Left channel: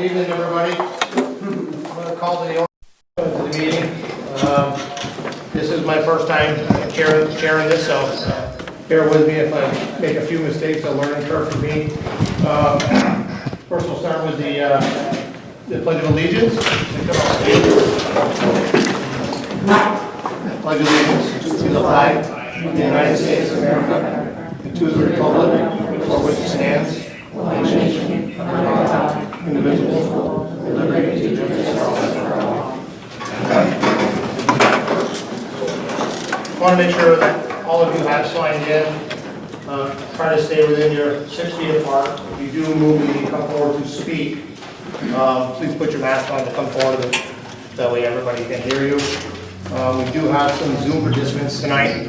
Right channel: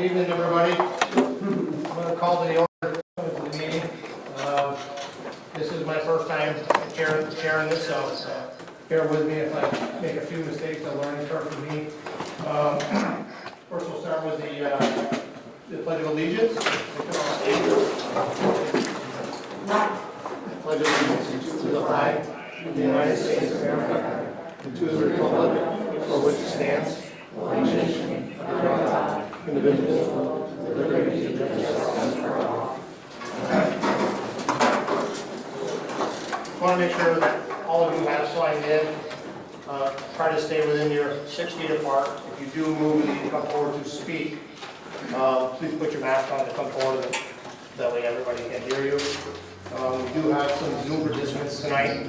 Good evening, everybody. I'm going to call the order to the meeting. This is my first time chairing this, so bear with me if I make a few mistakes. A learning curve for me. First, we'll start with the Pledge of Allegiance. Pledge of Allegiance to the flag of the United States of America and to the republic for which it stands, one nation, under God, indivisible, with liberty and justice for all. I want to make sure that all of you have signed in. Try to stay within your 6 feet apart. If you do move and come forward to speak, please put your mask on to come forward. That way everybody can hear you. We do have some Zoom participants tonight,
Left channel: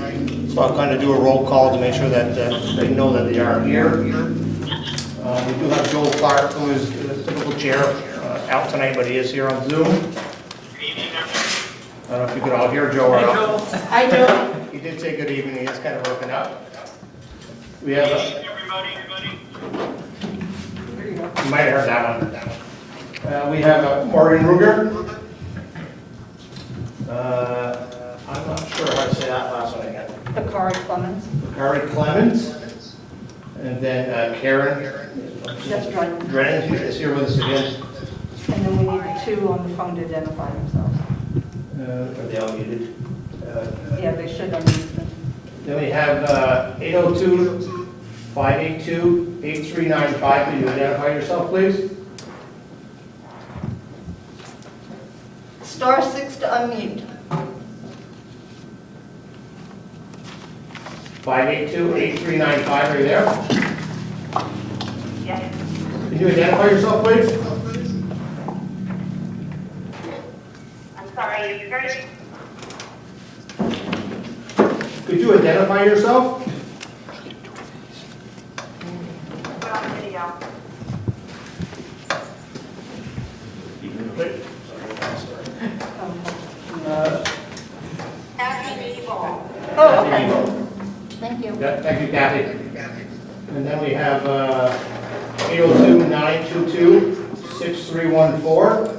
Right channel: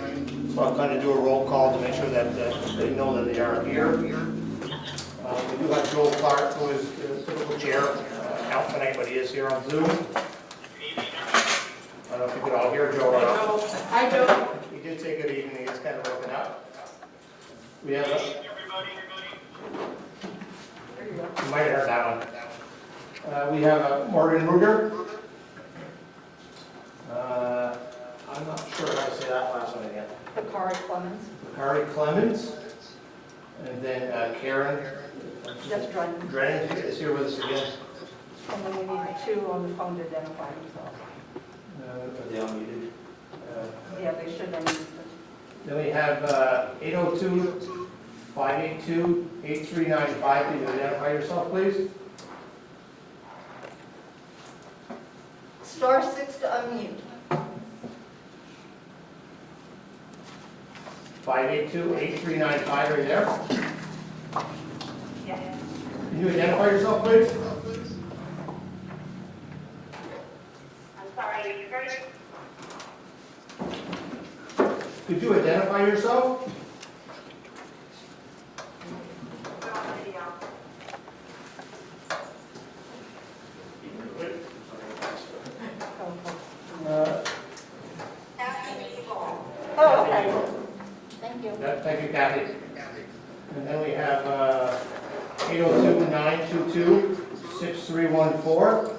so I'll kind of do a roll call to make sure that they know that they are here. We do have Joel Clark, who is the typical chair, out tonight, but he is here on Zoom. I don't know if you could all hear Joe. Hi, Joe. Hi, Joe. He did say good evening. He's kind of working out. We have Everybody. you might have heard that one. We have Morgan Ruger. I'm not sure how to say that last one again. Bakari Clemens. Bakari Clemens. And then Karen Yes, right. Drennan is here with us again. And then we need the two on the phone to identify themselves. Are they all muted? Yeah, they should unmute them. Then we have 802-582-8395. Can you identify yourself, please? Star 6 to unmute. 582-8395. Are you there? Yes. Can you identify yourself, please? I'm sorry, you're very... Could you identify yourself? You're on video. Happy evil. Oh, okay. Thank you. Yeah, thank you, Kathy. And then we have 802-922-6314.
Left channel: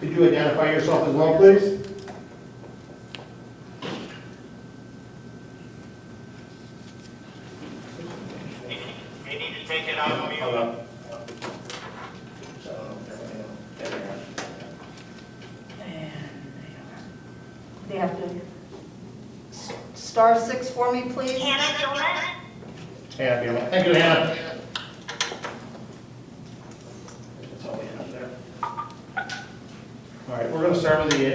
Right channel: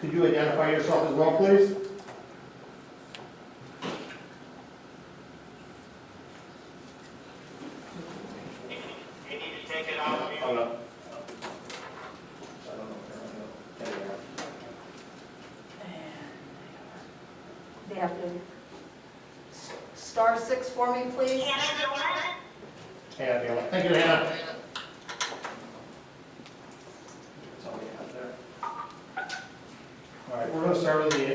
Could you identify yourself as well, please? Maybe just take it off of you. Hold up. They have to star 6 for me, please. Hannah Gilman? Hannah, thank you, Hannah. That's all we have there. All right, we're going to start with the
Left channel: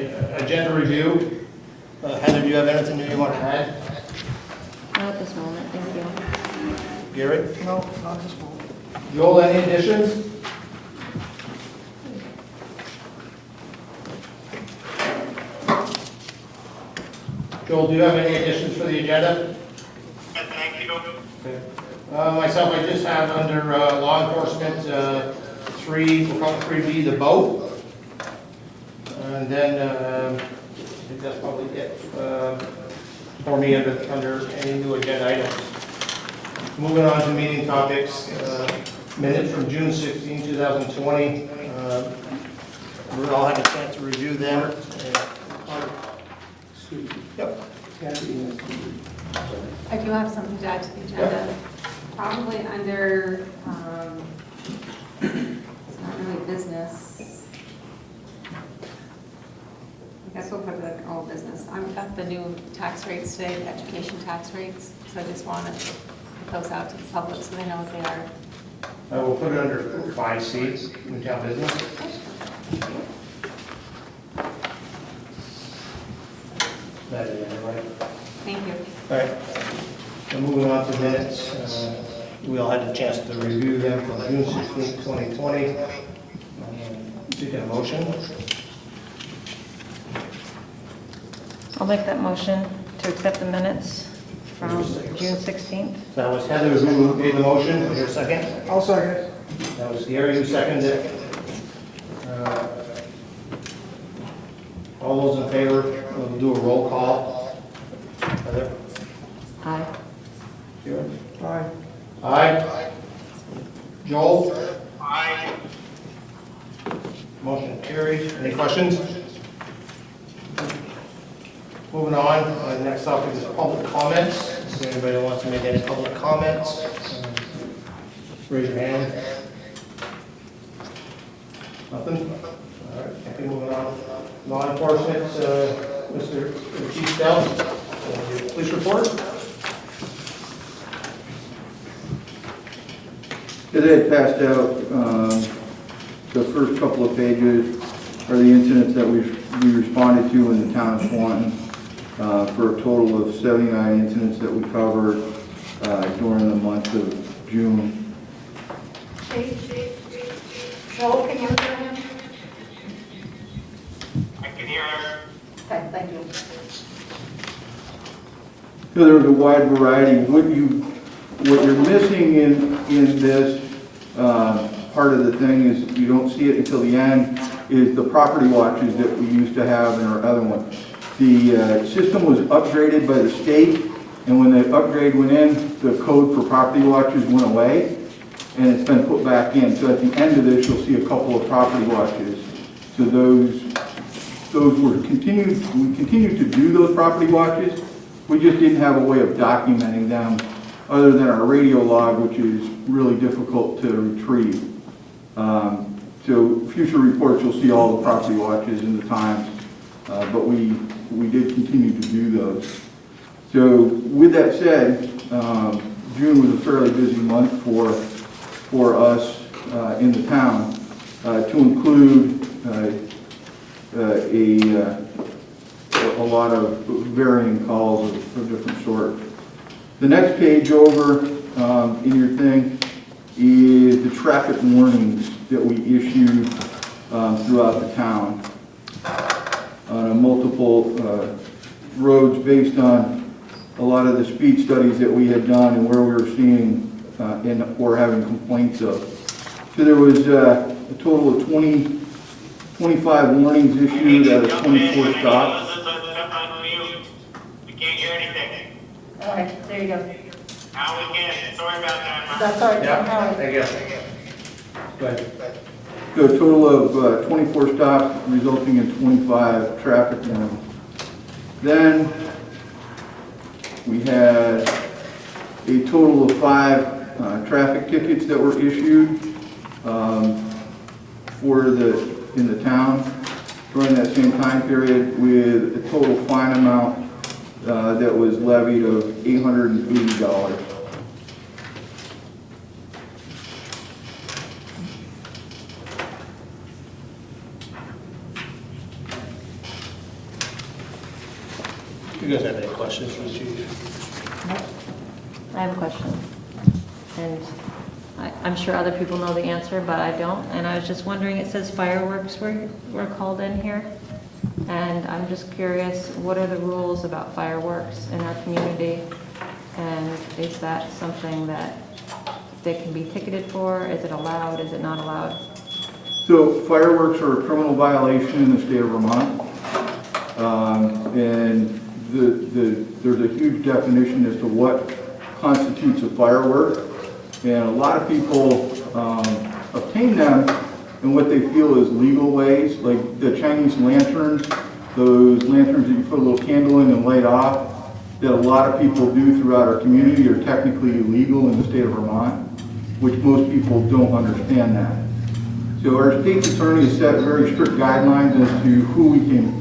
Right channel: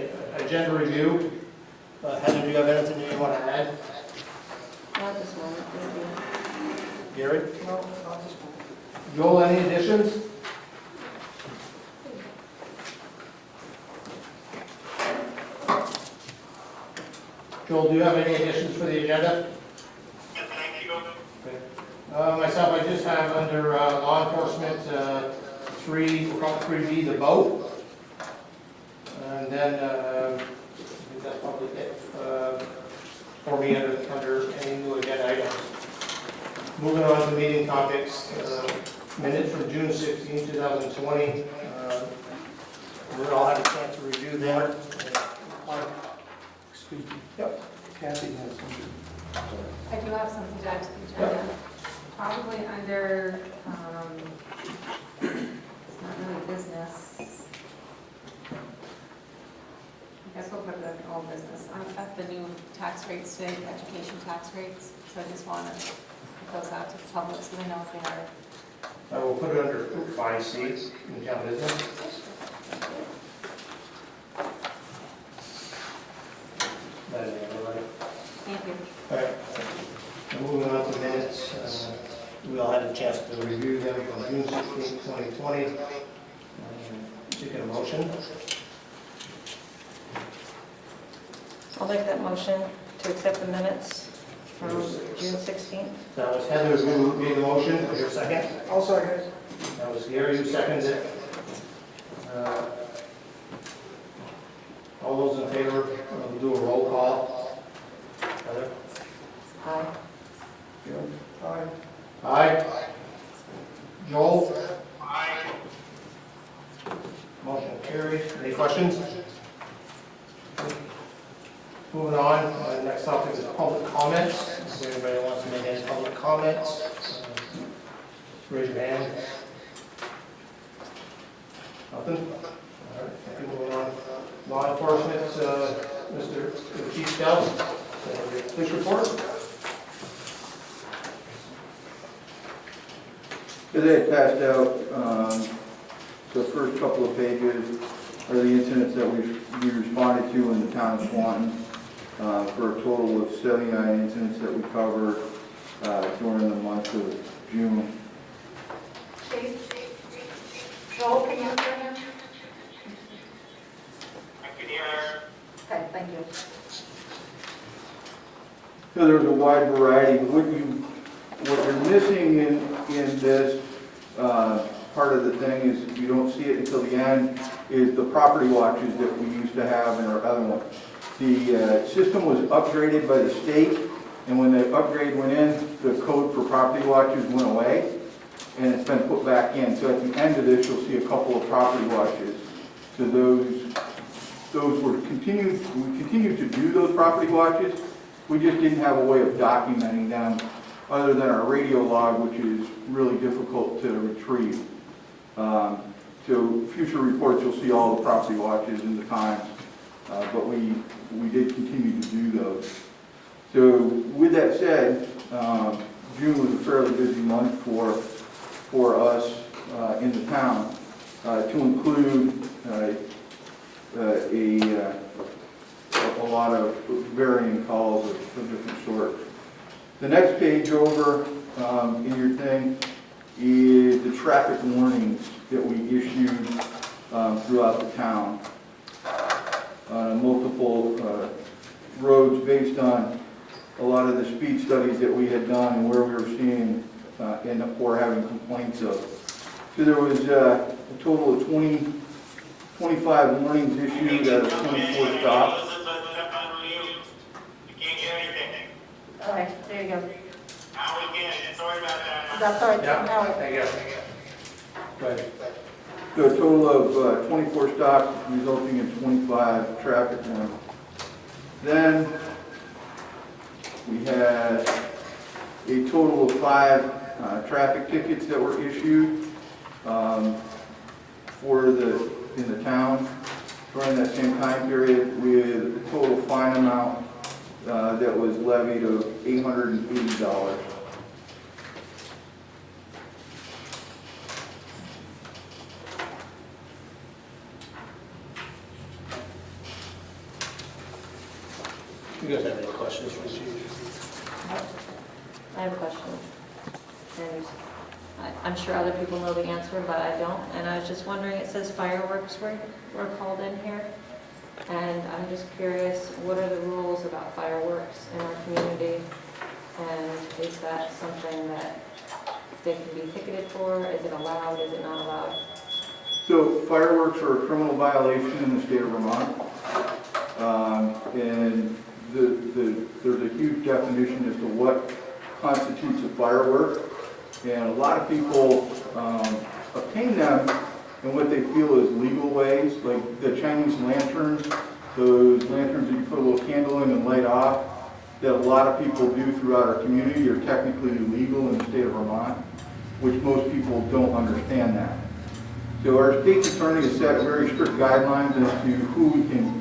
agenda review. Heather, do you have anything that you want to add? Not at this moment, thank you. Gary? No, not this one. Joel, any additions? Joel, do you have any additions for the agenda? Thank you. Okay. Myself, I just have under law enforcement, we'll call it 3B, the boat. And then, I think that's probably it for me under any new agenda items. Moving on to meeting topics, minutes from June 16, 2020. We all had a chance to review them. Yep. I do have something to add to the agenda. Probably under, it's not really business. I guess we'll put it in old business. I've got the new tax rates today, education tax rates, so I just want to put those out to the public so they know what they are. We'll put it under 5C, in town business. That is everybody. Thank you. All right. Now moving on to minutes. We all had a chance to review them from June 16, 2020. You get a motion? I'll make that motion to accept the minutes from June 16th. That was Heather who made the motion. Is there a second? I'll second. That was Gary who seconded it. All those in favor, we'll do a roll call. Heather? Aye. Jim? Aye. Aye. Joel? Aye. Motion carries. Any questions? Moving on, next up is public comments. If anybody wants to make any public comments, raise your hand. Nothing? All right, thank you. Moving on. Law enforcement, Mr. Chief Scout, police report. As I passed out, the first couple of pages are the incidents that we responded to in the town of Swanton, for a total of 79 incidents that we covered during the month of June. Chief? Joel, can you answer him? I can hear her. Okay, thank you. So there was a wide variety. What you're missing in this part of the thing is, you don't see it until the end, is the property watches that we used to have in our other one. The system was upgraded by the state, and when the upgrade went in, the code for property watches went away, and it's been put back in. So at the end of this, you'll see a couple of property watches. So those were continued. We continued to do those property watches. We just didn't have a way of documenting them other than our radio log, which is really difficult to retrieve. So future reports, you'll see all the property watches and the times, but we did continue to do those. So with that said, June was a fairly busy month for us in the town, to include a lot of varying calls of different sorts. The next page over in your thing is the traffic warnings that we issued throughout the town. Multiple roads based on a lot of the speed studies that we had done and where we were seeing or having complaints of. So there was a total of 25 warnings issued out of 24 stops. We can't hear anything. Okay, there you go. Now we can. Sorry about that. That's all right. Yeah, Now, thank you. Go ahead. So a total of 24 stops resulting in 25 traffic warnings. Then we had a total of 5 traffic tickets that were issued in the town during that same time period, with a total fine amount that was levied of $880. You guys have any questions for the chief? I have a question. And I'm sure other people know the answer, but I don't. And I was just wondering, it says fireworks were called in here. And I'm just curious, what are the rules about fireworks in our community? And is that something that they can be ticketed for? Is it allowed? Is it not allowed? So fireworks are a criminal violation in the state of Vermont. And there's a huge definition as to what constitutes a firework. And a lot of people obtain them in what they feel is legal ways, like the Chinese lanterns, those lanterns that you put a little candle in and light off, that a lot of people do throughout our community are technically illegal in the state of Vermont, which most people don't understand that. So our state attorney has set very strict guidelines as to who we can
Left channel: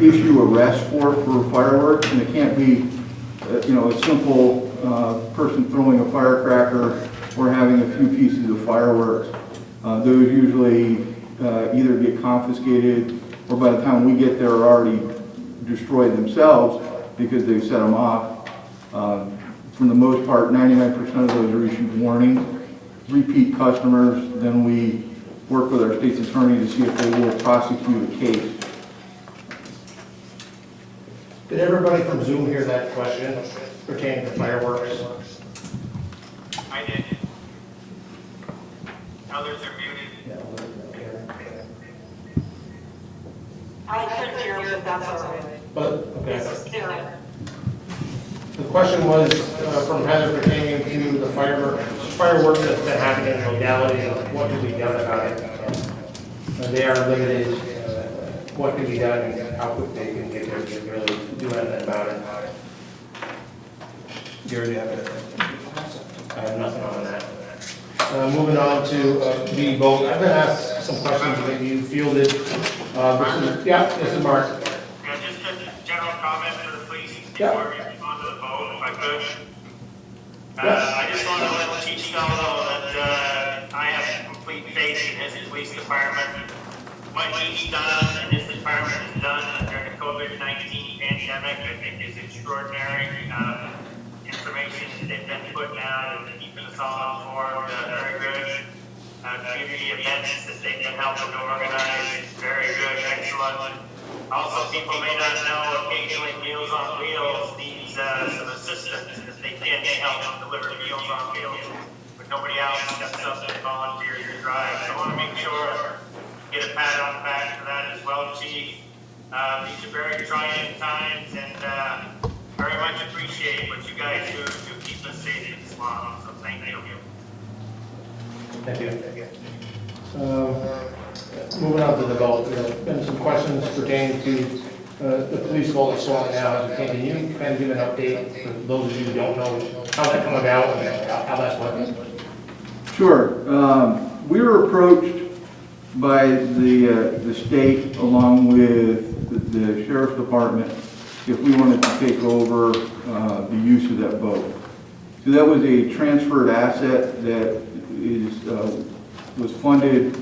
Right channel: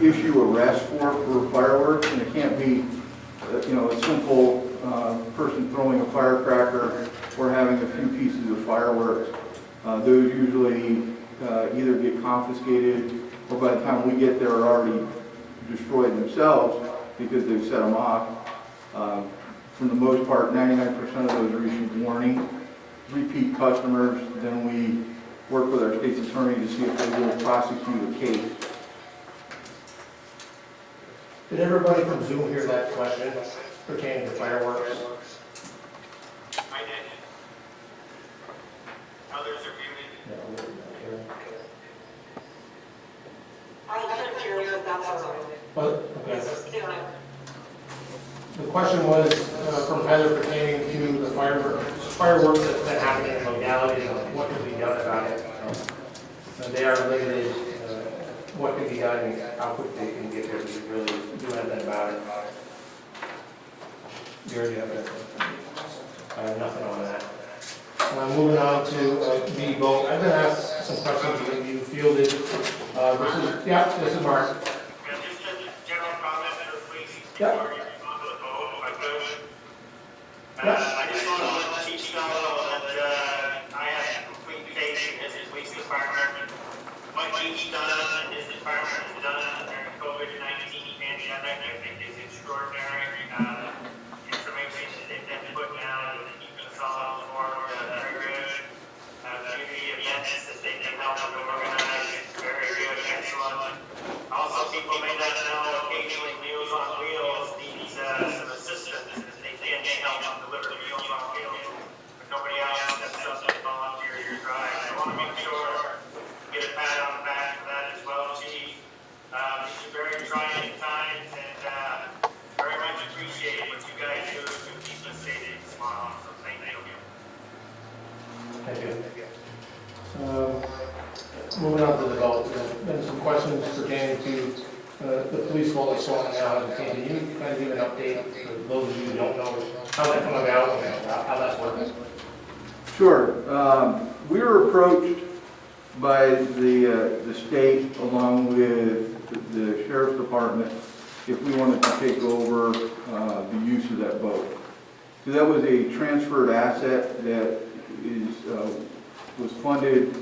issue arrests for fireworks, and it can't be a simple person throwing a firecracker or having a few pieces of fireworks. Those usually either get confiscated, or by the time we get there are already destroyed themselves because they've set them off. For the most part, 99% of those are issued warnings. Repeat customers, then we work with our state's attorney to see if they will prosecute a case. Did everybody from Zoom hear that question pertaining to fireworks? I did. Others are muted. I couldn't hear, but that's all right. But, okay. This is Sarah. The question was from Heather pertaining to the fireworks that's been happening in the locality and what can be done about it. They are limited, what can be done and how quick they can get there to really do anything about it. You already have it? I have nothing on that. Moving on to the vote, I've been asked some questions that you fielded. This is Mark. Yeah, just a general comment for the police Yeah. before we respond to the vote, if I could. Yes. I just want to let Chief Snell know that I have complete faith in his police department. What he's done and his department has done during the COVID-19 pandemic, I think is extraordinary. Information they've been putting out and keeping us all informed, very good. Community events that they've been helping to organize, very good, excellent. Also, people may not know, occasionally Meals on Wheels needs some assistance if they can help deliver Meals on Wheels, but nobody else steps up and volunteers to drive. So I want to make sure, get a pat on the back for that as well, Chief. These are very trying times, and very much appreciate what you guys do to keep us safe in this law. So thank you. Thank you. Moving on to the vote, there have been some questions pertaining to the police vault at Swanton Town. Can you kind of give an update for those of you who don't know how that come about and how that's working? Sure. We were approached by the state along with the sheriff's department if we wanted to take over the use of that boat. So that was a transferred asset that was funded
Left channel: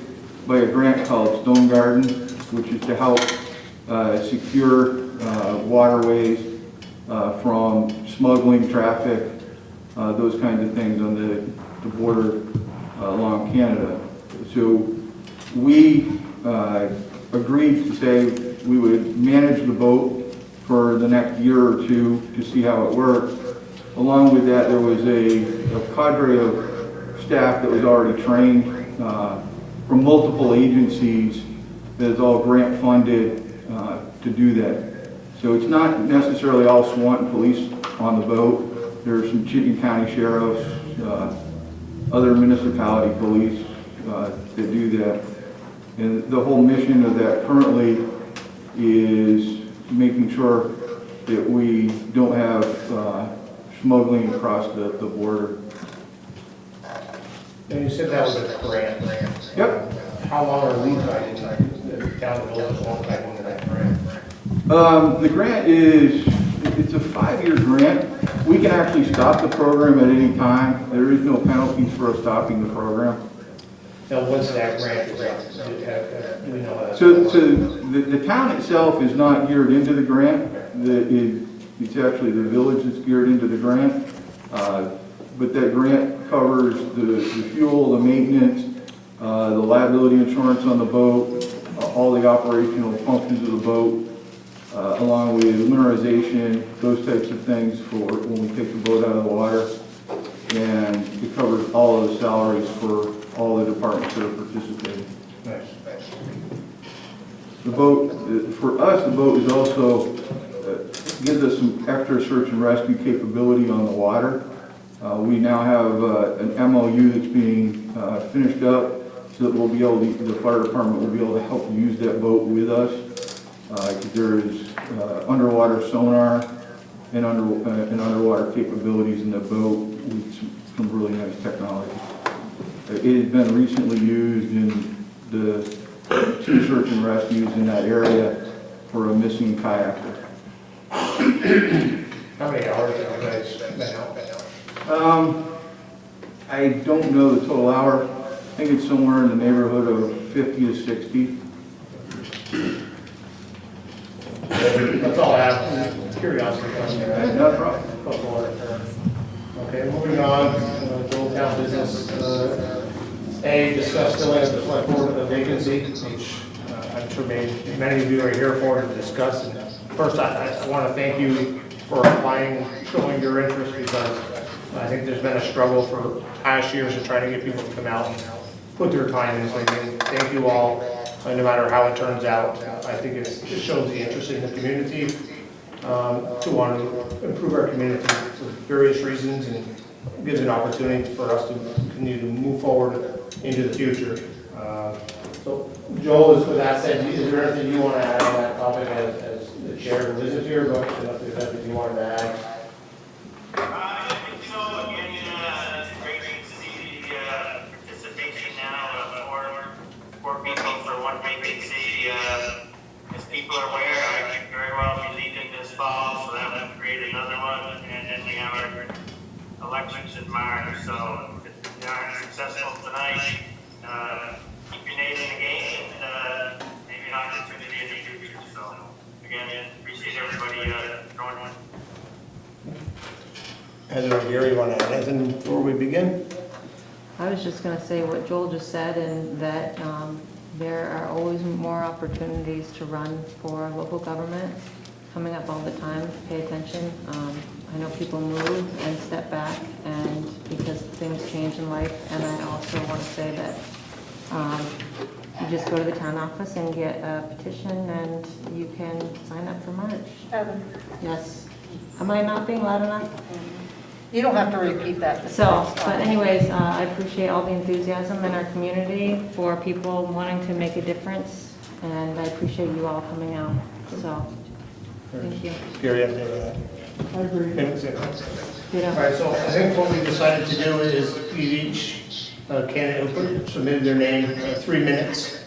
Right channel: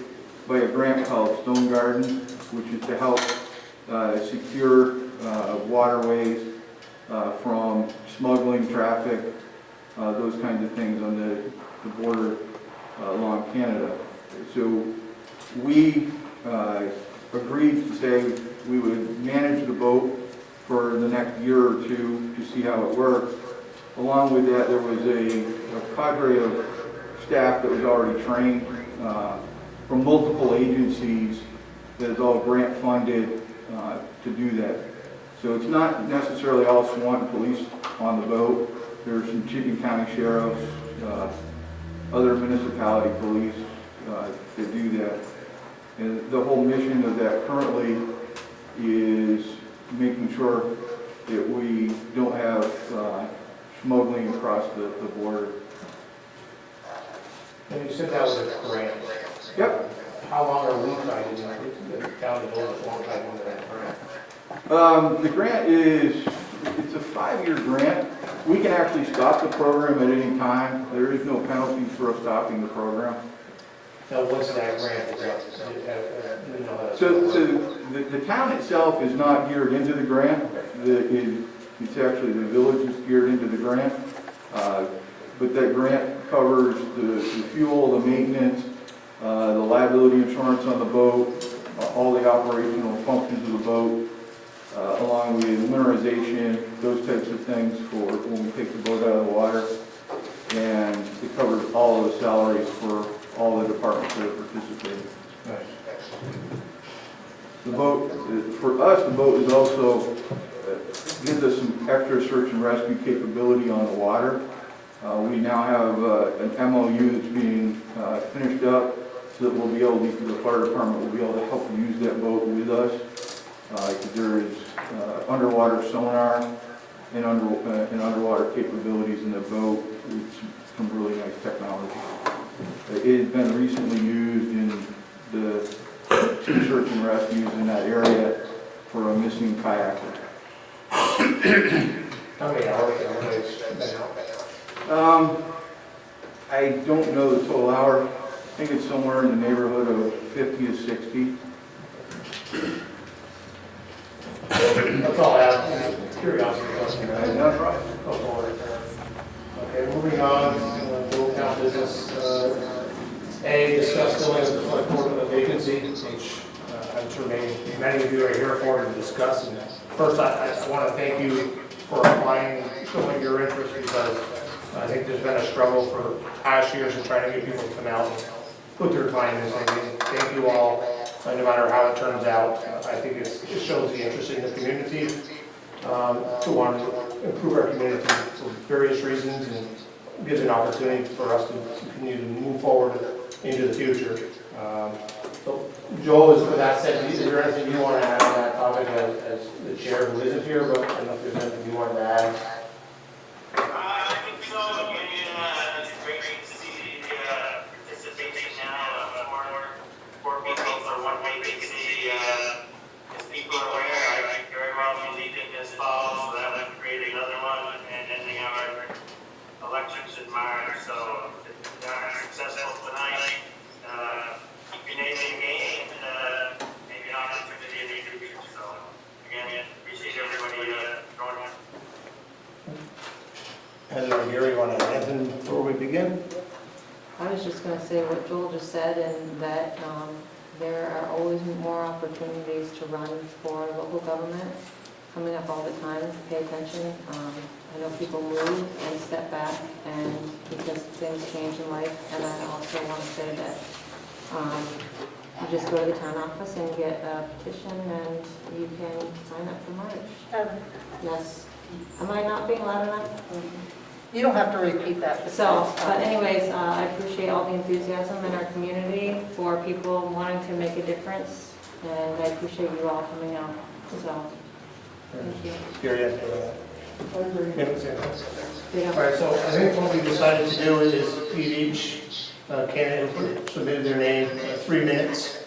by a grant called Stone Garden, which is to help secure waterways from smuggling, traffic, those kinds of things on the border along Canada. So we agreed to say we would manage the boat for the next year or two to see how it worked. Along with that, there was a cadre of staff that was already trained from multiple agencies that is all grant funded to do that. So it's not necessarily all Swanton police on the boat. There's some Chittenden County sheriffs, other municipality police that do that. And the whole mission of that currently is making sure that we don't have smuggling across the border. And you said that was a grant. Yep. How long are we tied into that? Down the road, long tied into that grant? The grant it's a 5-year grant. We can actually stop the program at any time. There is no penalties for us stopping the program. Now, once that grant is up, do we know that? So the town itself is not geared into the grant. It's actually the village that's geared into the grant. But that grant covers the fuel, the maintenance, the liability insurance on the boat, all the operational functions of the boat, along with winterization, those types of things for when we take the boat out of the water. And it covers all of the salaries for all the departments that are participating. Nice. The boat, for us, the boat is also, gives us some extra search and rescue capability on the water. We now have an MOU that's being finished up so that we'll be able to, the fire department will be able to help use that boat with us. There is underwater sonar and underwater capabilities in the boat with some really nice technology. It has been recently used in the 2 search and rescues in that area for a missing kayaker. How many hours have you guys been out? I don't know the total hour. I think it's somewhere in the neighborhood of 50 to 60. That's all I have. Curiosity. Not a problem. Okay, moving on, Old Town business. A, discuss filling of the select board vacancy, which I'm sure many of you are here for to discuss. And first, I just want to thank you for applying and showing your interest, because I think there's been a struggle for past years in trying to get people to come out and put their time in. So thank you all, no matter how it turns out. I think it shows the interest in the community to want to improve our community for various reasons, and gives an opportunity for us to continue to move forward into the future. So, Joel, with that said, is there anything you want to add on that topic as the chair who isn't here, but I don't know if there's anything you wanted to add? I think so, it's great to see the participation now for people for one vacancy. As people are aware, I could very well be leaving this fall, so that would create another one, and then we have our elections in March, so if we are successful tonight, keep your name in the game, and maybe an opportunity in the future, so again, appreciate everybody joining. Heather or Gary, you want to add anything before we begin? I was just gonna say what Joel just said, and that there are always more opportunities to run for local government coming up all the time. Pay attention. I know people move and step back, and because things change in life. And I also want to say that you just go to the town office and get a petition, and you can sign up for March. Yes. Am I not being loud enough? You don't have to repeat that. So, but anyways, I appreciate all the enthusiasm in our community for people wanting to make a difference, and I appreciate you all coming out. So, thank you. Gary, anything to add? I agree. All right, so I think what we decided to do is give each candidate who submitted their name 3 minutes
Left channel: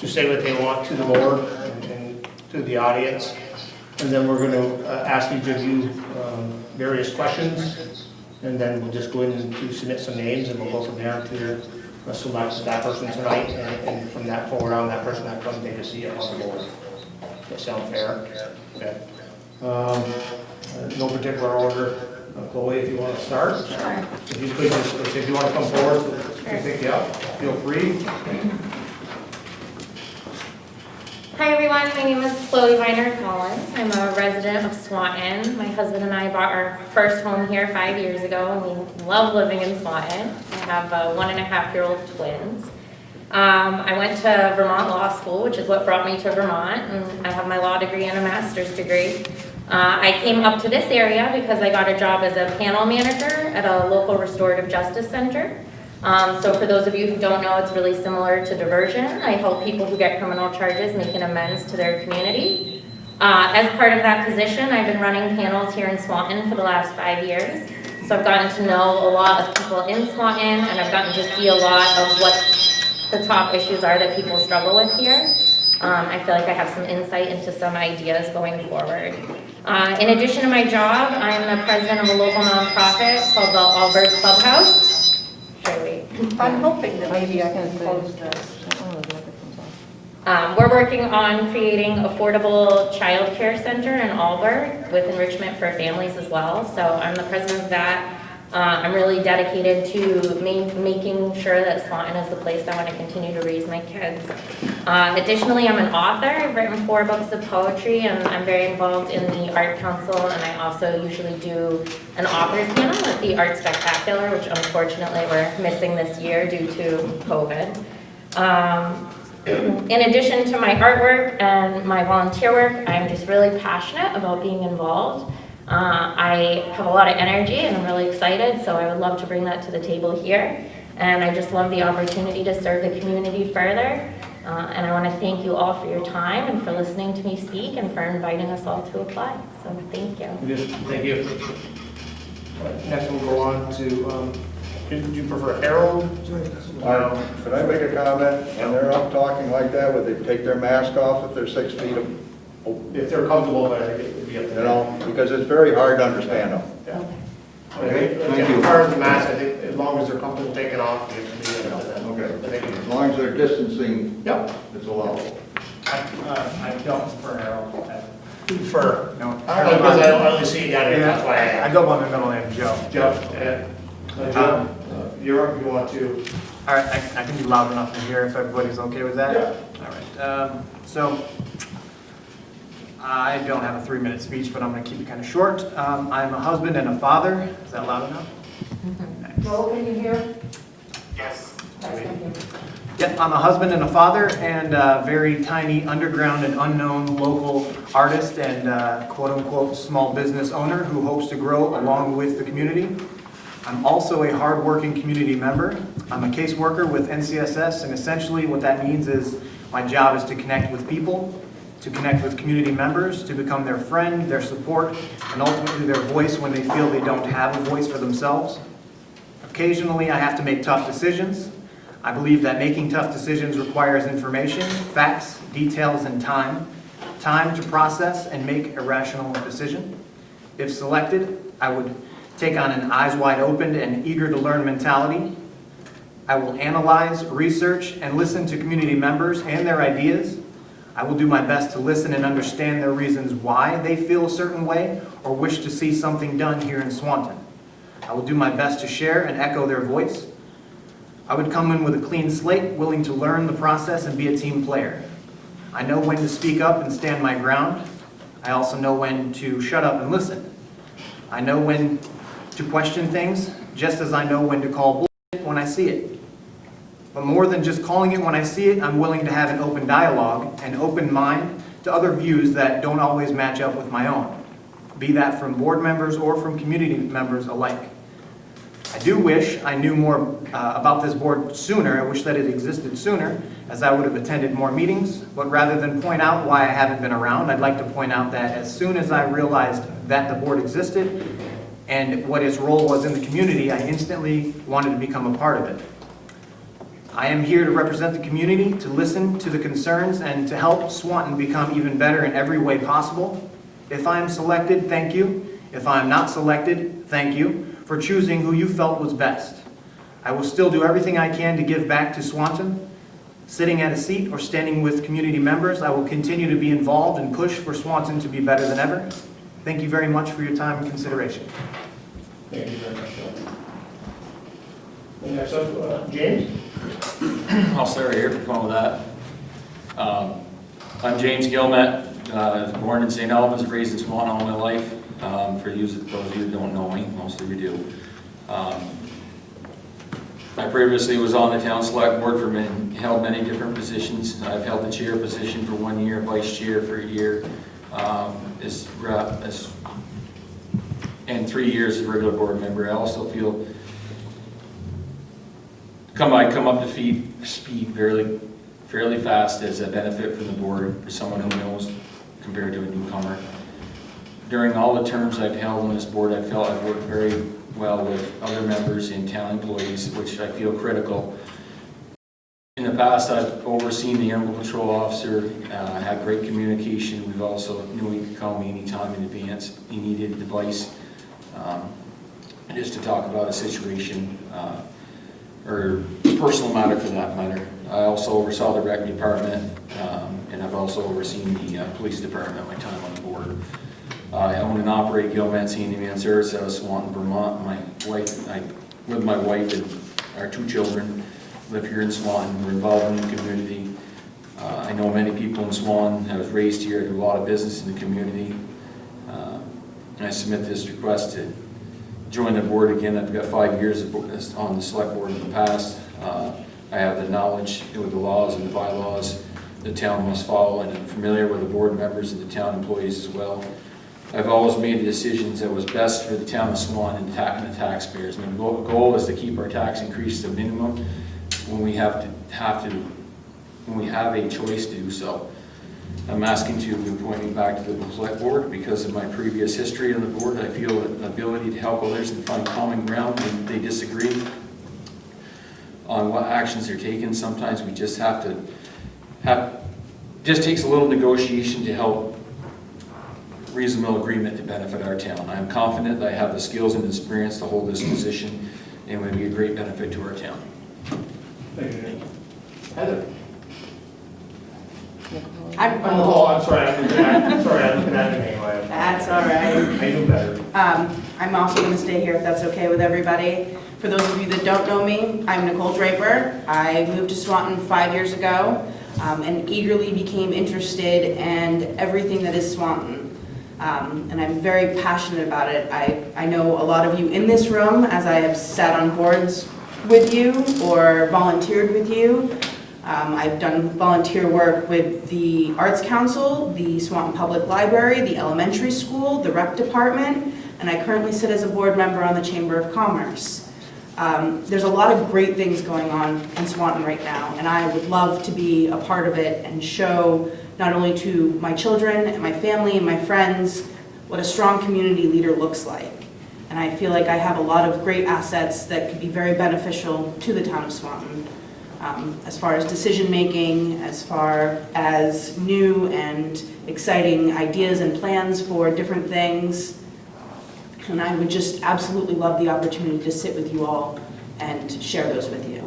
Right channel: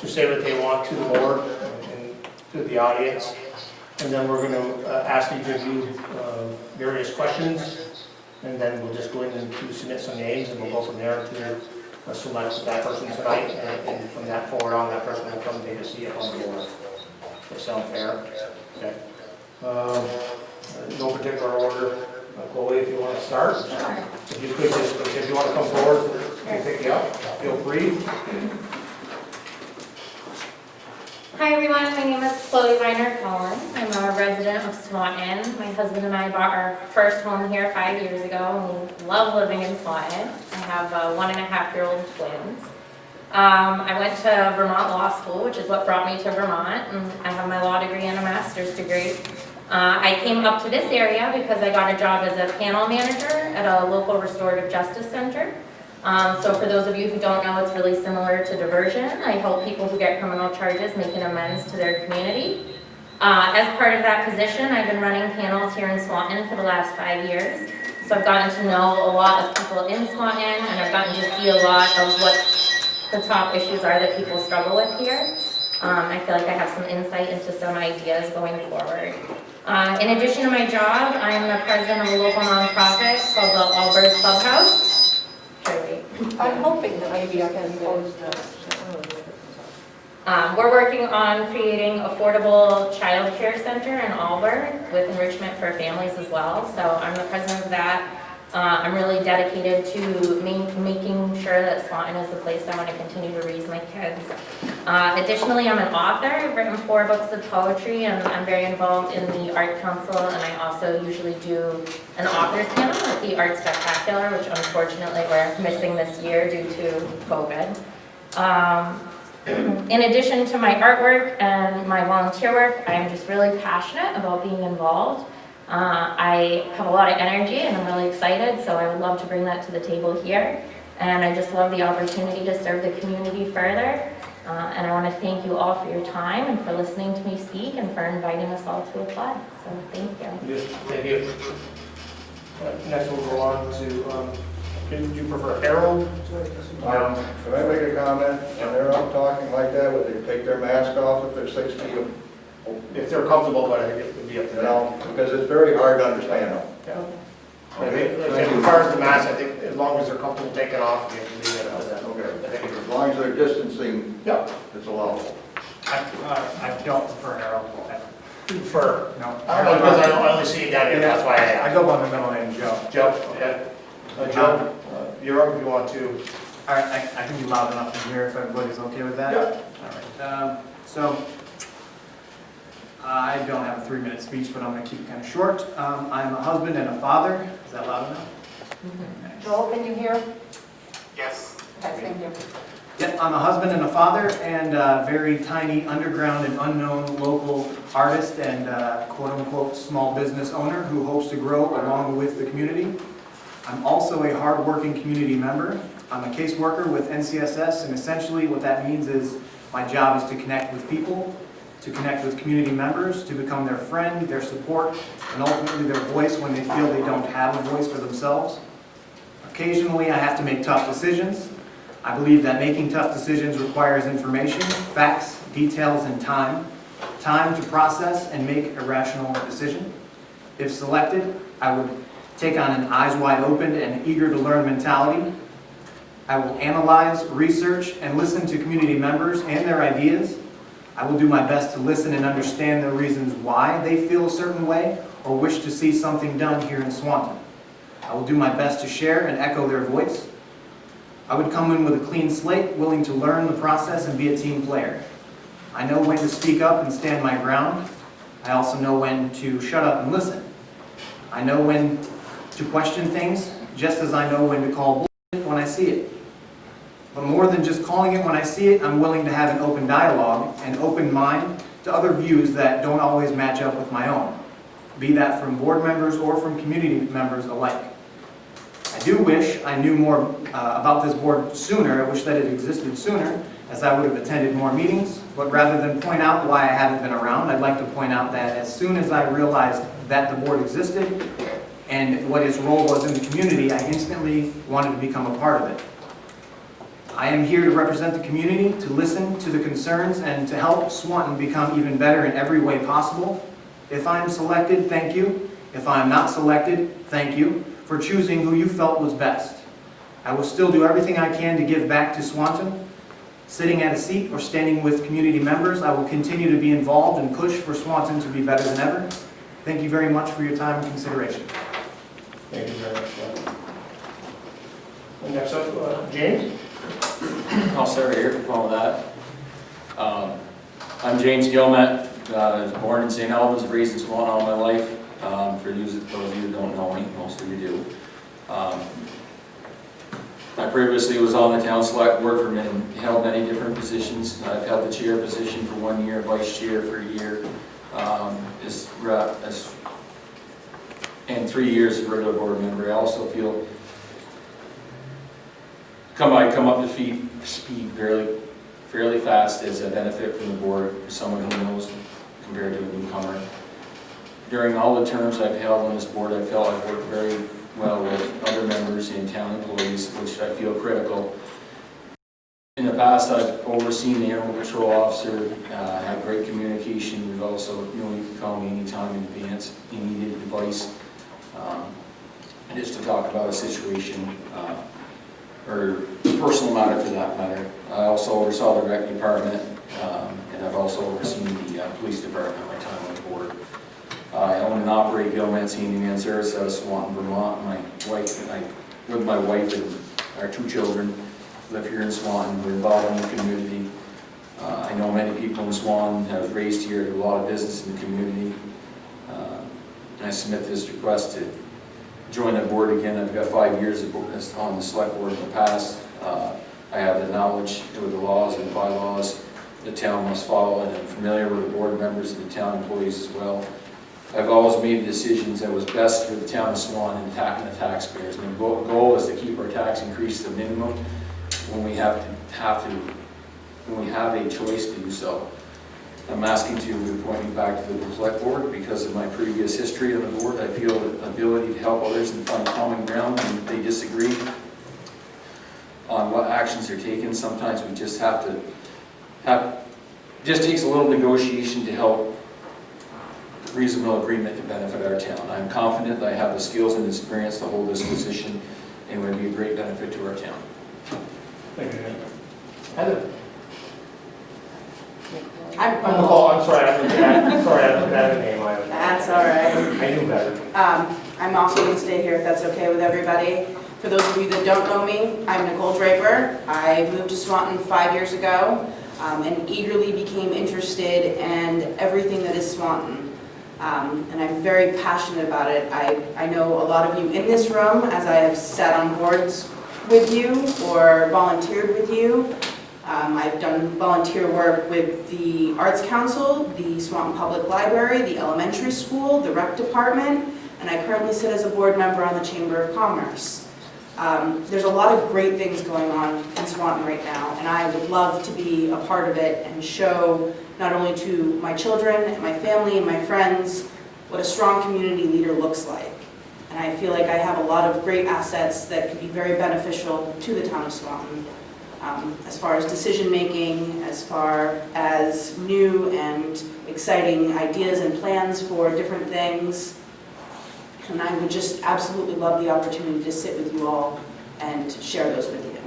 to say what they want to the board and to the audience. And then we're going to ask each of you various questions, and then we'll just go in and to submit some names, and we'll go from there to select that person tonight, and from that forward on, that person will come take a seat on the board. Does that sound fair? Okay. No particular order. Chloe, if you want to start. Sure. If you could, if you want to come forward, we'll pick you up. Feel free. Hi everyone, my name is Chloe Viner Collins. I'm a resident of Swanton. My husband and I bought our first home here 5 years ago, and we love living in Swanton. I have 1.5-year-old twins. I went to Vermont Law School, which is what brought me to Vermont, and I have my law degree and a master's degree. I came up to this area because I got a job as a panel manager at a local restorative justice center. So for those of you who don't know, it's really similar to diversion. I help people who get criminal charges make an amends to their community. As part of that position, I've been running panels here in Swanton for the last 5 years. So I've gotten to know a lot of people in Swanton, and I've gotten to see a lot of what the top issues are that people struggle with here. I feel like I have some insight into some ideas going forward. In addition to my job, I'm the president of a local nonprofit called the Allbird Clubhouse. I'm hoping that maybe I can close this. We're working on creating affordable child care center in Allbird with enrichment for families as well. So I'm the president of that. I'm really dedicated to making sure that Swanton is the place I want to continue to raise my kids. Additionally, I'm an author. I've written 4 books of poetry, and I'm very involved in the Art Council, and I also usually do an authors panel at the Art Spectacular, which unfortunately we're missing this year due to COVID. In addition to my artwork and my volunteer work, I'm just really passionate about being involved. I have a lot of energy and I'm really excited, so I would love to bring that to the table here. And I just love the opportunity to serve the community further. And I want to thank you all for your time and for listening to me speak and for inviting us all to apply. So thank you. Thank you. Right, next we'll go on to, do you prefer Harold? Could I make a comment? When they're up talking like that, would they take their mask off if they're 6 feet? If they're comfortable, but it would be up to You them. know, because it's very hard to understand them. Yeah. Okay, As far as the mask, I think as long as they're comfortable taking off, we can do that. Okay, as long as they're distancing, Yep. it's allowable. I don't prefer Harold. Prefer. No. I don't know, because I don't really see it down here, that's why I I asked. go by the middle name, Joe. Joe, Joe, you're up if you want to. All right, I can be loud enough to hear if everybody's okay with that? Yeah. All right, so I don't have a 3-minute speech, but I'm going to keep it kind of short. I'm a husband and a father. Is that loud enough? Joel, can you hear? Yes. Okay, thank you. Yep, I'm a husband and a father and a very tiny underground and unknown local artist and quote-unquote small business owner who hopes to grow along with the community. I'm also a hardworking community member. I'm a caseworker with NCSS, and essentially what that means is my job is to connect with people, to connect with community members, to become their friend, their support, and ultimately their voice when they feel they don't have a voice for themselves. Occasionally, I have to make tough decisions. I believe that making tough decisions requires information, facts, details, and time to process and make a rational decision. If selected, I would take on an eyes wide open and eager to learn mentality. I will analyze, research, and listen to community members and their ideas. I will do my best to listen and understand their reasons why they feel a certain way or wish to see something done here in Swanton. I will do my best to share and echo their voice. I would come in with a clean slate, willing to learn the process and be a team player. I know when to speak up and stand my ground. I also know when to shut up and listen. I know when to question things, just as I know when to call bullshit when I see it. But more than just calling it when I see it, I'm willing to have an open dialogue, an open mind to other views that don't always match up with my own, be that from board members or from community members alike. I do wish I knew more about this board sooner. I wish that it existed sooner, as I would have attended more meetings. But rather than point out why I haven't been around, I'd like to point out that as soon as I realized that the board existed and what its role was in the community, I instantly wanted to become a part of it. I am here to represent the community, to listen to the concerns, and to help Swanton become even better in every way possible. If I am selected, thank you. If I am not selected, thank you for choosing who you felt was best. I will still do everything I can to give back to Swanton. Sitting at a seat or standing with community members, I will continue to be involved and push for Swanton to be better than ever. Thank you very much for your time and consideration. Thank you very much, Glenn. And next up, James? I'll start right here for fun with that. I'm James Gilmet. I was born in St. Albans, raised in Swanton all my life. For those of you who don't know me, most of you do. I previously was on the town select board held many different positions. I've held the chair position for 1 year, vice chair for a year, and 3 years as a regular board member. I also feel I come up to speed fairly fast as a benefit from the board for someone who knows compared to a newcomer. During all the terms I've held on this board, I felt I've worked very well with other members and town employees, which I feel critical. In the past, I've overseen the animal control officer, had great communication. We've also knew he could call me anytime in advance he needed advice, just to talk about a situation or a personal matter for that matter. I also oversaw the rec department, and I've also overseen the police department my time on the board. I own and operate Gilman's Handyman Service out of Swanton, Vermont. With my wife and our 2 children, live here in Swanton. We're involved in the community. I know many people in Swanton. I was raised here. I do a lot of business in the community. I submit this request to join the board again. I've got 5 years on the select board in the past. I have the knowledge with the laws and the bylaws the town must follow, and I'm familiar with the board members and the town employees as well. I've always made decisions that was best for the town of Swanton and the taxpayers. My goal is to keep our tax increase to the minimum when we have a choice to do so. I'm asking to appoint me back to the select board because of my previous history on the board. I feel an ability to help others and find common ground when they disagree on what actions are taken. Sometimes we just just takes a little negotiation to help reasonable agreement to benefit our town. I'm confident that I have the skills and experience to hold this position and would be a great benefit to our town. Thank you, Nate. Heather? I'm I'm sorry, I didn't have the name. That's all right. I knew better. I'm also going to stay here if that's okay with everybody. For those of you that don't know me, I'm Nicole Draper. I moved to Swanton 5 years ago and eagerly became interested in everything that is Swanton. And I'm very passionate about it. I know a lot of you in this room, as I have sat on boards with you or volunteered with you. I've done volunteer work with the Arts Council, the Swanton Public Library, the elementary school, the rec department, and I currently sit as a board member on the Chamber of Commerce. There's a lot of great things going on in Swanton right now, and I would love to be a part of it and show not only to my children and my family and my friends what a strong community leader looks like. And I feel like I have a lot of great assets that could be very beneficial to the town of Swanton. As far as decision-making, as far as new and exciting ideas and plans for different things. And I would just absolutely love the opportunity to sit with you all and share those with you.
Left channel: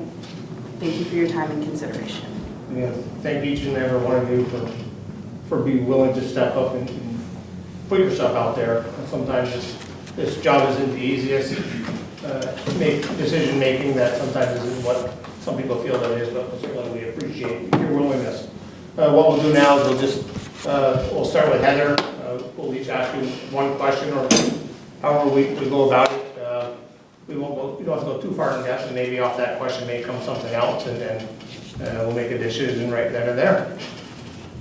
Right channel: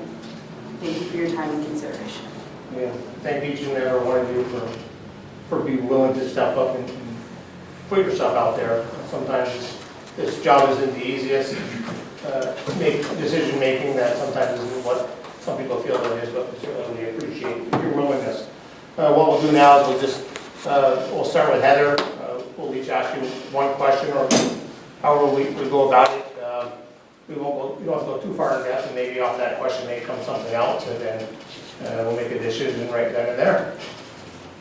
Thank you for your time and consideration. Yeah, thank each and every one of you for being willing to step up and put yourself out there. Sometimes this job isn't the easiest. Decision-making that sometimes isn't what some people feel that it is, but certainly we appreciate your willingness. What we'll do now is we'll start with Heather. We'll each ask you one question, or however we go about it. We don't have to go too far in depth, and maybe off that question may come something else, and then we'll make a decision right then and there.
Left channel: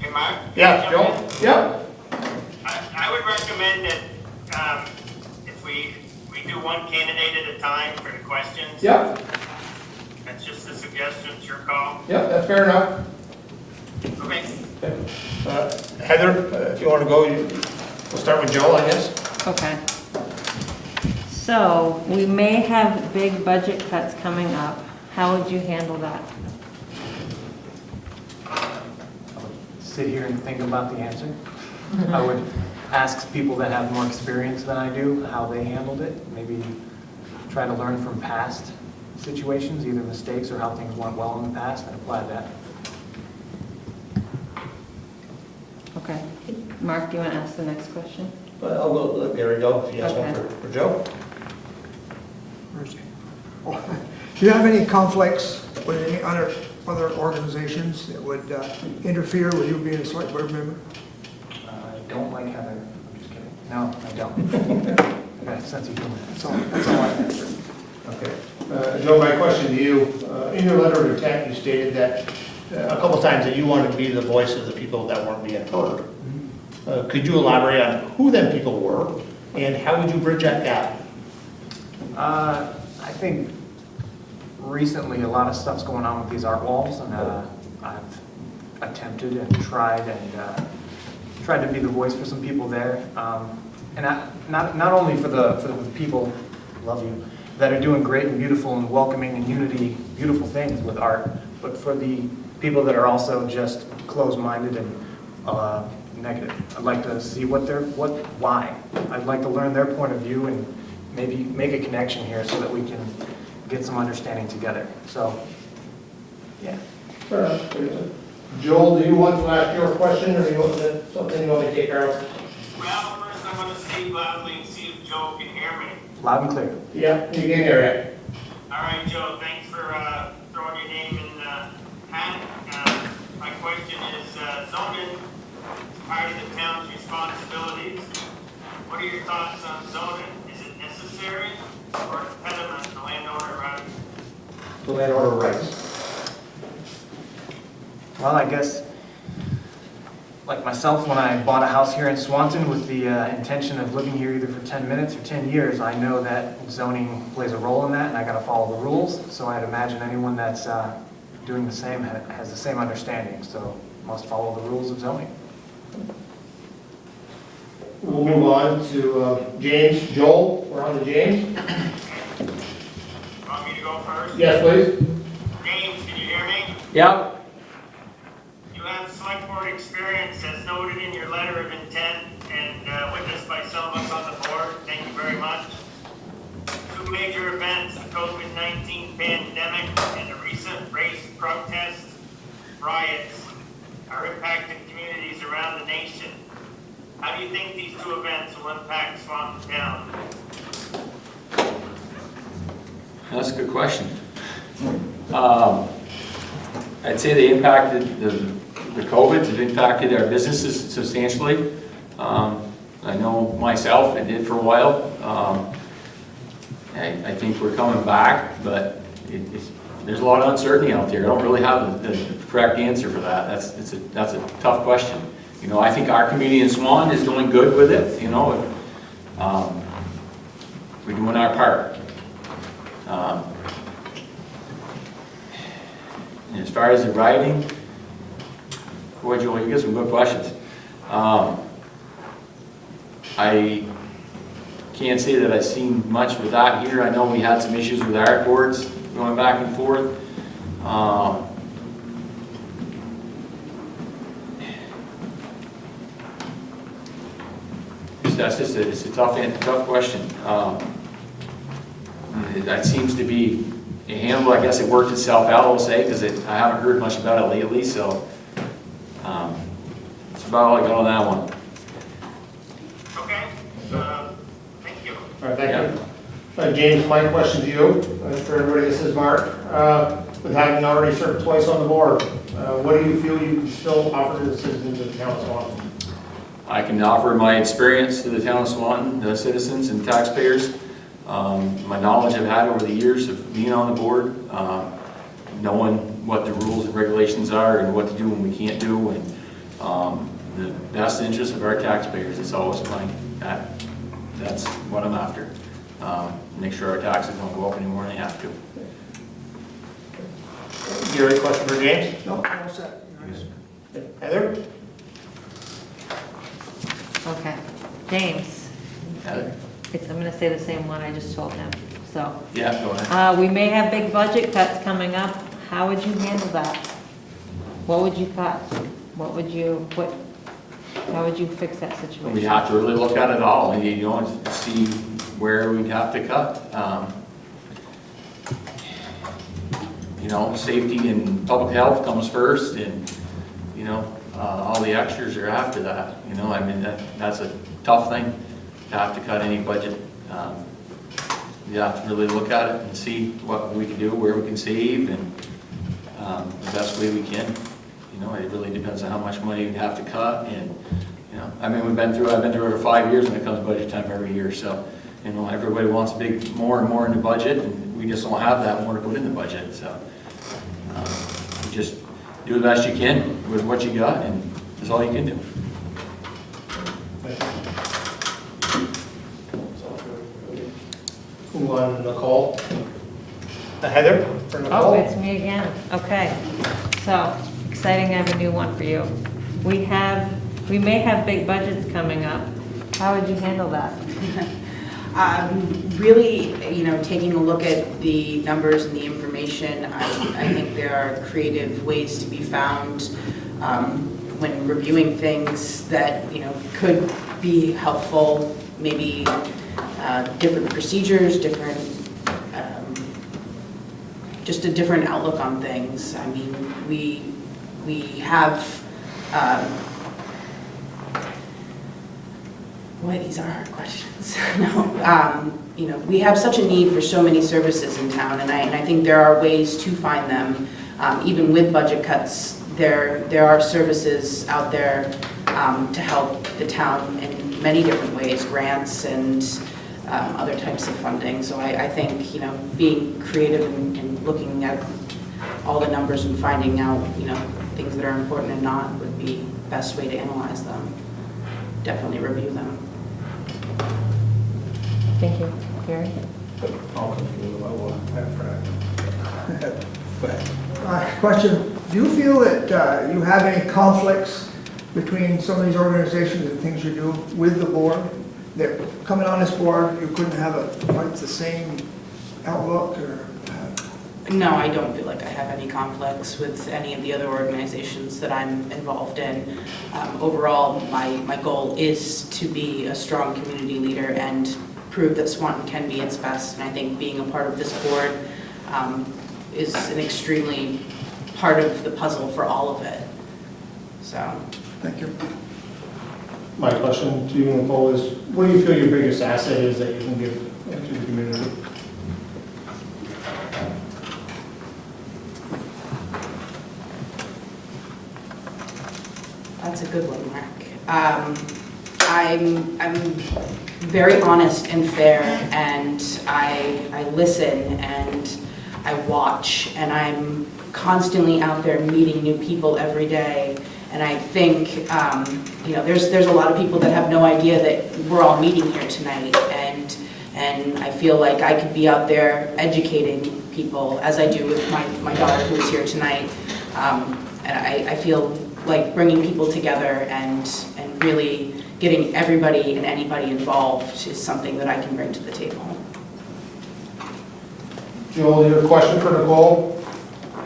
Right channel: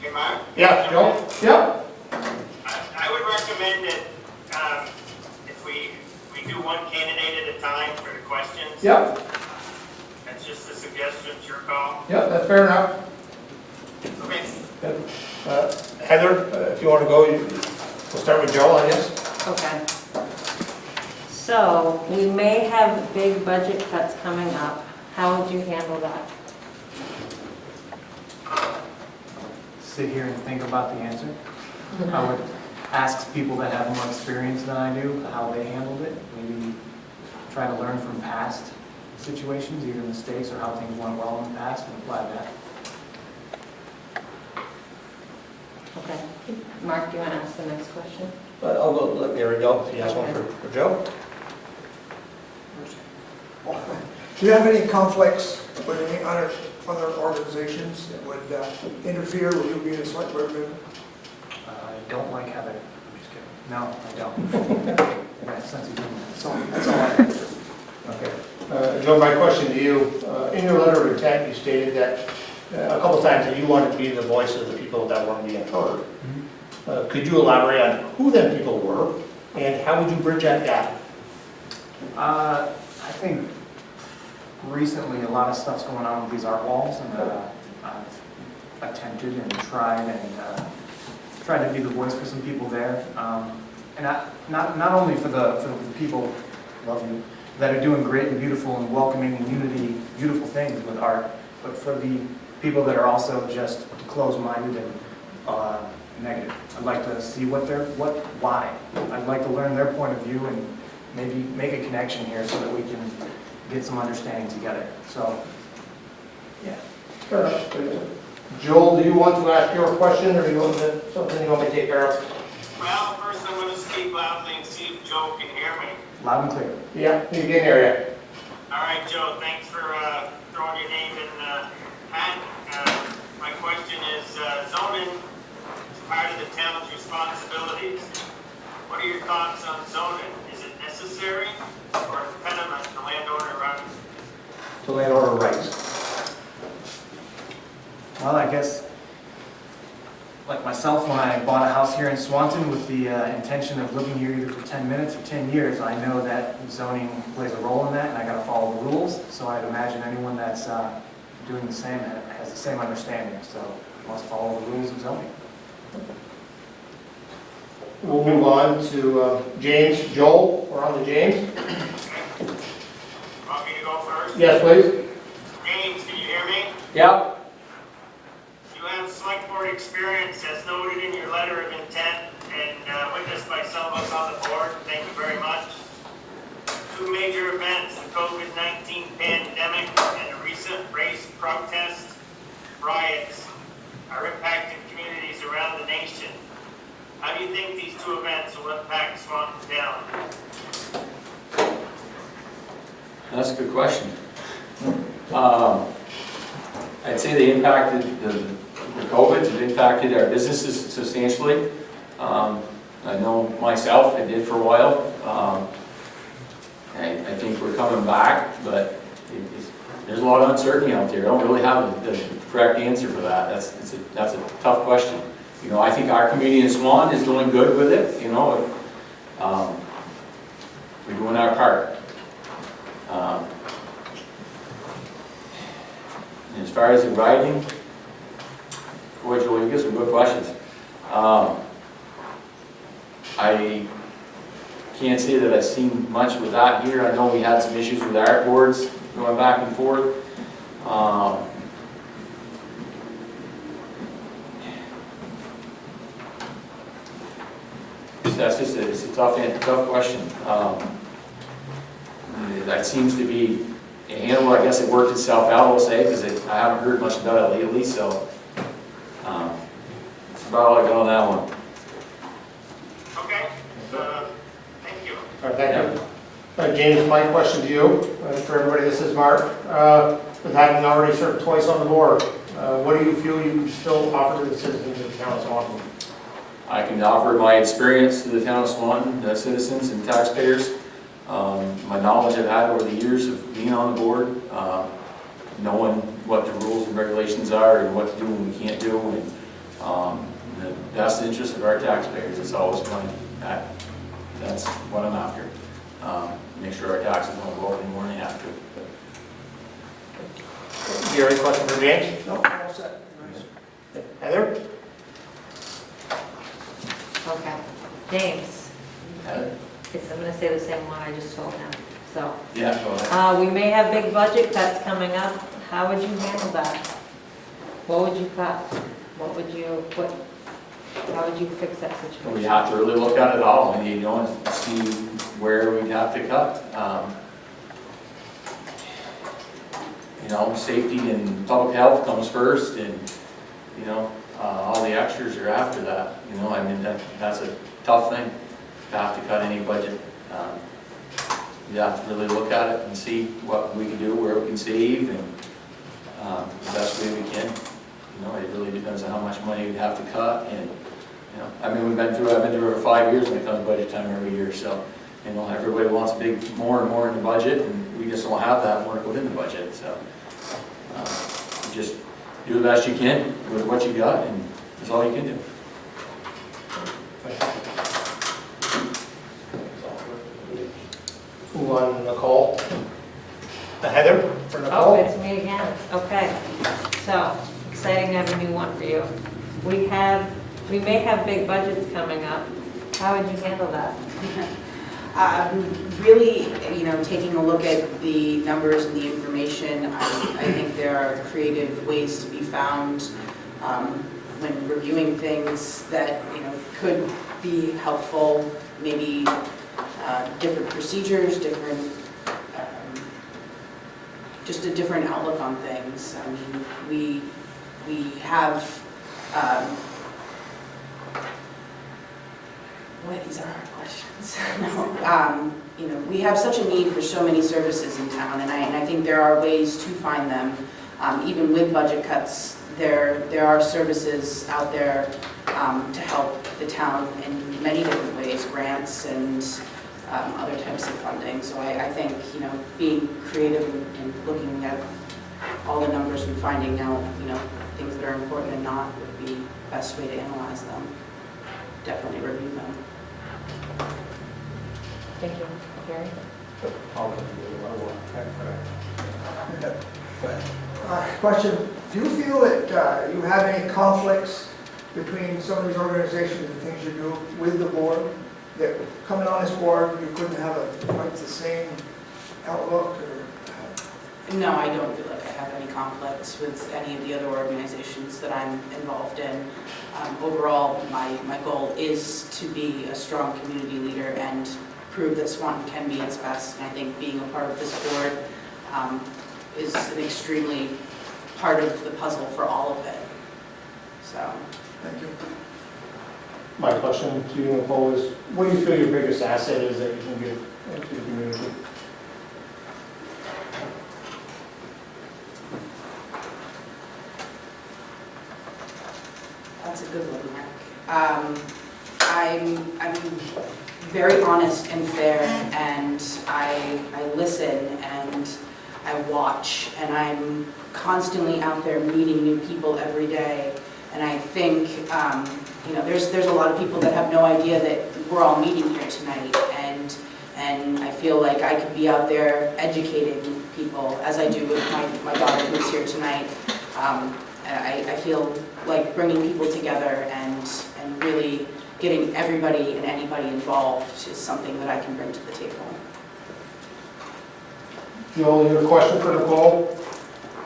Hey, Mark? Yeah, Joe? Yep. I would recommend that if we do one candidate at a time for the questions. Yep. That's just a suggestion, it's your call. Yep, that's fair enough. Okay. Heather, if you want to go, we'll start with Joe, I guess. Okay. So, we may have big budget cuts coming up. How would you handle that? Sit here and think about the answer. I would ask people that have more experience than I do how they handled it. Maybe try to learn from past situations, either mistakes or how things went well in the past, and apply that. Okay. Mark, do you want to ask the next question? I'll go, let Gary go, if you ask one Okay. for Joe. Do you have any conflicts with any other organizations that would interfere with you being a select board member? I don't like having, I'm just kidding. No, I don't. I got a sense of humor. That's all I have. Okay. Joe, my question to you, in your letter of intent, you stated that a couple times that you wanted to be the voice of the people that weren't being heard. Could you elaborate on who them people were, and how would you bridge that gap? I think recently a lot of stuff's going on with these art walls, and I've attempted and tried to be the voice for some people there, and not only for the people, love you, that are doing great and beautiful and welcoming and unity, beautiful things with art, but for the people that are also just closed-minded and negative. I'd like to see why. I'd like to learn their point of view and maybe make a connection here so that we can get some understanding together. So, yeah. Joel, do you want to ask your question, or you want something you want me to take care of? Well, first I'm going to speak loudly and see if Joe can hear me. Loud and clear. Yeah, you can hear it. All right, Joe, thanks for throwing your name in the hat. My question is, zoning is part of the town's responsibilities. What are your thoughts on zoning? Is it necessary or dependent on the landowner rights? The landowner rights. Well, I guess, like myself, when I bought a house here in Swanton with the intention of living here either for 10 minutes or 10 years, I know that zoning plays a role in that, and I got to follow the rules. So I'd imagine anyone that's doing the same has the same understanding, so must follow the rules of zoning. We'll move on to James. Joel, we're on to James. Want me to go first? Yes, please. James, can you hear me? Yeah. You have select board experience as noted in your letter of intent and witnessed by some of us on the board. Thank you very much. Two major events, the COVID-19 pandemic and the recent race protests, riots, are impacting communities around the nation. How do you think these two events will impact Swanton Town? That's a good question. I'd say they impacted the COVID, it impacted our businesses substantially. I know myself, I did for a while. I think we're coming back, but there's a lot of uncertainty out there. I don't really have the correct answer for that. That's a tough question. You know, I think our community in Swan is doing good with it, you know. We're doing our part. And as far as the writing, boy, Joel, you get some good questions. I can't say that I've seen much with that here. I know we had some issues with art boards going back and forth. It's a tough question. That seems to be handled. I guess it worked itself out, I'll say, because I haven't heard much about it lately. So that's about all I got on that one. Okay, thank you. All right, thank you. James, my question to you, for everybody, this is Mark. With having already served twice on the board, what do you feel you can still offer to the citizens of the town of Swanton? I can offer my experience to the town of Swanton, the citizens and taxpayers, my knowledge I've had over the years of being on the board, knowing what the rules and regulations are and what to do and we can't do, and the best interest of our taxpayers. It's always that's what I'm after. Make sure our taxes don't go up any more than they have to. Do you have any question for James? No, all set. Heather? Okay, James, Heather? I'm gonna say the same one I just told him, so. Yeah, go ahead. We may have big budget cuts coming up. How would you handle that? What would you cut? How would you fix that situation? We have to really look at it all and, you know, and see where we'd have to cut. You know, safety and public health comes first, and, you know, all the extras are after that. You know, I mean, that's a tough thing to have to cut any budget. You have to really look at it and see what we can do, where we can save, and the best way we can. You know, it really depends on how much money we'd have to cut, and, you know, I mean, I've been through it for 5 years when it comes budget time every year, so, you know, everybody wants more and more in the budget, and we just don't have that more to put in the budget, so you just do the best you can with what you got, and that's all you can do. Who on Nicole? Heather? For Nicole? Oh, it's me again. Okay. So, exciting to have a new one for you. We may have big budgets coming up. How would you handle that? Really, you know, taking a look at the numbers and the information, I think there are creative ways to be found when reviewing things that, you know, could be helpful, maybe different procedures, just a different outlook on things. I mean, we have, boy, these are hard questions. No, you know, we have such a need for so many services in town, and I think there are ways to find them. Even with budget cuts, there are services out there to help the town in many different ways, grants and other types of funding. So I think, you know, being creative and looking at all the numbers and finding out, you know, things that are important and not would be the best way to analyze them. Definitely review them. Thank you. Gary? Question, do you feel that you have any conflicts between some of these organizations and things you do with the board? That coming on this board, you couldn't have quite the same outlook or? No, I don't feel like I have any conflicts with any of the other organizations that I'm involved in. Overall, my goal is to be a strong community leader and prove that Swanton can be its best. And I think being a part of this board is an extremely part of the puzzle for all of it. So. Thank you. My question to you, Nicole, is what do you feel your biggest asset is that you can give to the community? That's a good one, Mark. I'm very honest and fair, and I listen, and I watch, and I'm constantly out there meeting new people every day. And I think, there's a lot of people that have no idea that we're all meeting here tonight. And I feel like I could be out there educating people, as I do with my daughter who's here tonight. And I feel like bringing people together and really getting everybody and anybody involved is something that I can bring to the table. Joel, your question for Nicole?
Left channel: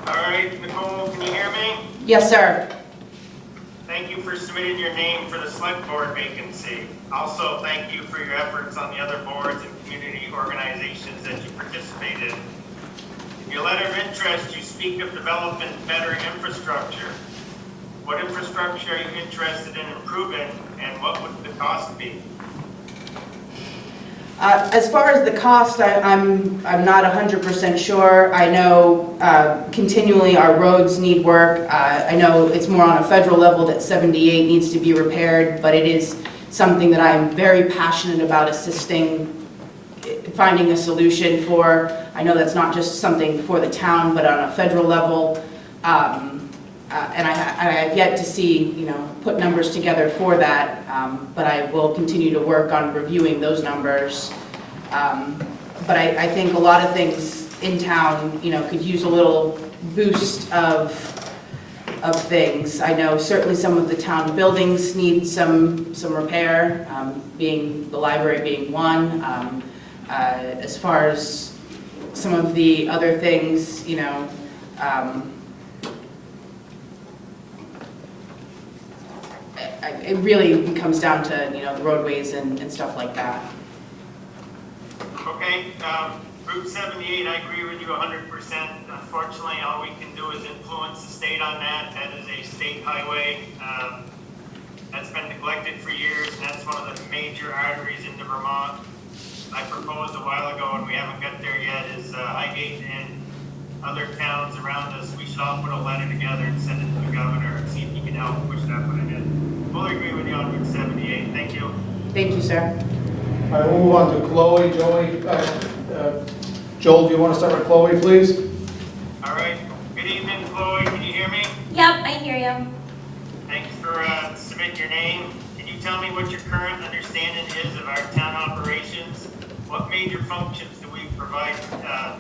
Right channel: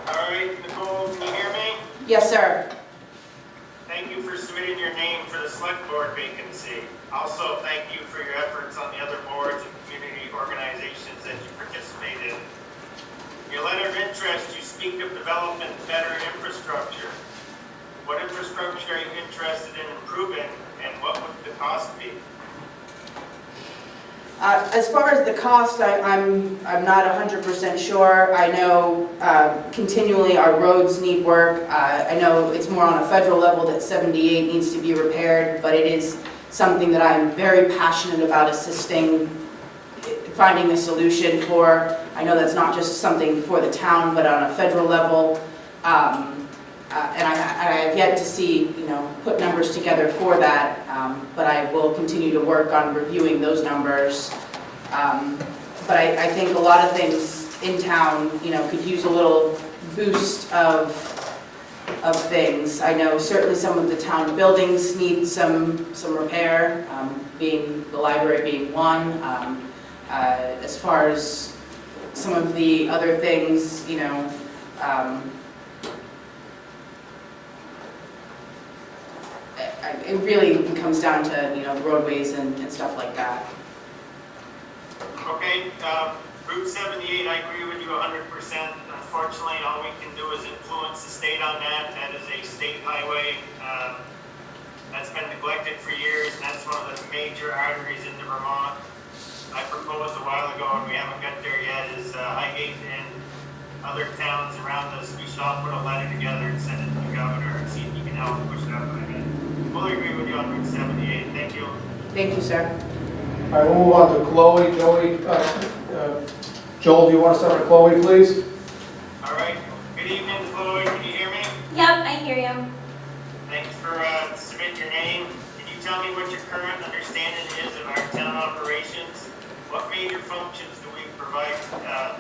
All right, Nicole, can you hear me? Yes, sir. Thank you for submitting your name for the select board vacancy. Also, thank you for your efforts on the other boards and community organizations that you participate in. Your letter of interest, you speak of developing better infrastructure. What infrastructure are you interested in improving, and what would the cost be? As far as the cost, I'm not 100% sure. I know continually our roads need work. I know it's more on a federal level that 78 needs to be repaired, but it is something that I'm very passionate about assisting, finding a solution for. I know that's not just something for the town, but on a federal level. And I have yet to see, put numbers together for that, but I will continue to work on reviewing those numbers. But I think a lot of things in town, could use a little boost of things. I know certainly some of the town buildings need some repair, being the library being one. As far as some of the other things, it really comes down to, the roadways and stuff like that. Okay, Route 78, I agree with you 100%. Unfortunately, all we can do is influence the state on that. That is a state highway. That's been neglected for years, and that's one of the major arteries into Vermont. I proposed a while ago, and we haven't got there yet, is Highgate and other towns around us. We should all put a letter together and send it to the governor and see if he can help push that one ahead. Fully agree with you on Route 78. Thank you. Thank you, sir. All right, we'll move on to Chloe. Joel, do you want to start with Chloe, please? All right. Good evening, Chloe. Can you hear me? Yep, I hear you. Thanks for submitting your name. Can you tell me what your current understanding is of our town operations? What major functions do we provide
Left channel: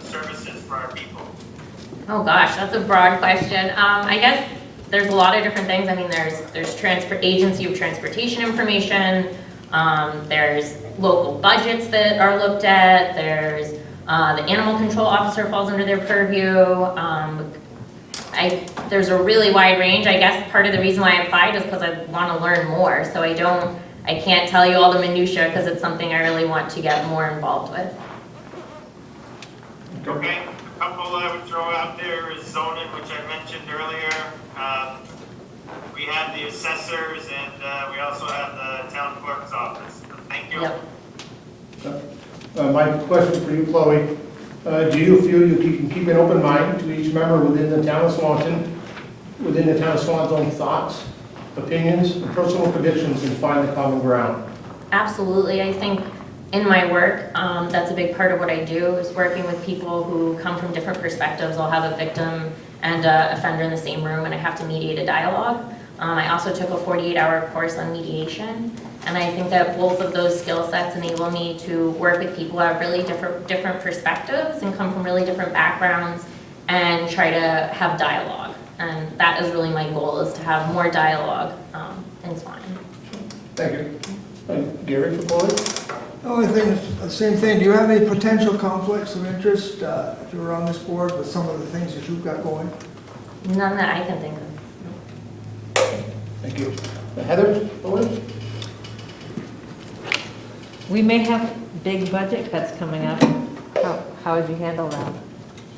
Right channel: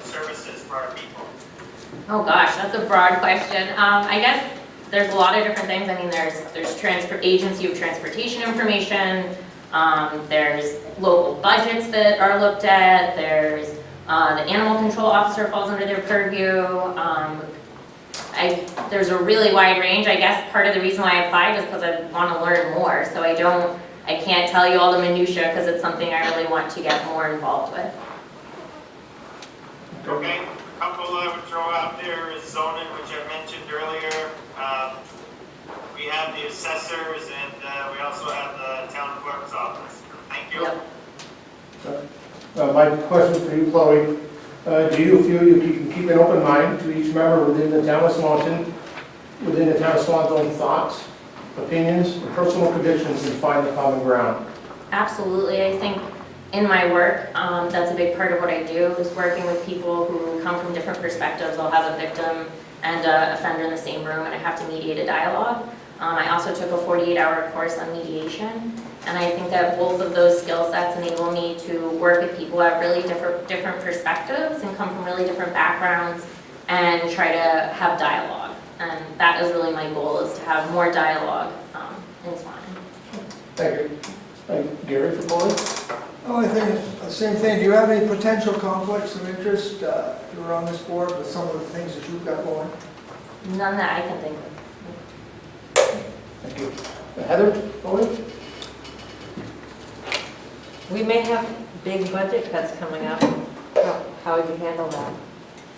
services for our people? Oh gosh, that's a broad question. I guess there's a lot of different things. I mean, there's agency of transportation information. There's local budgets that are looked at. There's the animal control officer falls under their purview. There's a really wide range. I guess part of the reason why I applied is because I want to learn more. So I can't tell you all the minutia because it's something I really want to get more involved with. Okay. A couple I would throw out there is zoning, which I mentioned earlier. We have the assessors, and we also have the town clerk's office. Thank you. Yep. My question for you, Chloe, do you feel you can keep an open mind to each member within the town of Swanton, thoughts, opinions, and personal predictions, and find the common ground? Absolutely. I think in my work, that's a big part of what I do, is working with people who come from different perspectives. I'll have a victim and an offender in the same room, and I have to mediate a dialogue. I also took a 48-hour course on mediation, and I think that both of those skill sets enable me to work with people who have really different perspectives and come from really different backgrounds and try to have dialogue. And that is really my goal, is to have more dialogue in Swanton. Thank you. Gary, for Chloe? The only thing, the same thing, do you have any potential conflicts of interest if you were on this board with some of the things that you've got going? None that I can think of. Thank you. Heather, Chloe? We may have big budget cuts coming up. How would you handle that?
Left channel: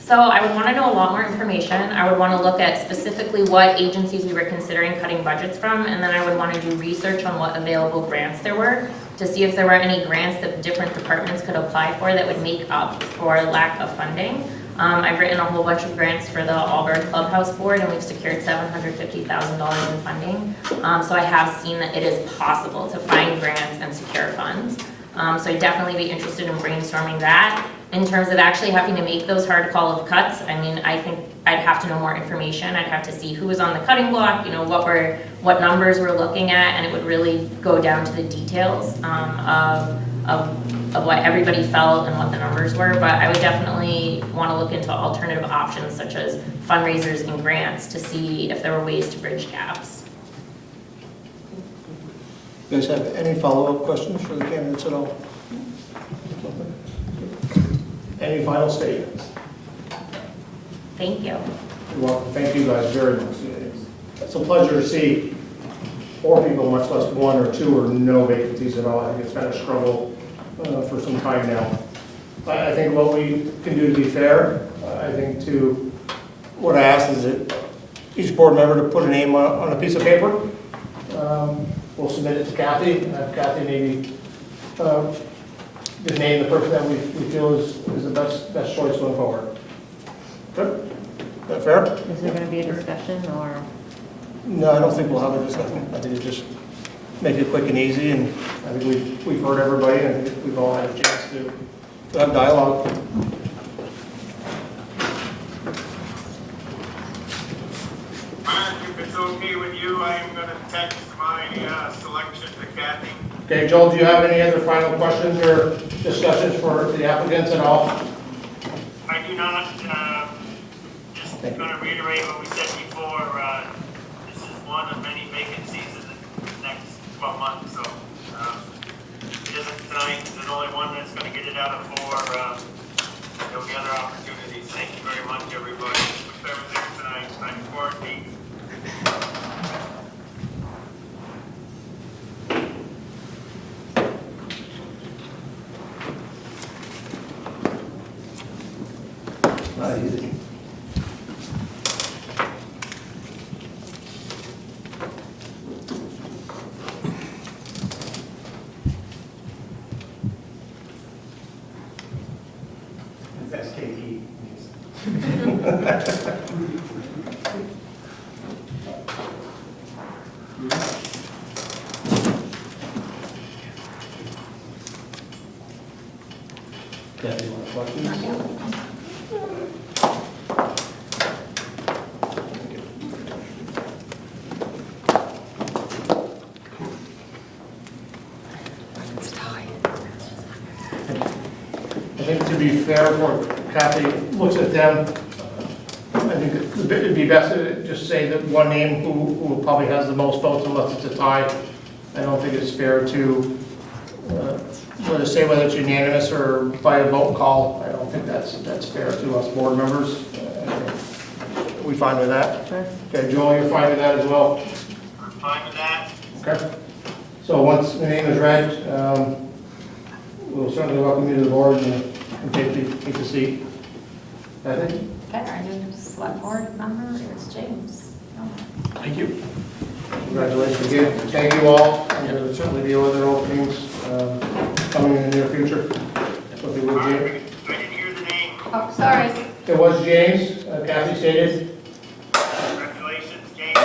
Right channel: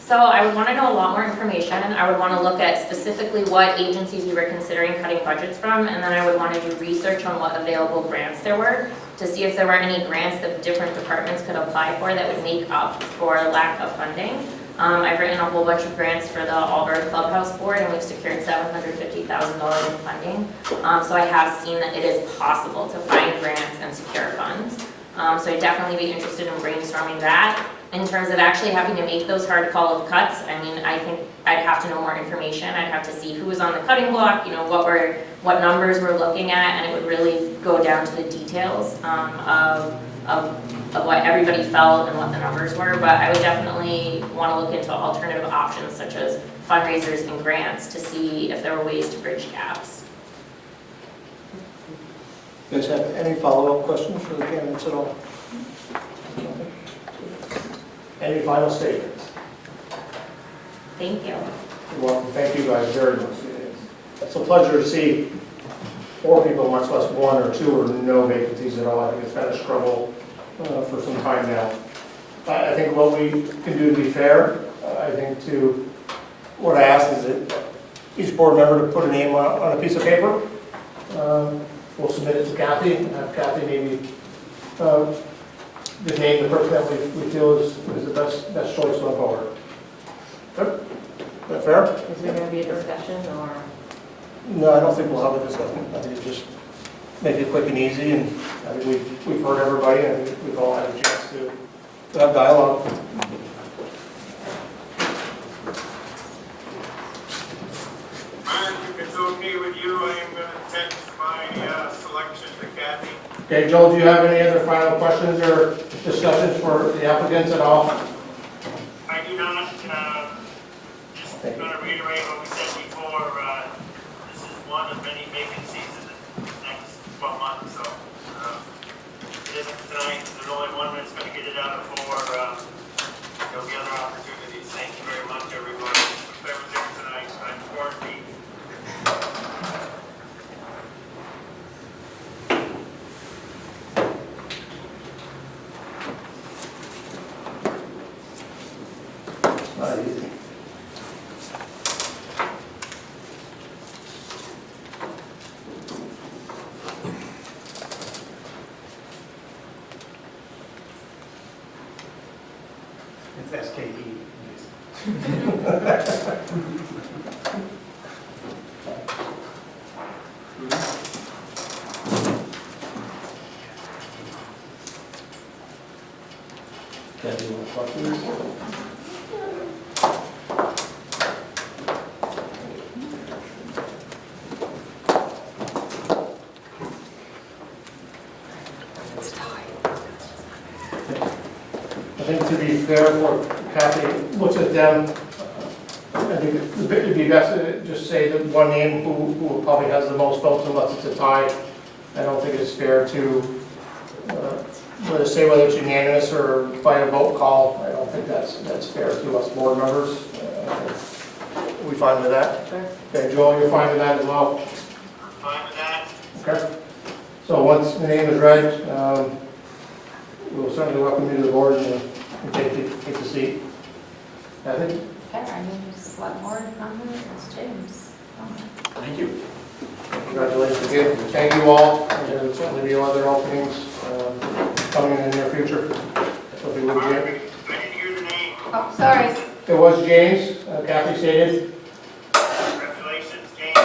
So I would want to know a lot more information. I would want to look at specifically what agencies we were considering cutting budgets from, and then I would want to do research on what available grants there were to see if there were any grants that different departments could apply for that would make up for lack of funding. I've written a whole bunch of grants for the Auburn Clubhouse Board, and we've secured $750,000 in funding. So I have seen that it is possible to find grants and secure funds. So I'd definitely be interested in brainstorming that. In terms of actually having to make those hard call of cuts, I mean, I think I'd have to know more information. I'd have to see who was on the cutting block, you know, what numbers we're looking at, and it would really go down to the details of what everybody felt and what the numbers were. But I would definitely want to look into alternative options such as fundraisers and grants to see if there were ways to bridge gaps. You guys have any follow-up questions for the candidates at all? Any final statements? Thank you. You're welcome. Thank you guys very much. It's a pleasure to see 4 people, much less 1 or 2 or no vacancies at all. I think it's been a struggle for some time now. I think what we can do to be fair, I think what I ask is that each board member to put a name on a piece of paper. We'll submit it to Kathy, and have Kathy maybe just name the person that we feel is the best choice going forward. Good? Is that fair? Is there going to be a discussion or? No, I don't think we'll have a discussion. I think it's just make it quick and easy, and I think we've heard everybody, and I think we've all had a chance to have dialogue. Mark, if it's okay with you, I am going to text my selection to Kathy. Okay, Joel, do you have any other final questions or discussions for the applicants at all? I do not, just going to reiterate what we said before, this is one of many vacancies in the next 12 months, so it isn't tonight, there's only one that's going to get it out of 4, there'll be other opportunities. Thank you very much, everybody. That was there tonight, I'm Courtney. Not easy. It's SKE. Kathy, you want to talk to me? I think to be fair, for Kathy looks at them, I think it'd be best to just say that one name who probably has the most votes unless it's a tie. I don't think it's fair to whether say whether it's unanimous or by a vote call. I don't think that's fair to us board members. Are we fine with that? Sure. Okay, Joel, you're fine with that as well? I'm fine with that. Okay. So once the name is read, we'll certainly welcome you to the board and take the seat. Kathy? Okay, our new select board member is James. Thank you. Congratulations again. Thank you all. And there will certainly be other openings coming in the near future. So if you would, James. I didn't hear the name. Oh, sorry. It was James, Kathy stated. Congratulations, James.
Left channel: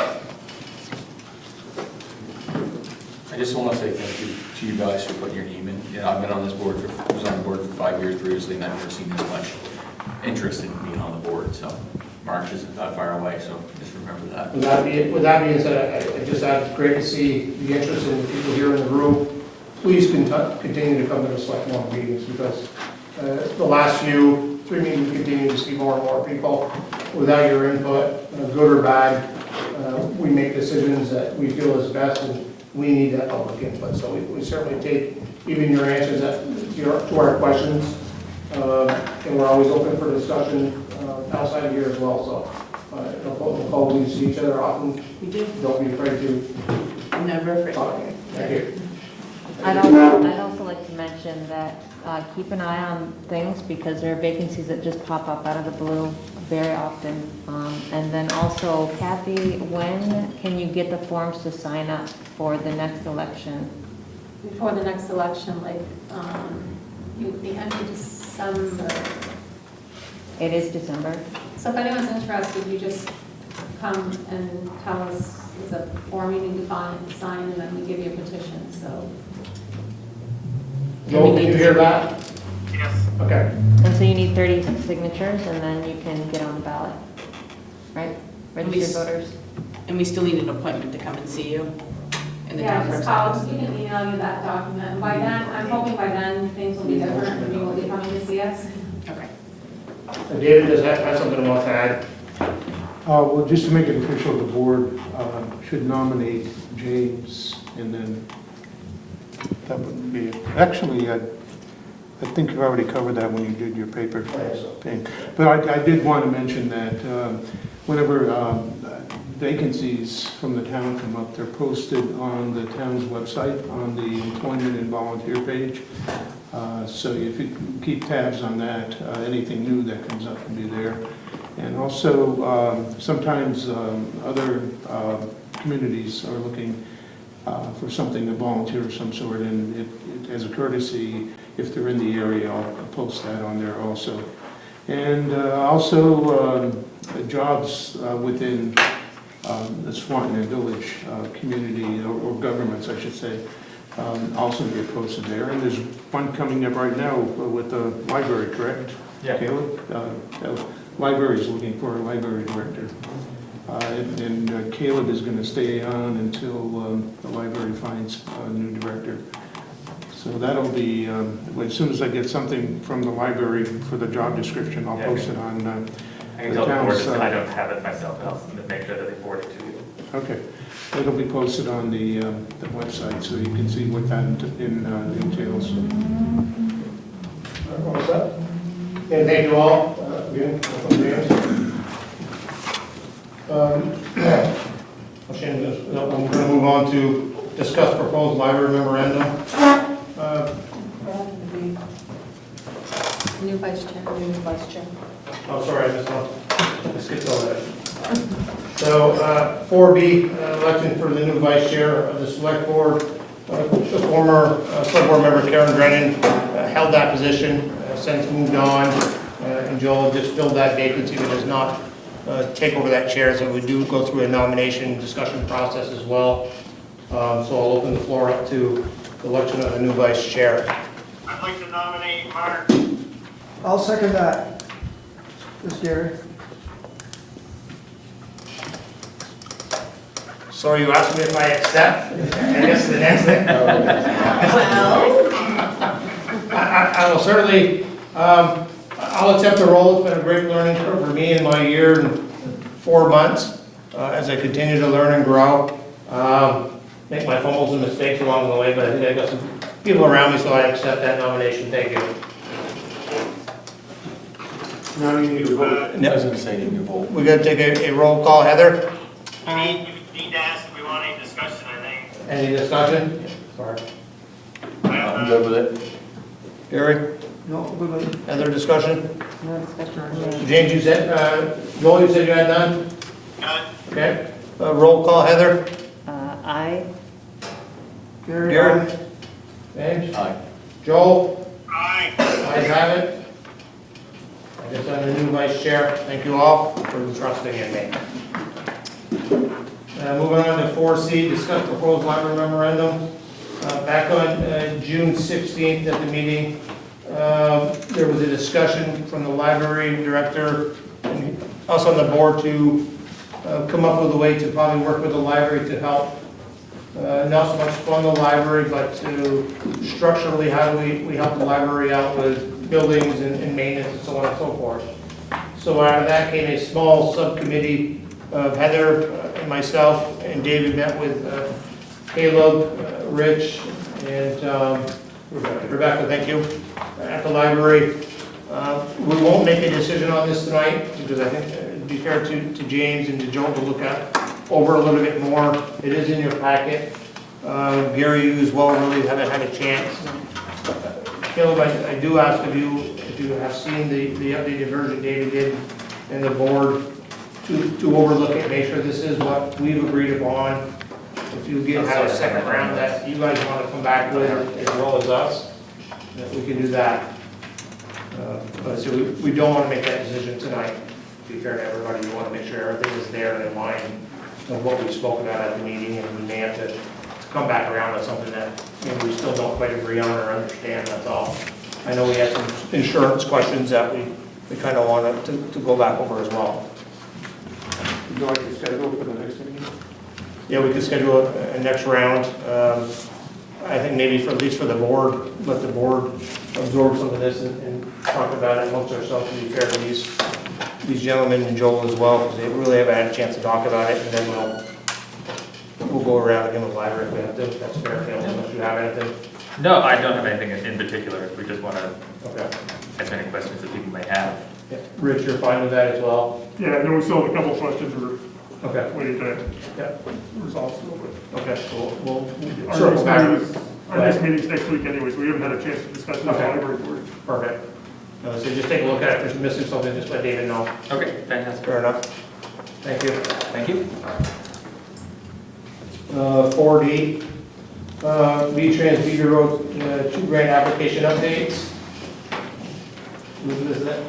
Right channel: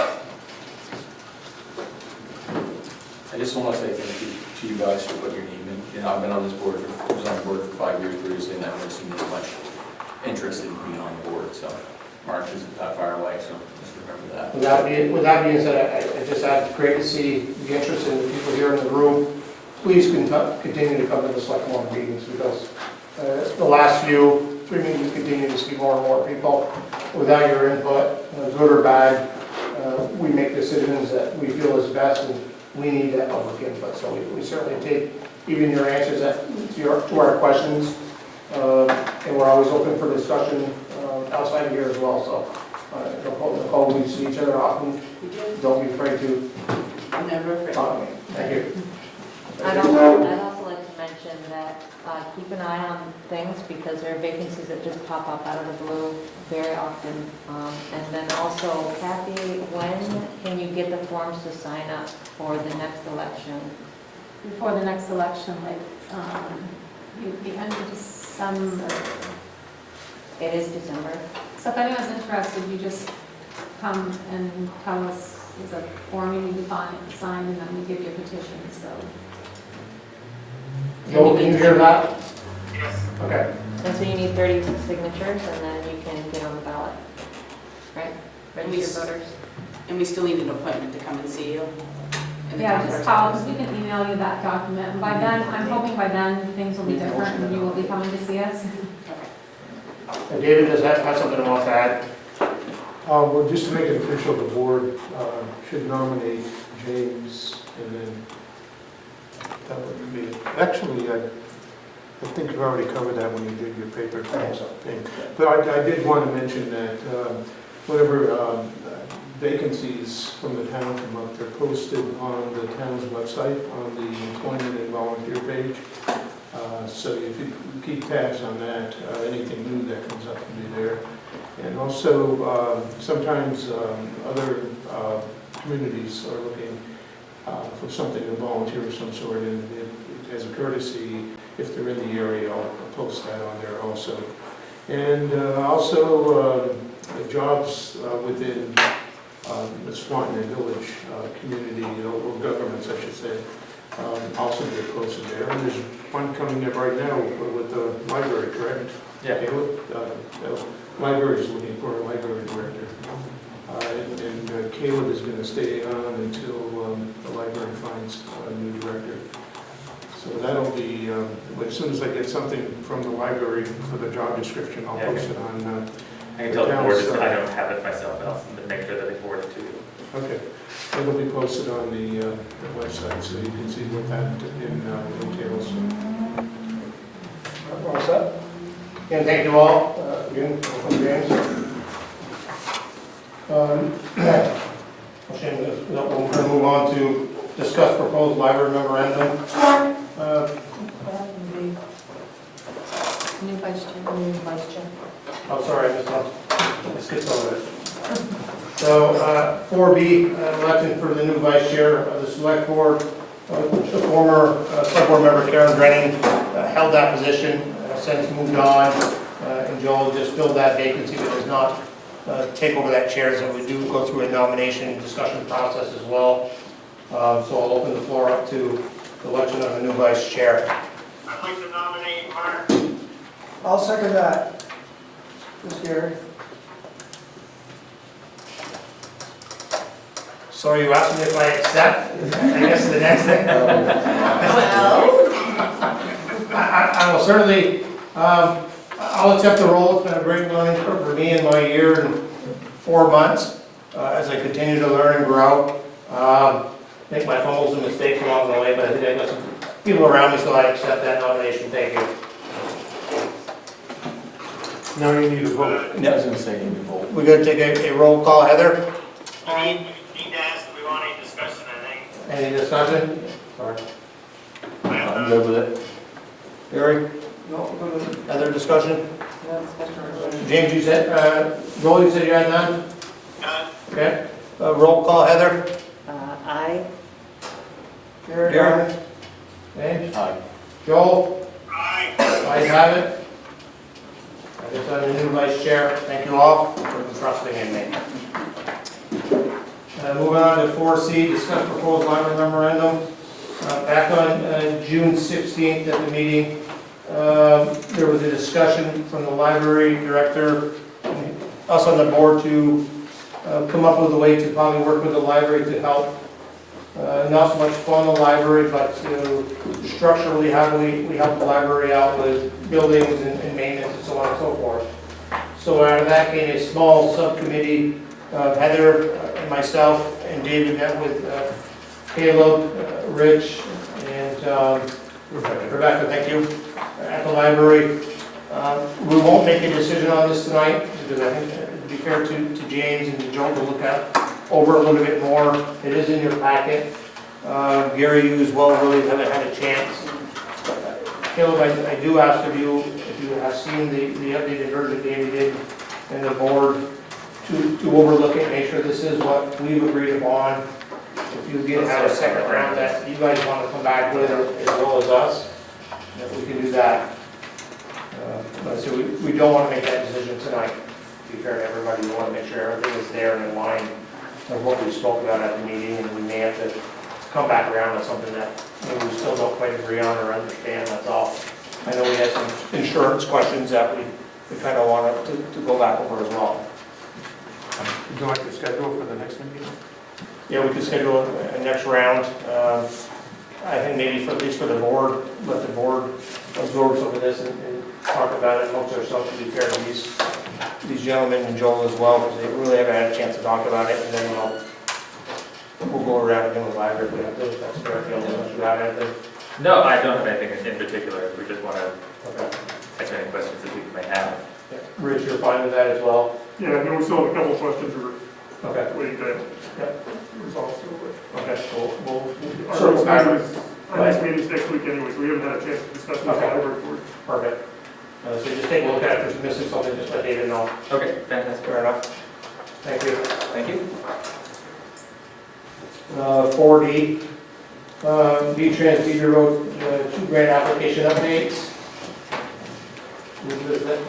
I just want to say thank you to you guys for putting your name in. You know, I've been on this board was on the board for 5 years previously, and I've never seen this much interest in being on the board. So March isn't that far away, so just remember that. With that being said, I just add, great to see the interest in the people here in the room. Please continue to come to the select board meetings, because the last few meetings continue to see more and more people. Without your input, good or bad, we make decisions that we feel is best, and we need that public input. So we certainly take even your answers to our questions, and we're always open for discussion outside of here as well. So Nicole, we see each other often. We do. Don't be afraid to I'm never afraid. talk. Thank you. I'd also like to mention that keep an eye on things, because there are vacancies that just pop up out of the blue very often. And then also, Kathy, when can you get the forms to sign up for the next election? Before the next election, like, the end of December. It is December. So if anyone's interested, you just come and tell us there's a form you need to sign, and then we give you a petition, so. Joel, can you hear that? Yes. Okay. And so you need 30 signatures, and then you can get on the ballot, right? Registered voters. And we still need an appointment to come and see you. in the Yeah, town just clerk's we can email you that document. And by then, I'm hoping by then, things will be different and you will be coming to see us. Okay. David, does that have something else to add? Well, just to make it official, the board should nominate James, and then that would be it. Actually, I think you've already covered that when you did your paper thing. But I did want to mention that whenever vacancies from the town come up, they're posted on the town's website, on the employment and volunteer page. So if you keep tabs on that, anything new that comes up can be there. And also, sometimes other communities are looking for something to volunteer of some sort, and as a courtesy, if they're in the area, I'll post that on there also. And also, jobs within the Swanton Village community, or governments, I should say, also get posted there. And there's one coming up right now with the library, correct? Yeah. Caleb? Library is looking for a library director. And Caleb is going to stay on until the library finds a new director. So that'll be, as soon as I get something from the library for the job description, I'll post it on I the tell the board, town's. I don't have it myself, I'll make sure that it's forwarded to you. Okay. It'll be posted on the website, so you can see what that entails. All set? Again, thank you all. Again, welcome, James. We're going to move on to discuss proposed library memorandum. New vice chair. I'm sorry, I missed one. I skipped over that. So, 4B, election for the new vice chair of the select board. The former select board member Karen Drennan held that position, since moved on, and Joel just filled that vacancy, but does not take over that chair, so we do go through a nomination discussion process as well. So I'll open the floor up to the election of a new vice chair. I'd like to nominate Mark. I'll second that. Ms. Gary. So are you asking me if I accept? I guess the next thing. I will certainly, I'll accept the role. It's been a great learning curve for me in my year and 4 months as I continue to learn and grow. Make my fumbles and mistakes along the way, but I think I got some people around me, so I accept that nomination. Thank you. Now you need a vote. I was going to say, you need to vote. We're going to take a roll call. Heather? We need to ask if we want any discussion, I think. Any discussion? Sorry. I'm good with it. Gary? No, good with it. Other discussion? No discussion on James. James, you said, Joel, you said you had none? None. Okay. Roll call, Heather? Aye. Gary? James? Aye. Joel? Aye. Ayes have it. I guess I'm the new vice chair. Thank you all for trusting in me. Moving on to 4C, discuss proposed library memorandum. Back on June 16th at the meeting, there was a discussion from the library director and us on the board to come up with a way to probably work with the library to help, not so much fund the library, but to structurally how do we help the library out with buildings and maintenance and so on and so forth. So out of that came a small subcommittee of Heather and myself, and David met with Caleb, Rich, and Rebecca, thank you, at the library. We won't make a decision on this tonight, because I think it'd be fair to James and to Joel to look at over a little bit more. It is in your packet. Gary, you as well really haven't had a chance. Caleb, I do ask of you, if you have seen the updated version David did in the board, to overlook it, make sure this is what we've agreed upon. If you have a second round that you guys want to come back with as well as us, we can do that. But so we don't want to make that decision tonight. To be fair to everybody, we want to make sure everything is there and in line of what we spoke about at the meeting, and we may have to come back around with something that we still don't quite agree on or understand, that's all. I know we had some insurance questions that we kind of wanted to go back over as well. Would you like to schedule for the next meeting? Yeah, we could schedule a next round. I think maybe for, at least for the board, let the board absorb some of this and talk about it amongst ourselves, to be fair to these gentlemen and Joel as well, because they really haven't had a chance to talk about it, and then we'll go around again with library if we have to. If that's fair, unless you have anything. No, I don't have anything in particular. We just want to Okay. answer any questions that people may have. Yeah. Rich, you're fine with that as well? Yeah, then we still have a couple of questions we're Okay. waiting to Yeah. resolve. Okay, so we'll Our circle back. next meeting's next week anyways, we haven't had a chance to discuss it with the Okay. library board. Perfect. So just take a look at it. If there's missing something, just let David know. Okay, fantastic. Fair enough. Thank you. Thank you. 4D, V-Trans Beaver Road, 2 grant application updates.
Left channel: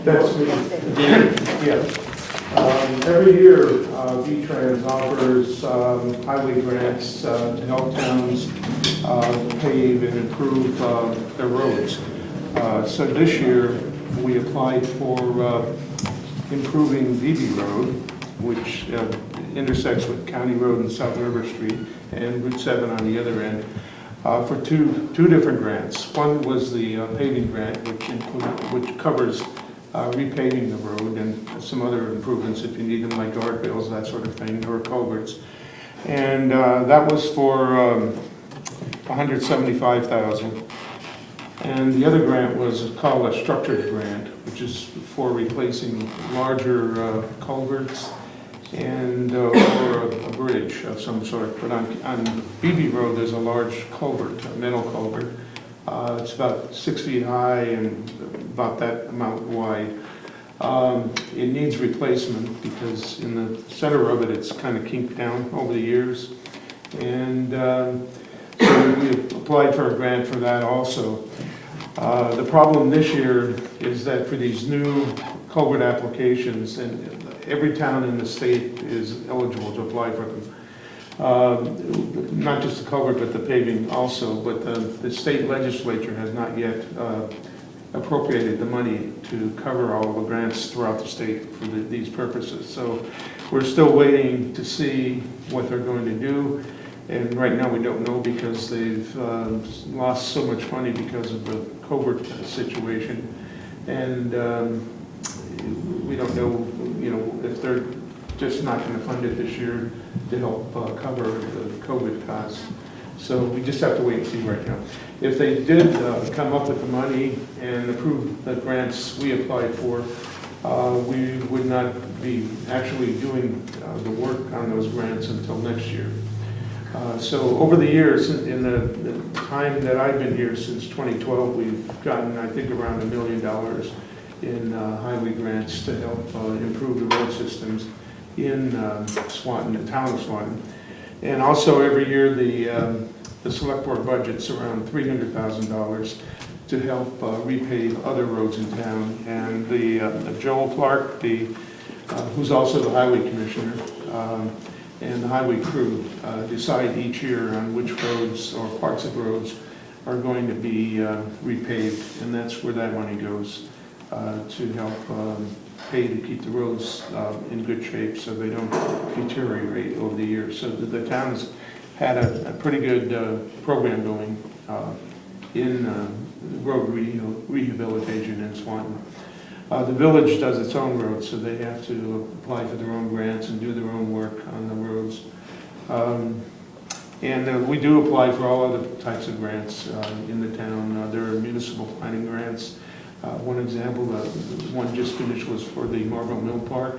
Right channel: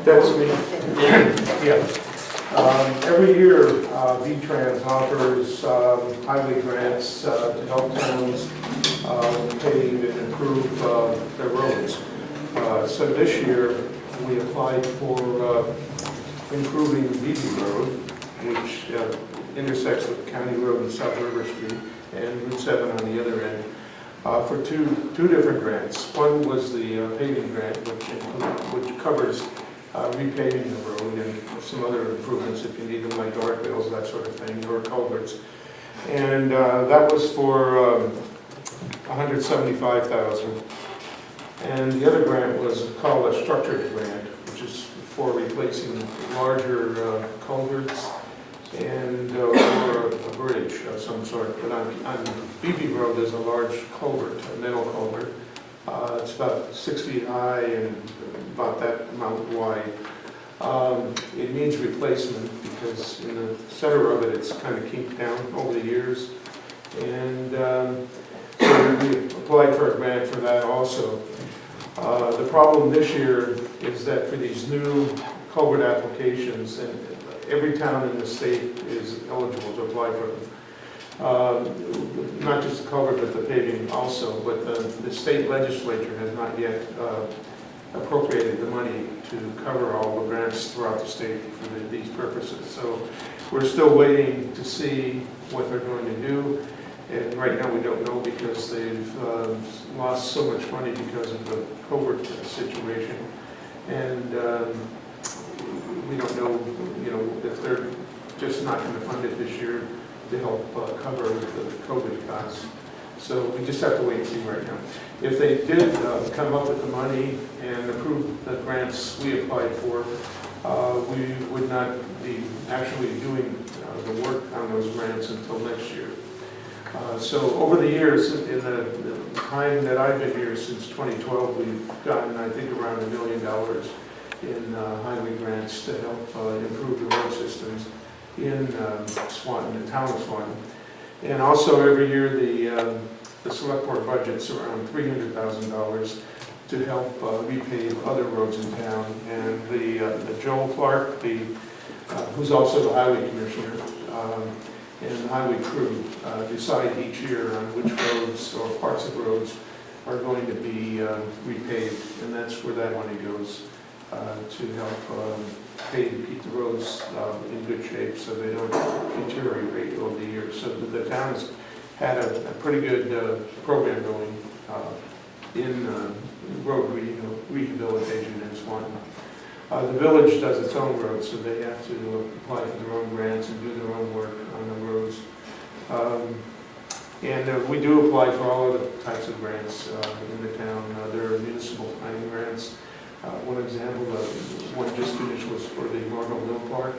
That's me. Yeah. Every year, V-Trans offers highway grants to help towns pave and improve their roads. So this year, we applied for improving Nbu Road, which intersects with County Road and South River Street, and Route 7 on the other end, for two different grants. One was the paving grant, which covers repaving the road and some other improvements if you need them, like guardrails, that sort of thing, or culverts. And that was for $175,000. And the other grant was called a structured grant, which is for replacing larger culverts and or a bridge of some sort. But on Nbu Road, there's a large culvert, a metal culvert. It's about 6 feet high and about that amount wide. It needs replacement because in the center of it, it's kind of kinked down over the years. And so we applied for a grant for that also. The problem this year is that for these new culvert applications, and every town in the state is eligible to apply for them. Not just the culvert, but the paving also, but the state legislature has not yet appropriated the money to cover all the grants throughout the state for these purposes. So we're still waiting to see what they're going to do. And right now we don't know because they've lost so much money because of the culvert situation. And we don't know, if they're just not going to fund it this year to help cover the COVID costs. So we just have to wait and see right now. If they did come up with the money and approve the grants we applied for, we would not be actually doing the work on those grants until next year. So over the years, in the time that I've been here since 2012, we've gotten, I think, around $1 million in highway grants to help improve the road systems in Swanton, the town of Swanton. And also every year the select board budget's around $300,000 to help repave other roads in town. And the Joel Clark, who's also the highway commissioner, and the highway crew decide each year on which roads or parts of roads are going to be repaved, and that's where that money goes to help pay to keep the roads in good shape so they don't deteriorate over the years. So the town has had a pretty good program going in road rehabilitation in Swanton. The village does its own roads, so they have to apply for their own grants and do their own work on the roads. And we do apply for all other types of grants in the town. There are municipal planning grants. One example, the one just finished was for the Marble Mill Park.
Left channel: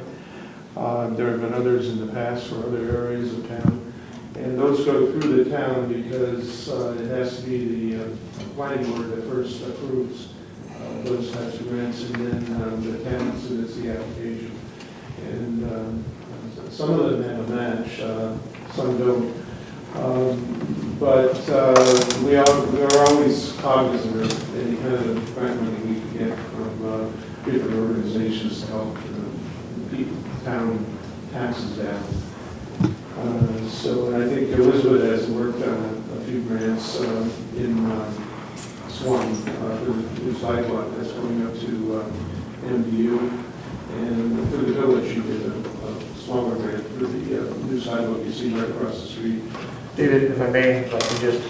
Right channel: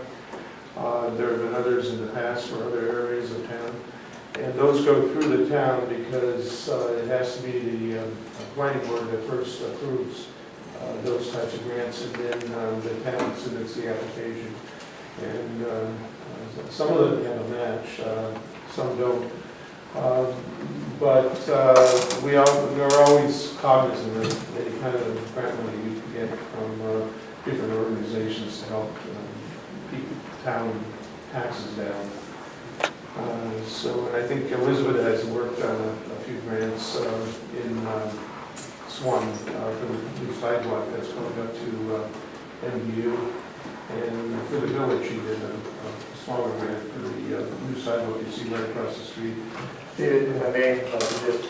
There have been others in the past for other areas of town. And those go through the town because it has to be the planning board that first approves those types of grants, and then the town submits the application. And some of them have a match, some don't. But we are always cognizant of any kind of grant money we can get from different organizations to help keep town taxes down. So I think Elizabeth has worked on a few grants in Swanton for the new sidewalk that's going up to Nbu. And for the village, you did a smaller grant for the new sidewalk you see right across the street. David, if I may, if I could just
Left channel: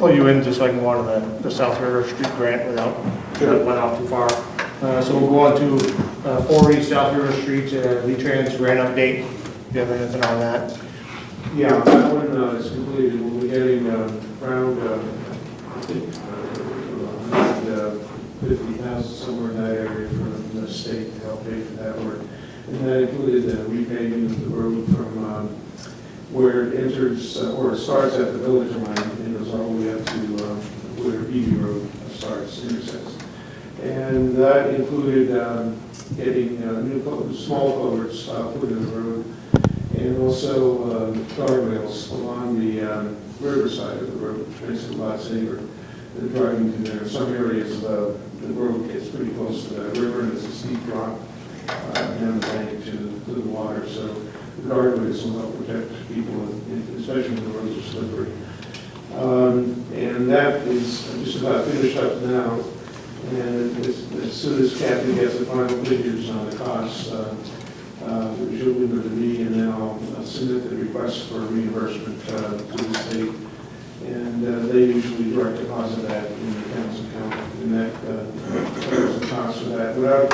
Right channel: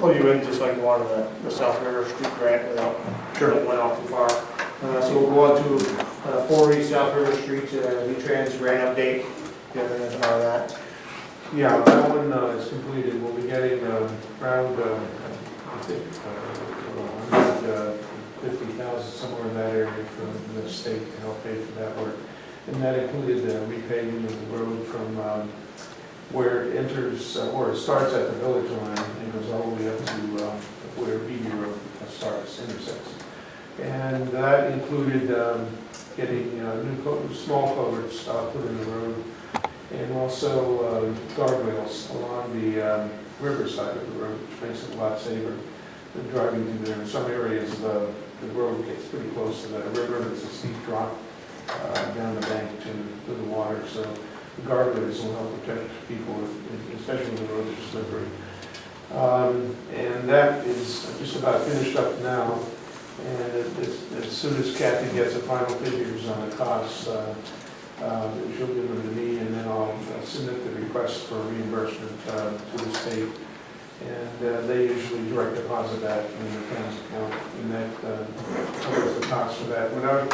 pull you in just like one of the South River Street grant without, sure it went off too far. So we'll go on to 4 East South River Street, V-Trans grant update. Do you have anything on that? Yeah, that one is completed. We'll be getting around, I think, 150,000 somewhere in that area from the state to help pay for that work. And that included repaving of the road from where it enters, or it starts at the village line and goes all the way up to where Beatty Road starts, intersects. And that included getting new small culverts put in the road, and also guardrails along the riverside of the road, which makes it a lot safer than driving through there. In some areas, the road gets pretty close to the river, and it's a steep drop down the bank to the water. So the guardrails will help protect people, especially when the roads are slippery. And that is just about finished up now. And as soon as Kathy gets the final figures on the costs, which will be with me, and then I'll submit the request for reimbursement to the state. And they usually direct deposit that in the town's account, and that covers the cost for that. Without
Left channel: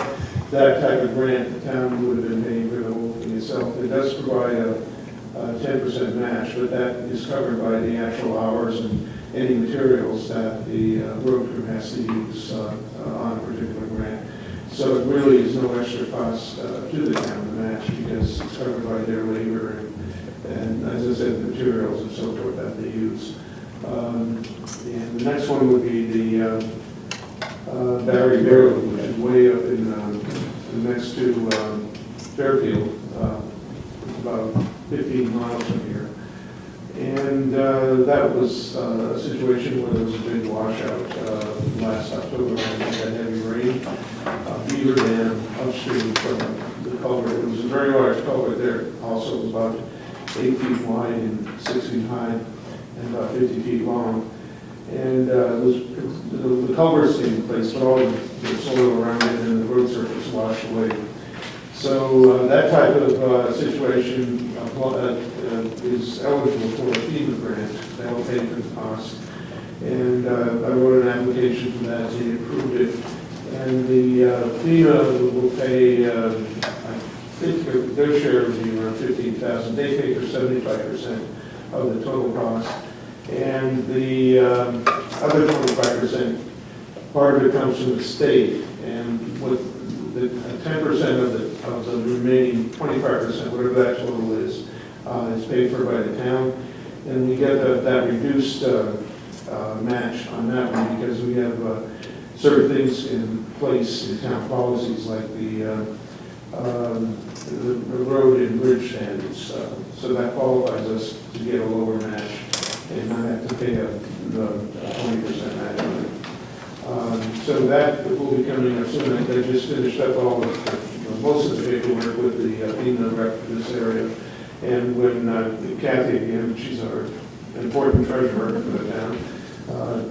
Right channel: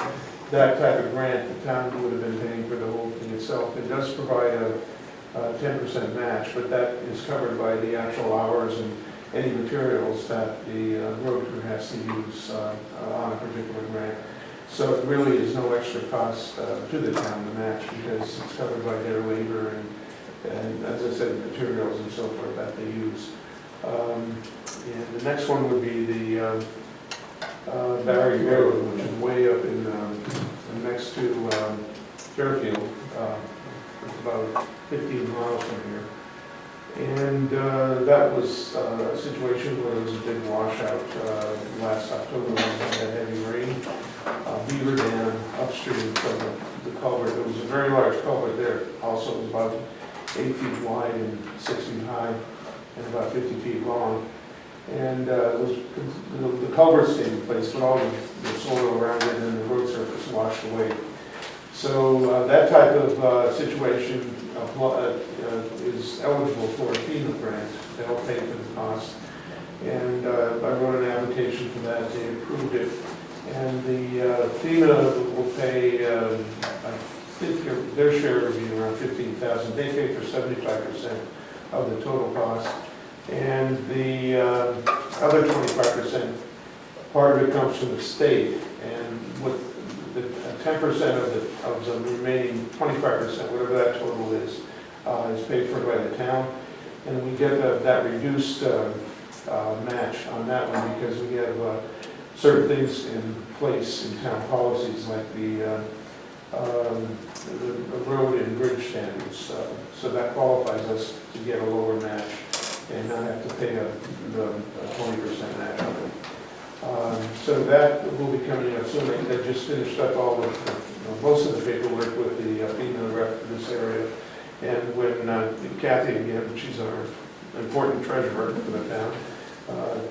that type of grant, the town would have been paying for the whole thing itself. It does provide a 10% match, but that is covered by the actual hours and any materials that the road crew has to use on a particular grant. So it really is no extra cost to the town to match, because it's covered by their labor and as I said, materials and so forth that they use. And the next one would be the Barry Road, which is way up in next to Fairfield. It's about 15 miles from here. And that was a situation where there was a big washout last October when we had heavy rain. Beaver Dam upstream from the culvert. It was a very large culvert there. Also, it was about 8 feet wide and 6 feet high and about 50 feet long. And the culvert stayed in place, but all the soil around it and the road surface washed away. So that type of situation is eligible for a FEMA grant. They'll pay for the cost. And I wrote an application for that. They approved it. And the FEMA will pay, I think their share would be around $15,000. They pay for 75% of the total cost. And the other 25%, part of it comes from the state. And with the 10% of the remaining 25%, whatever that total is paid for by the town. And we get that reduced match on that one because we have certain things in place in town policies like the road and bridge standards. So that qualifies us to get a lower match and not have to pay the 20% match on it. So that will be coming up soon. They just finished up all most of the paperwork with the FEMA rep in this area. And when Kathy, again, she's our important treasurer for the town,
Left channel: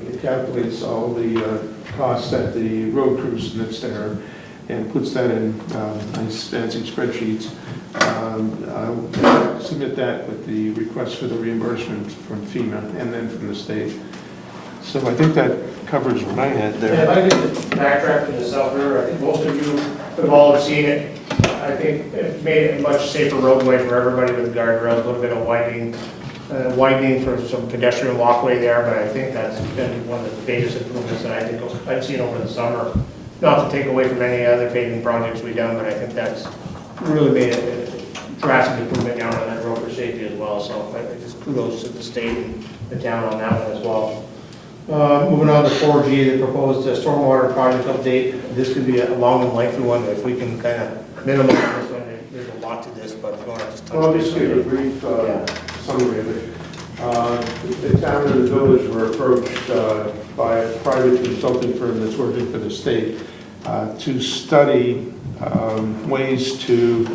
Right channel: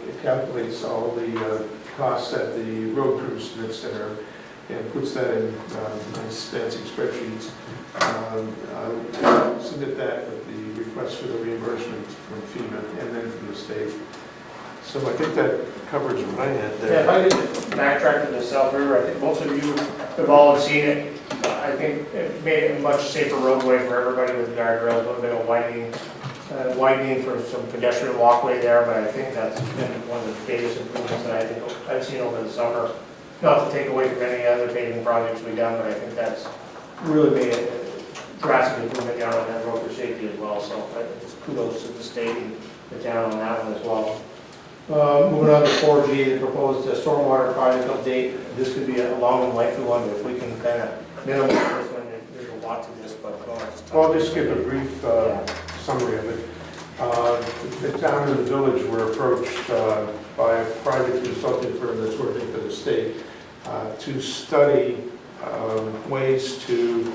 it calculates all the costs that the road crew submits to her and puts that in nice fancy spreadsheets. I'll submit that with the request for the reimbursement from FEMA and then from the state. So I think that covers what I had there. Yeah, if I could backtrack to the South River, I think most of you have all seen it. I think it made it a much safer roadway for everybody with guardrails, a little bit of widening for some pedestrian walkway there, but I think that's been one of the biggest improvements that I think I've seen over the summer. Not to take away from any other paving projects we've done, but I think that's really made a drastic improvement down on that road for safety as well. So I just kudos to the state and the town on that one as well. Moving on to 4G, the proposed stormwater project update. This could be a long and lengthy one, but if we can kind of minimize this one, there's a lot to this, but if you want to just... Well, I'll just give a brief summary of it. The town and the village were approached by a private consulting firm that's working for the state to study ways to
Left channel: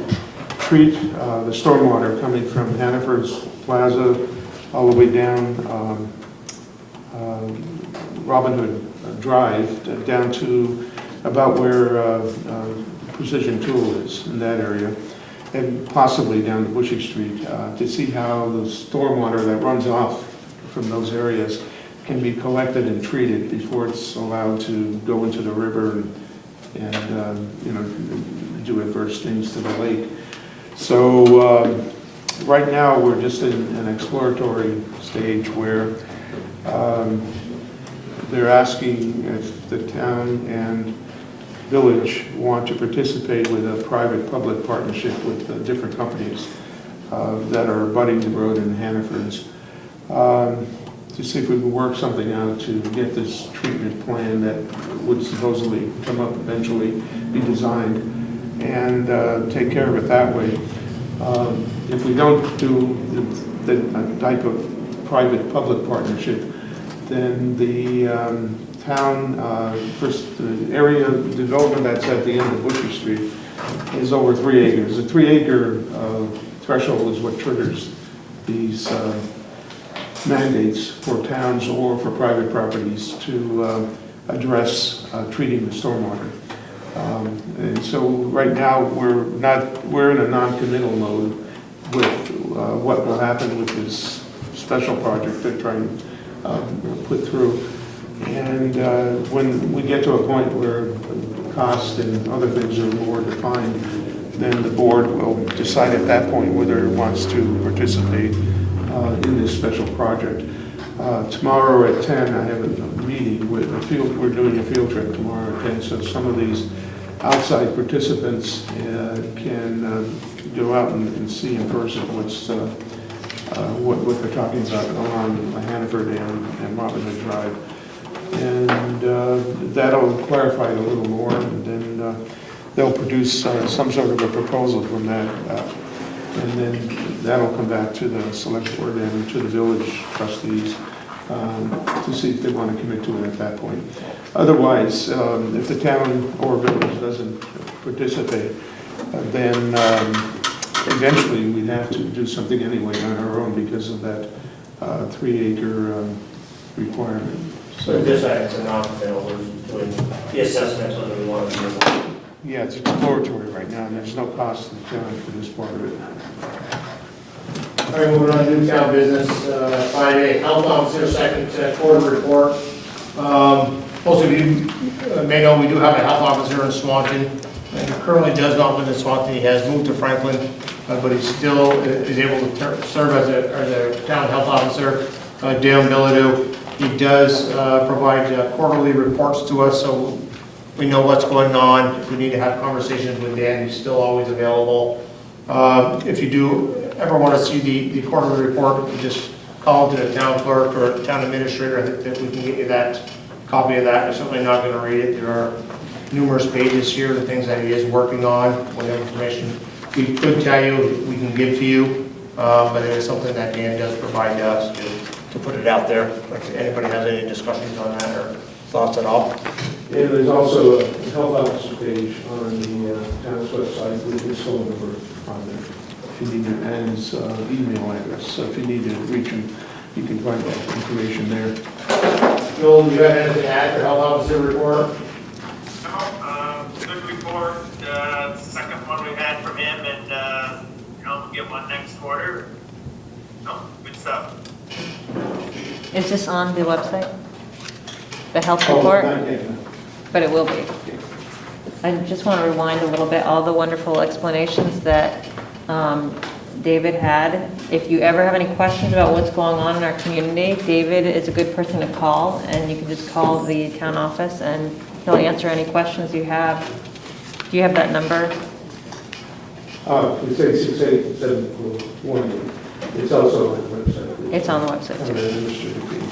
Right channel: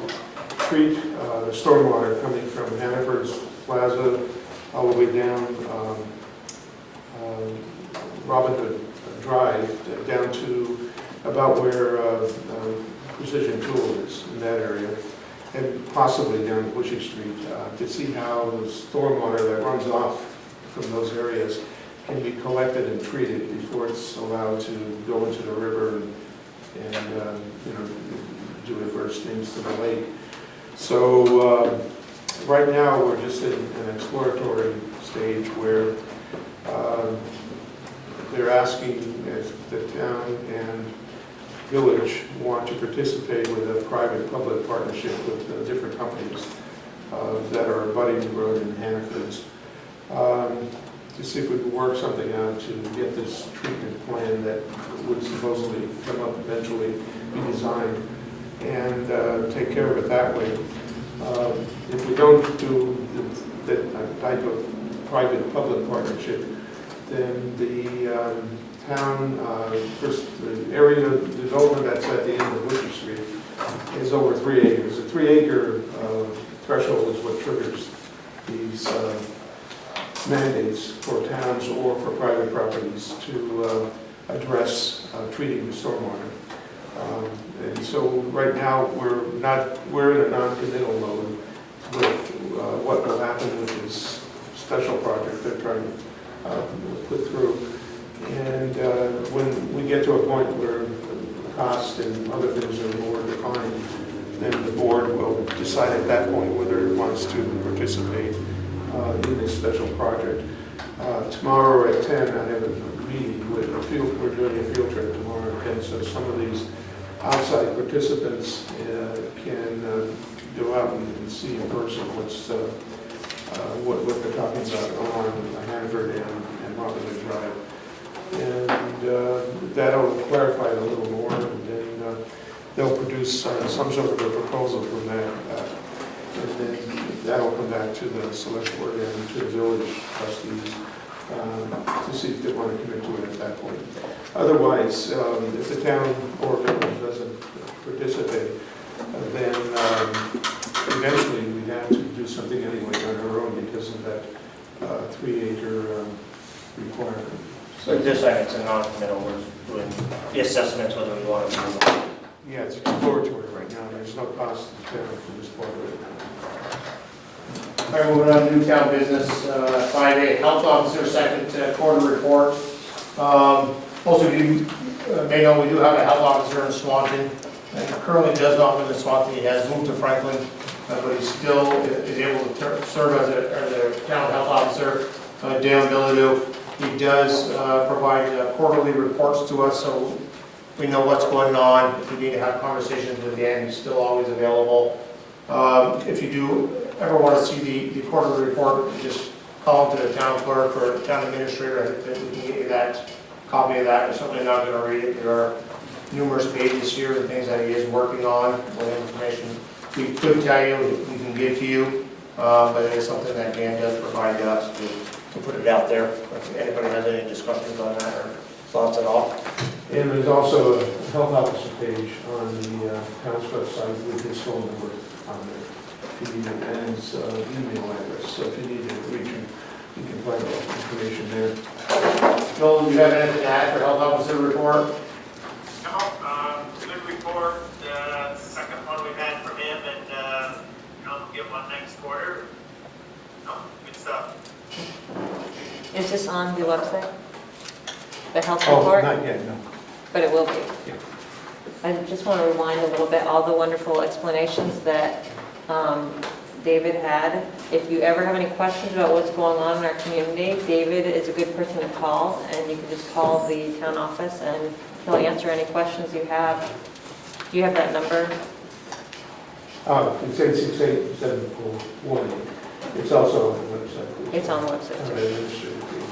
treat the stormwater coming from Hannaford's Plaza all the way down Robin Hood Drive down to about where Precision Tool is, in that area, and possibly down to Bushy Street, to see how the stormwater that runs off from those areas can be collected and treated before it's allowed to go into the river and do adverse things to the lake. So right now, we're just in an exploratory stage where they're asking if the town and village want to participate with a private-public partnership with different companies that are abutting the road in Hannaford's, to see if we can work something out to get this treatment plan that would supposedly come up eventually, be designed, and take care of it that way. If we don't do the type of private-public partnership, then the town, first, the area development that's at the end of Bushy Street is over 3 acres. The 3 acre threshold is what triggers these mandates for towns or for private properties to address treating the stormwater. And so right now we're in a non-committal mode with what will happen with this special project they're trying to put through. And when we get to a point where cost and other things are more defined, then the board will decide at that point whether it wants to participate in this special project. Tomorrow at 10, I have a meeting with a field. We're doing a field trip tomorrow at 10, so some of these outside participants can go out and see in person what they're talking about along Hannaford and Robin Hood Drive. And that'll clarify it a little more, and then they'll produce some sort of a proposal from that. And then that'll come back to the select board and to the village trustees to see if they want to commit to it at that point. Otherwise, if the town or village doesn't participate, then eventually we'd have to do something anyway on our own because of that 3 acre requirement. So this it's a non-committal, we're doing the assessments whether we want to do it. Yeah, it's exploratory right now, and there's no cost to the town for this part of it. All right, moving on to new town business, 5A, health officer, second quarter report. Also, you may know we do have a health officer in Swanton, and he currently does not live in Swanton. He has moved to Franklin, but he still is able to serve as a town health officer. Dan Bilodeau. He does provide quarterly reports to us, so we know what's going on. If we need to have conversations with Dan, he's still always available. If you do ever want to see the quarterly report, just call to the town clerk or the town administrator that we can get you that copy of that. We're certainly not going to read it. There are numerous pages here, the things that he is working on, what information we could tell you, we can give to you, but it is something that Dan does provide to us to put it out there. If anybody has any discussions on that or thoughts at all. And there's also a health officer page on the town's website with his phone number on there. If you need to, and his email address. So if you need to reach him, you can find that information there. Noel, do you have anything to add for health officer report? No, good report, second one we had from him, and, we'll get one next quarter. No, good stuff. Is this on the website? The health report? Not yet, no. But it will be. I just want to rewind a little bit, all the wonderful explanations that David had. If you ever have any questions about what's going on in our community, David is a good person to call, and you can just call the town office and he'll answer any questions you have. Do you have that number? You say 68741. It's also on the website. It's on the website On too. the administrative page.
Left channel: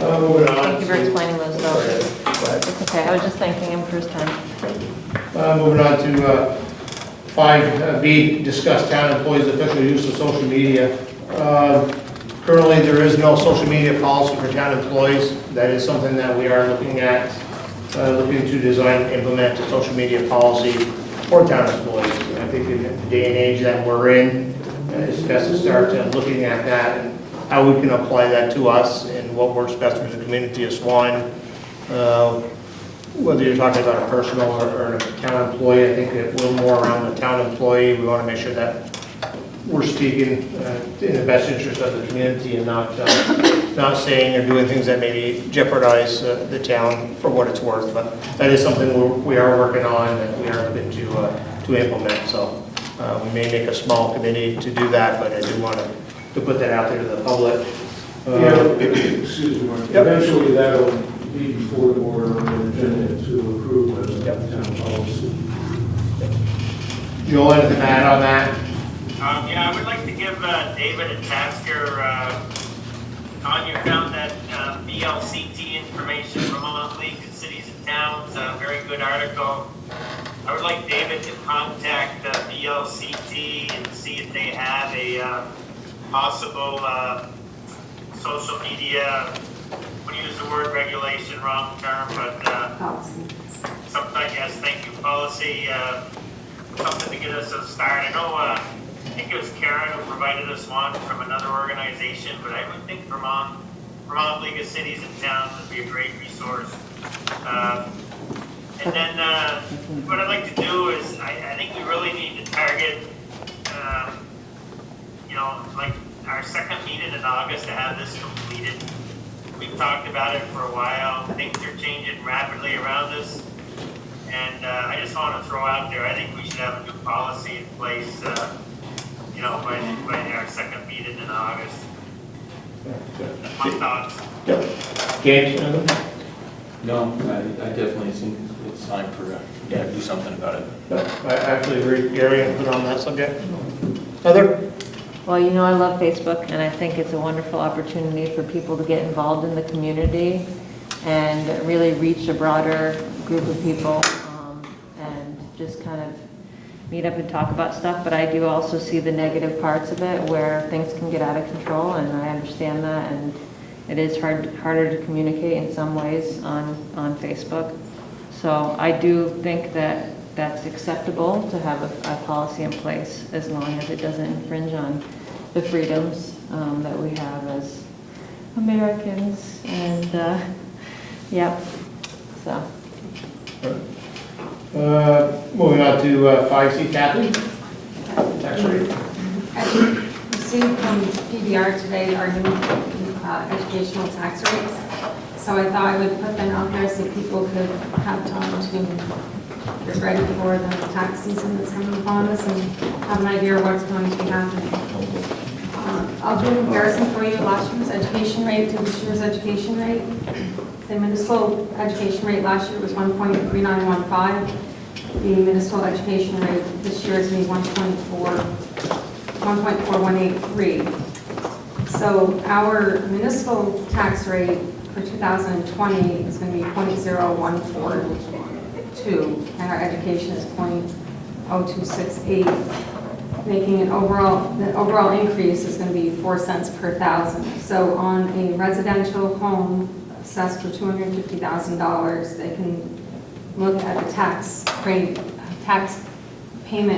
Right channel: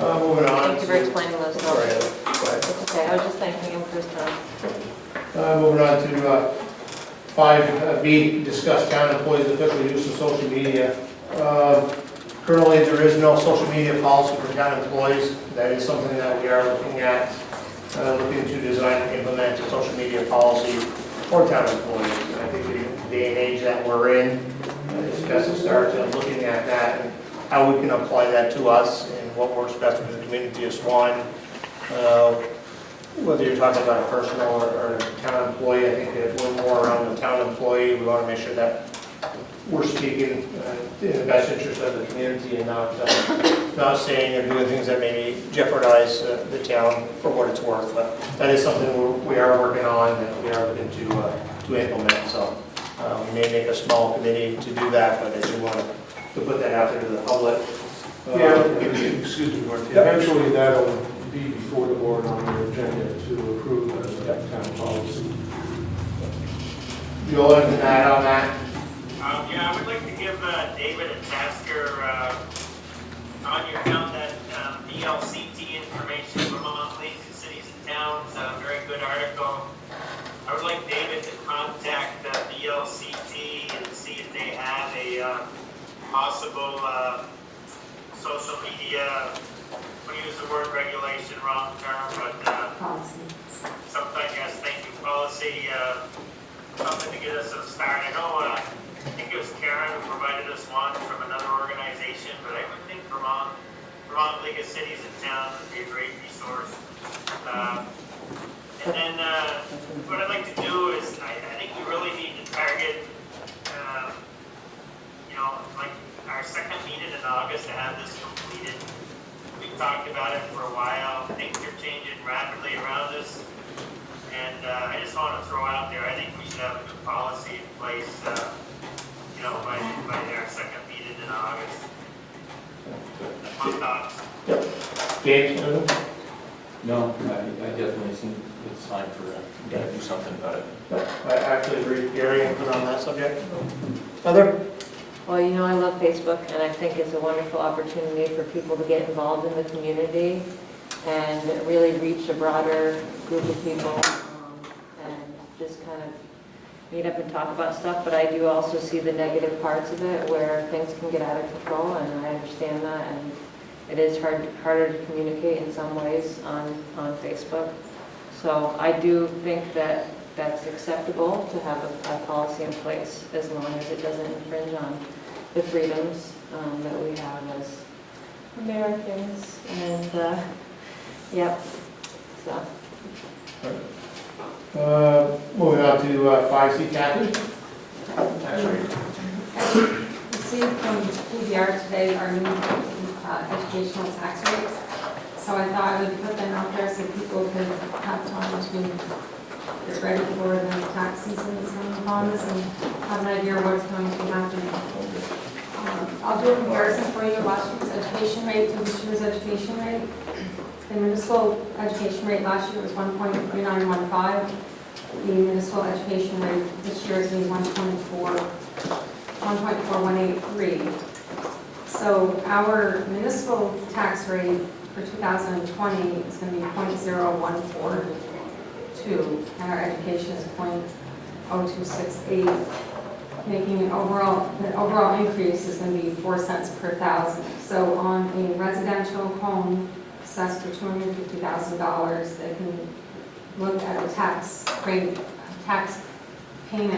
Moving on. Thank you for explaining those. Go ahead. It's okay, I was just thanking him for his time. Moving on to 5B, discuss town employees' official use of social media. Currently, there is no social media policy for town employees. That is something that we are looking at, looking to design and implement a social media policy for town employees. I think in the day and age that we're in, it's best to start looking at that and how we can apply that to us and what works best for the community of Swan. Whether you're talking about a personal or a town employee, I think that we're more around the town employee. We want to make sure that we're speaking in the best interest of the community and not saying or doing things that may jeopardize the town for what it's worth. But that is something we are working on and we are looking to implement. So we may make a small committee to do that, but I do want to put that out there to the public. Excuse me, Mark. Eventually that will be before the board on the agenda to approve the town policy. You all have to add on that? Yeah, I would like to give David a task here. On you found that VLCT information from Vermont League of Cities and Towns, a very good article. I would like David to contact VLCT and see if they have a possible social media, I'm going to use the word regulation, wrong term, but Policy. sometimes, yes, thank you, policy, something to get us a start. I know, I think it was Karen who provided us one from another organization, but I would think Vermont League of Cities and Towns would be a great resource. And then what I'd like to do is, I think we really need to target, like our second meeting in August to have this completed. We've talked about it for a while. Things are changing rapidly around us. And I just want to throw out there, I think we should have a good policy in place, by our second meeting in August. My thoughts. James? No, I definitely think it's time for, to do something about it. I actually agree. Gary, anything on that subject? Heather? Well, I love Facebook, and I think it's a wonderful opportunity for people to get involved in the community and really reach a broader group of people, and just kind of meet up and talk about stuff. But I do also see the negative parts of it where things can get out of control, and I understand that, and it is harder to communicate in some ways on Facebook. So I do think that that's acceptable to have a policy in place as long as it doesn't infringe on the freedoms that we have as Americans. And yep, so. Moving on to 5C, Kathy. Tax rate. I received from PBR today our new educational tax rates. So I thought I would put them out there so people could have time to get ready for the tax season that's coming upon us and have an idea of what's going to be happening. I'll do a comparison for you, last year's education rate to this year's education rate. The municipal education rate last year was 1.3915. The municipal education rate this year is going to be 1.4183. So our municipal tax rate for 2020 is going to be 0.0142, and our education is 0.0268, making the overall increase is going to be 4 cents per thousand. So on a residential home assessed for $250,000, they can look at a tax payment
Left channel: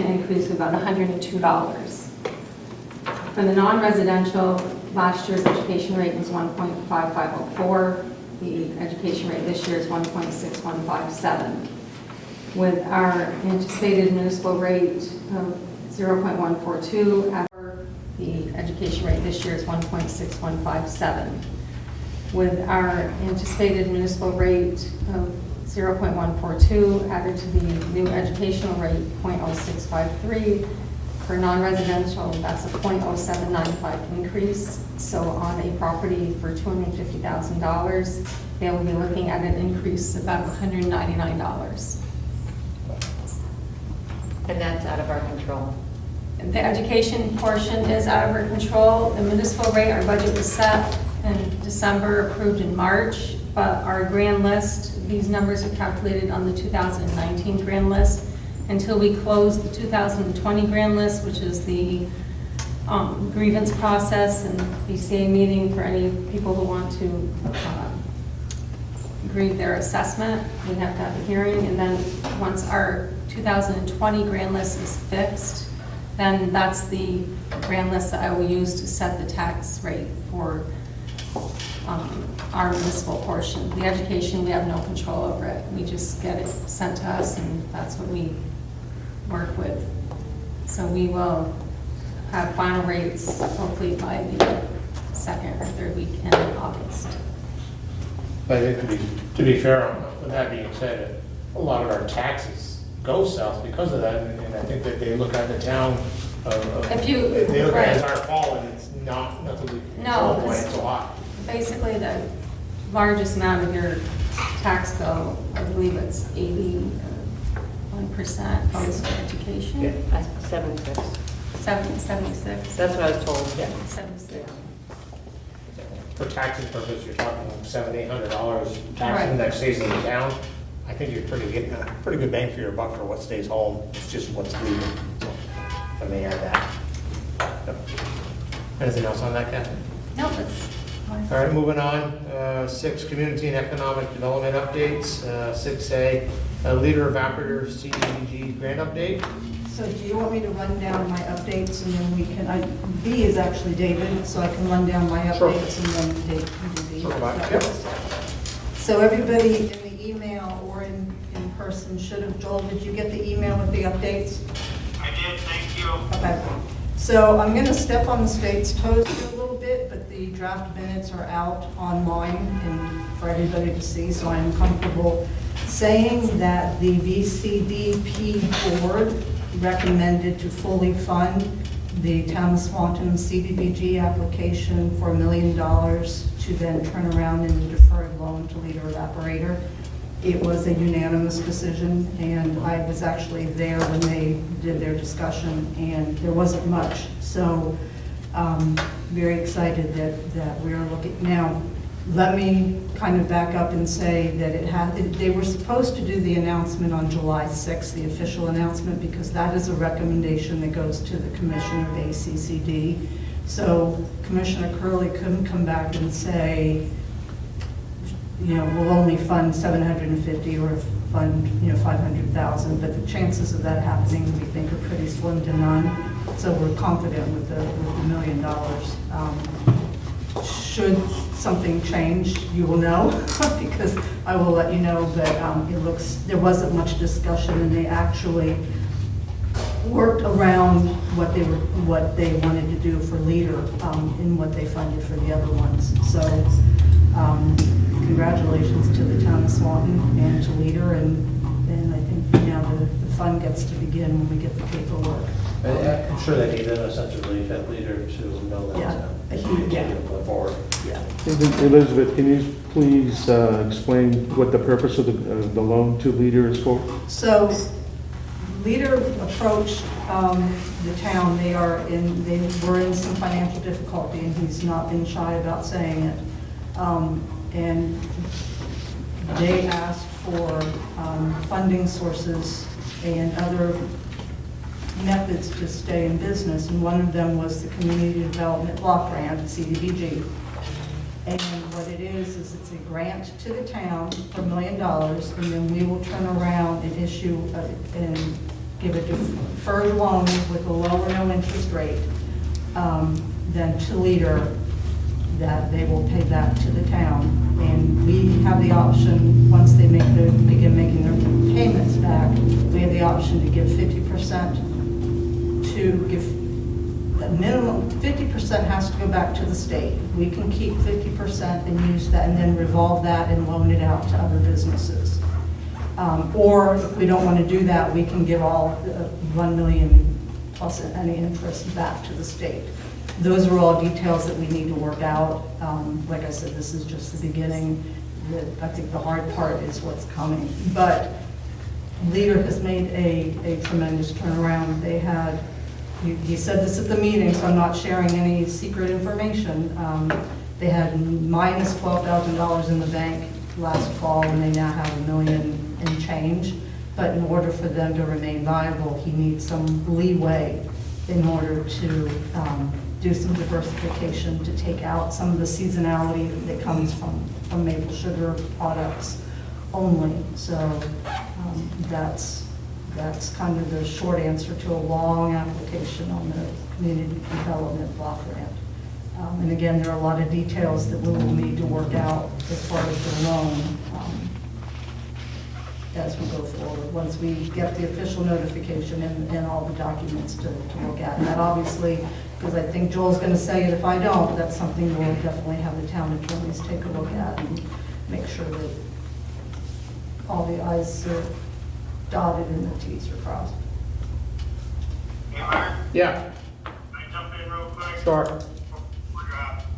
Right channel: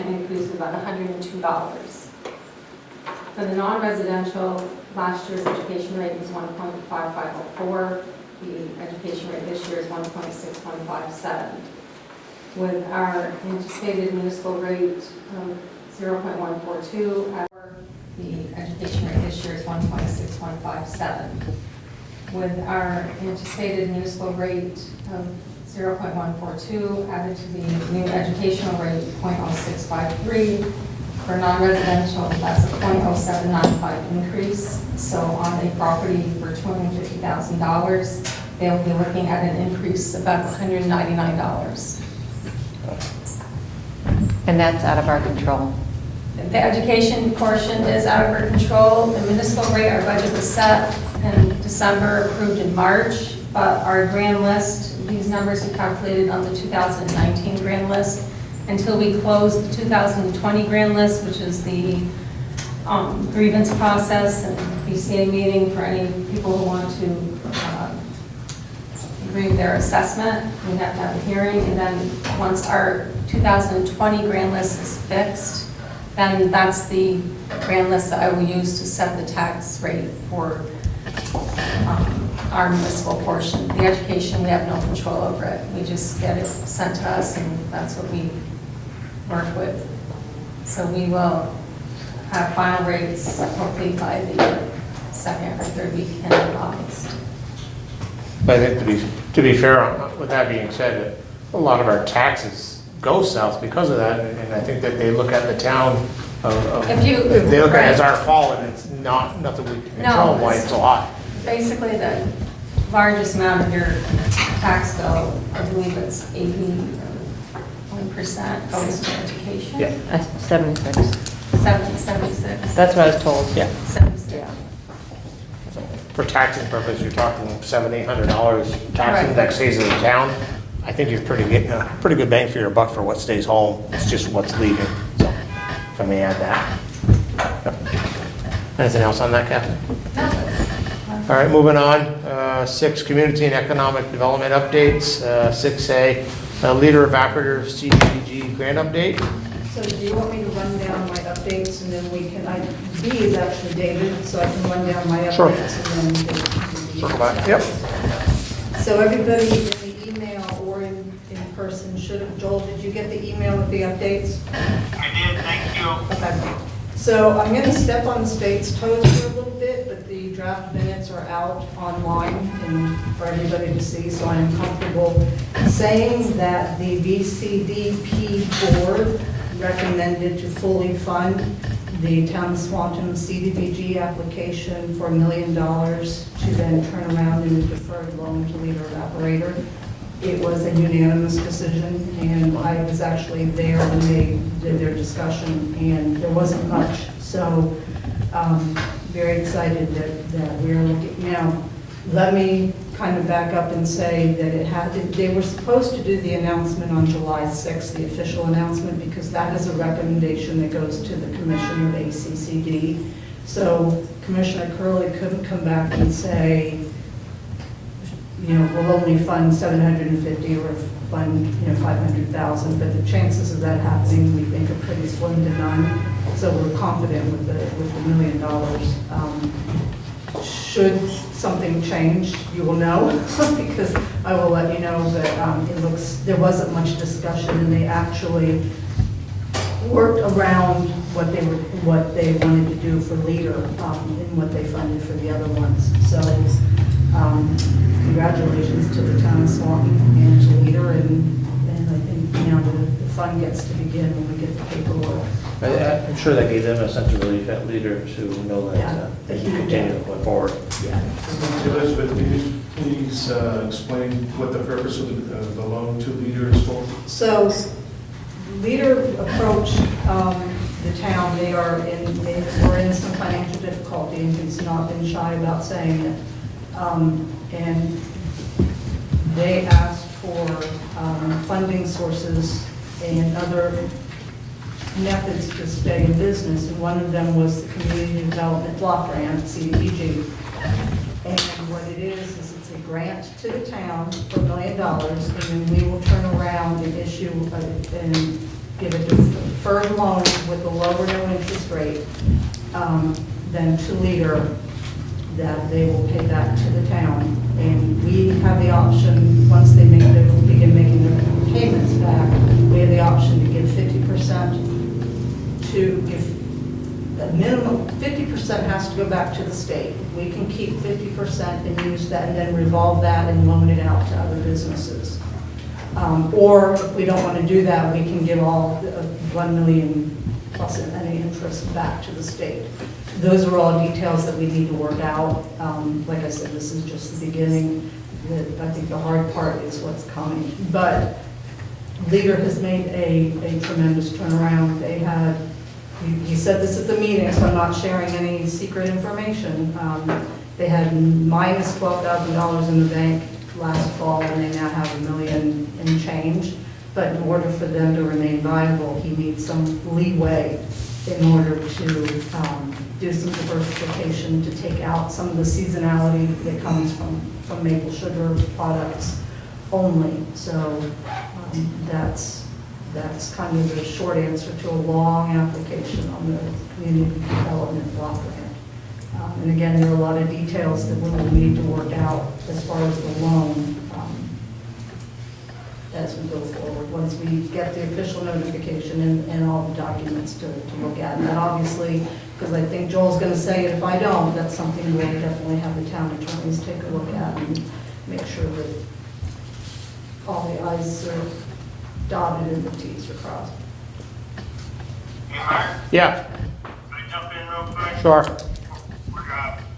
increase of about $102. For the non-residential, last year's education rate was 1.5504. The education rate this year is 1.6157. With our anticipated municipal rate of 0.142, the education rate this year is 1.6157. With our anticipated municipal rate of 0.142 added to the new educational rate, 0.0653. For non-residential, that's a 0.0795 increase. So on a property for $250,000, they will be looking at an increase of about $199. And that's out of our control. The education portion is out of our control. The municipal rate, our budget was set in December, approved in March, but our grand list, these numbers are calculated on the 2019 grand list. Until we close the 2020 grand list, which is the grievance process and BCA meeting for any people who want to agree their assessment, we have to have a hearing, and then once our 2020 grand list is fixed, then that's the grand list that I will use to set the tax rate for our municipal portion. The education, we have no control over it. We just get it sent to us, and that's what we work with. So we will have final rates hopefully by the second or third weekend of August. But I think to be fair, with that being said, a lot of our taxes go south because of that, and I think that they look at the town of If you- if they look at it as right. our fault, and it's nothing we can No, control why it's so high. Basically, the largest amount of your tax bill, I believe it's 81% goes to education. Yeah. That's 76. 76. That's what I was told. Yeah. 76. For taxing purpose, you're talking $700-800 tax Right. index stays in the town. I think you're pretty good bang for your buck for what stays home. It's just what's leaving. So, if I may add that. Yep. Anything else on that, Captain? All right, moving on. 6, community and economic development updates. 6A, leader evaporator CDBG grant update. So do you want me to run down my updates and then we can, B is actually David, so I can run down my Sure. updates and then David can do the Circle back. updates. Yep. So everybody in the email or in person should have, Joel, did you get the email with the updates? I did, thank you. Okay. So I'm going to step on the state's toes for a little bit, but the draft minutes are out online and for everybody to see, so I'm comfortable saying that the VCDP board recommended to fully fund the Town of Swanton CDBG application for $1 million to then turn around in a deferred loan to leader evaporator. It was a unanimous decision, and I was actually there when they did their discussion, and there wasn't much. So, very excited that we're looking. Now, let me kind of back up and say that they were supposed to do the announcement on July 6th, the official announcement, because that is a recommendation that goes to the Commissioner of ACCD. So Commissioner Curley couldn't come back and say, we'll only fund 750 or fund, 500,000, but the chances of that happening, we think, are pretty slim to none. So we're confident with the $1 million. Should something change, you will know, because I will let you know that there wasn't much discussion, and they actually worked around what they wanted to do for leader in what they funded for the other ones. So congratulations to the Town of Swanton and to leader, and I think now the fun gets to begin when we get the paperwork. I'm sure that gave them a sense of relief at leader to know that continue to move forward. Yeah. Elizabeth, can you please explain what the purpose of the loan to leader is for? So leader approached the town. They were in some financial difficulty, and he's not been shy about saying it. And they asked for funding sources and other methods to stay in business, and one of them was the Community Development Block Grant, CDBG. And what it is it's a grant to the town for $1 million, and then we will turn around and issue and give a deferred loan with a lower no interest rate than to leader that they will pay back to the town. And we have the option, once they begin making their payments back, we have the option to give 50% a minimum, 50% has to go back to the state. We can keep 50% and use that and then revolve that and loan it out to other businesses. Or if we don't want to do that, we can give all $1 million plus any interest back to the state. Those are all details that we need to work out. Like I said, this is just the beginning. I think the hard part is what's coming. But Leader has made a tremendous turnaround. They had, you said this at the meeting, so I'm not sharing any secret information. They had minus $12,000 in the bank last fall, and they now have $1 million and change. But in order for them to remain viable, he needs some leeway in order to do some diversification, to take out some of the seasonality that comes from maple sugar products only. So that's kind of the short answer to a long application on the Community Development Block Grant. And again, there are a lot of details that we will need to work out as far as the loan, as we go forward, once we get the official notification and all the documents to look at. And that obviously, because I think Joel's going to say it if I don't, that's something we'll definitely have the town attorneys take a look at and make sure that all the i's are dotted and the t's are crossed. Hey, Mark, Yeah, can I jump in real quick? sure.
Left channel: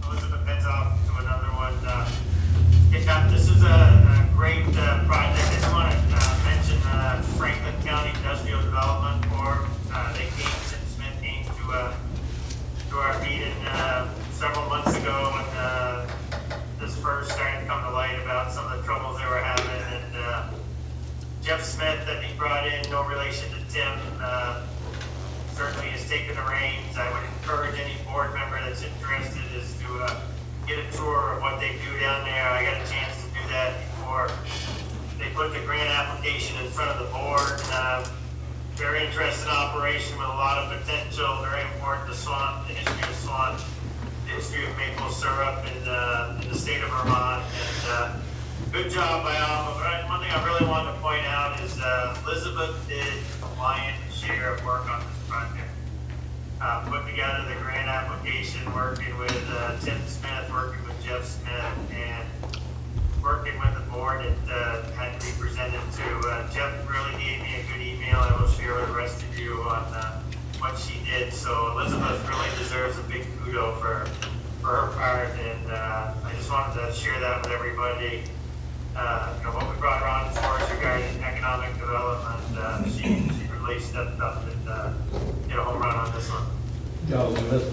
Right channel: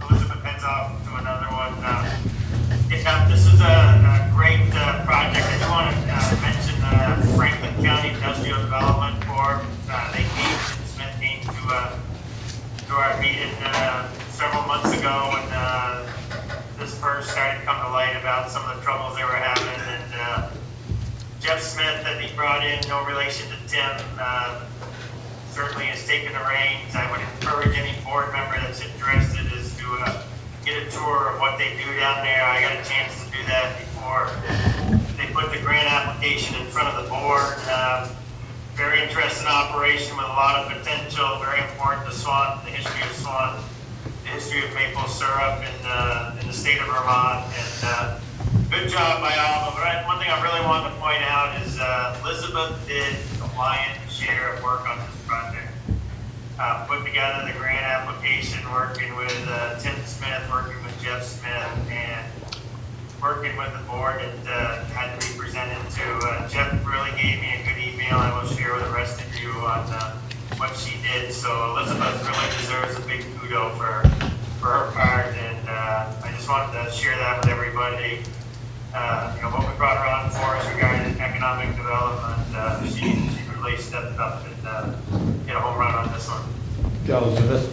Elizabeth heads off to another one. This is a great project. I just want to mention Franklin County Industrial Development Board. They came, Smith came to our meeting several months ago when this first started to come to light about some of the troubles they were having. And Jeff Smith that he brought in, no relation to Tim, certainly has taken the reins. I would encourage any board member that's interested is to get a tour of what they do down there. I got a chance to do that before they put the grant application in front of the board. Very interesting operation with a lot of potential, very important to Swanton, the history of Swanton, the history of maple syrup in the state of Vermont. And good job by all of them. One thing I really wanted to point out is Elizabeth did a lion's share of work on this project. Put together the grant application, working with Tim Smith, working with Jeff Smith, and working with the board that had to be presented to. Jeff really gave me a good email I will share with the rest of you on what she did. So Elizabeth really deserves a big kudo for her part, and I just wanted to share that with everybody. What we brought her on for is regarding economic development. She really stepped up and hit a home run on this one. Elizabeth.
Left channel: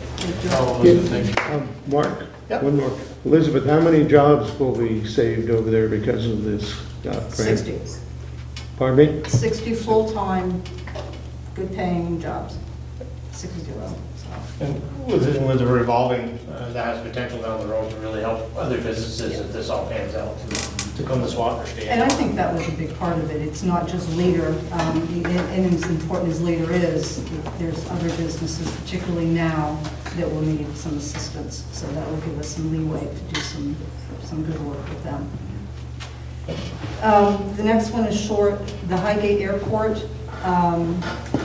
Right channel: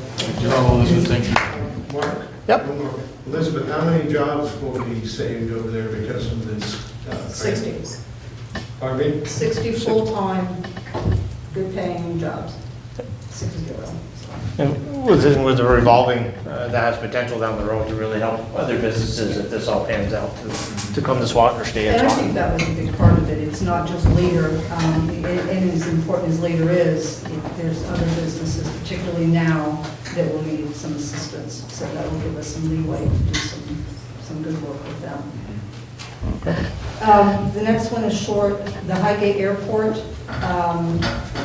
Thank you. Mark? Yep. One more. Elizabeth, how many jobs will be saved over there because of this grant? 60. Pardon me? 60 full-time, good-paying jobs. 60. And with the revolving, that has potential down the road to really help other businesses if this all pans out to come to Swanton or stay in And I Swanton. think that was a big part of it. It's not just Leader, and as important as Leader is, there's other businesses, particularly now, that will need some assistance. So that will give us some leeway to do some good work with them. The next one is short, the Highgate Airport.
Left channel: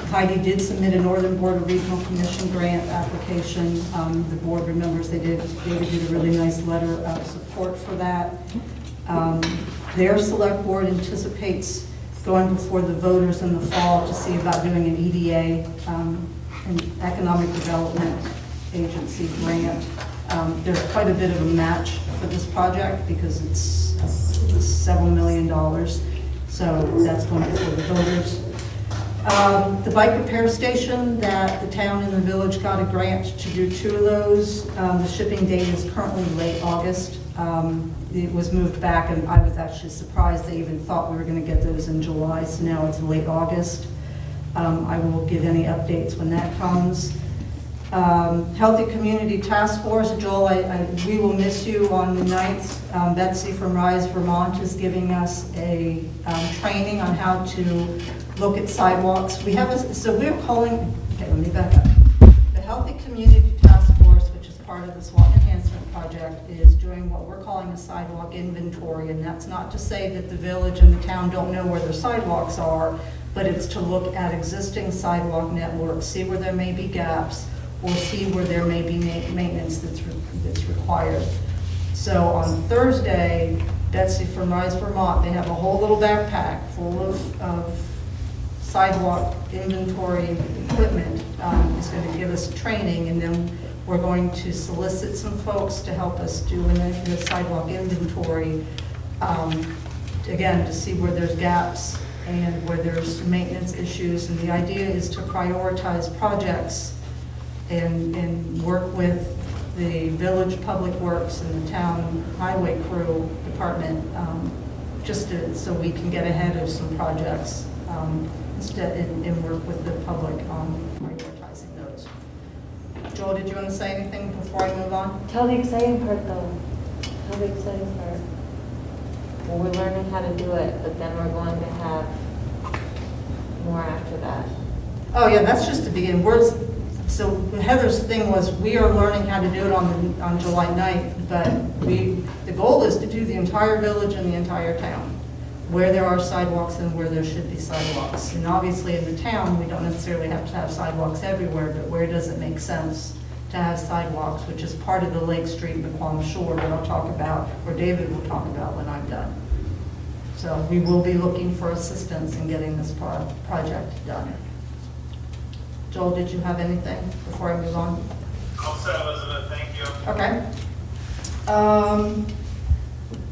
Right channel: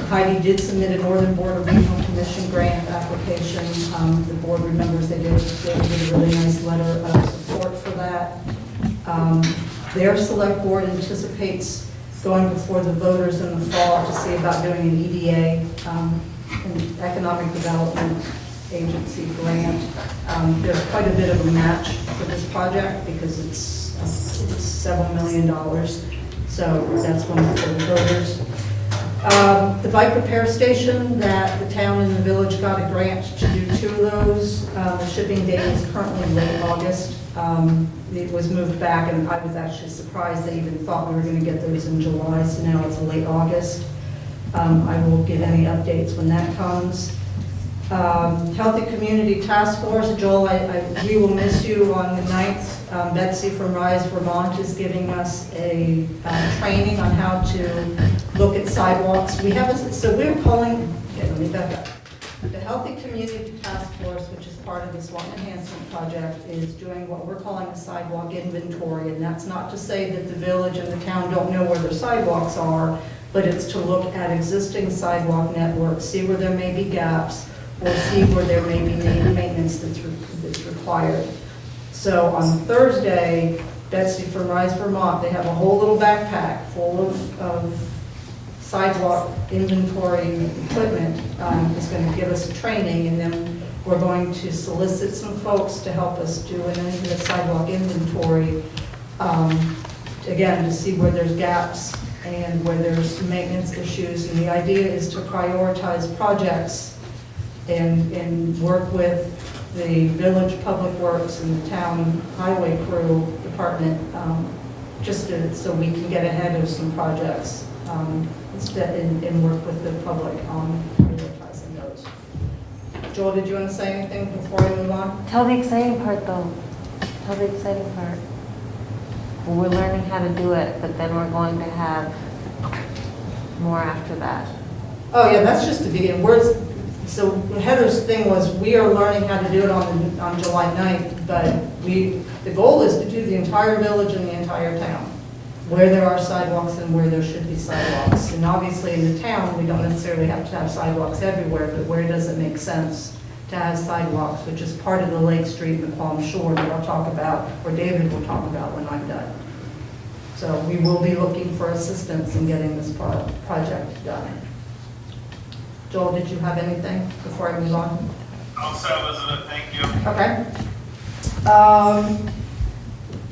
Heidi did submit a Northern Border Regional Commission grant application. The board remembers they did a really nice letter of support for that. Their select board anticipates going before the voters in the fall to see about doing an EDA, an Economic Development Agency grant. There's quite a bit of a match for this project because it's several $1 million. So that's going before the voters. The bike repair station that the town and the village got a grant to do 2 of those. The shipping date is currently late August. It was moved back, and I was actually surprised they even thought we were going to get those in July, so now it's late August. I will give any updates when that comes. Healthy Community Task Force, Joel, we will miss you on the 9th. Betsy from Rise Vermont is giving us a training on how to look at sidewalks. So we're calling, okay, let me back up. The Healthy Community Task Force, which is part of the Swanton Enhancement Project, is doing what we're calling a sidewalk inventory. And that's not to say that the village and the town don't know where their sidewalks are, but it's to look at existing sidewalk networks, see where there may be gaps, or see where there may be maintenance that's required. So on Thursday, Betsy from Rise Vermont, they have a whole little backpack full of sidewalk inventory equipment. It's going to give us a training, and then we're going to solicit some folks to help us do the sidewalk inventory, again, to see where there's gaps and where there's maintenance issues. And the idea is to prioritize projects and work with the village public works and the town highway crew department, so we can get ahead of some projects and work with the public on prioritizing those. Joel, did you want to say anything before I move on? Tell the exciting part though. Tell the exciting part. We're learning how to do it, but then we're going to have more after that. Oh yeah, that's just the beginning. So Heather's thing was, we are learning how to do it on July 9th, but the goal is to do the entire village and the entire town, where there are sidewalks and where there should be sidewalks. And obviously in the town, we don't necessarily have to have sidewalks everywhere, but where does it make sense to have sidewalks, which is part of the Lake Street and Palm Shore that I'll talk about, or David will talk about when I'm done. So we will be looking for assistance in getting this project done. Joel, did you have anything before I move on? All set, Elizabeth, thank you. Okay.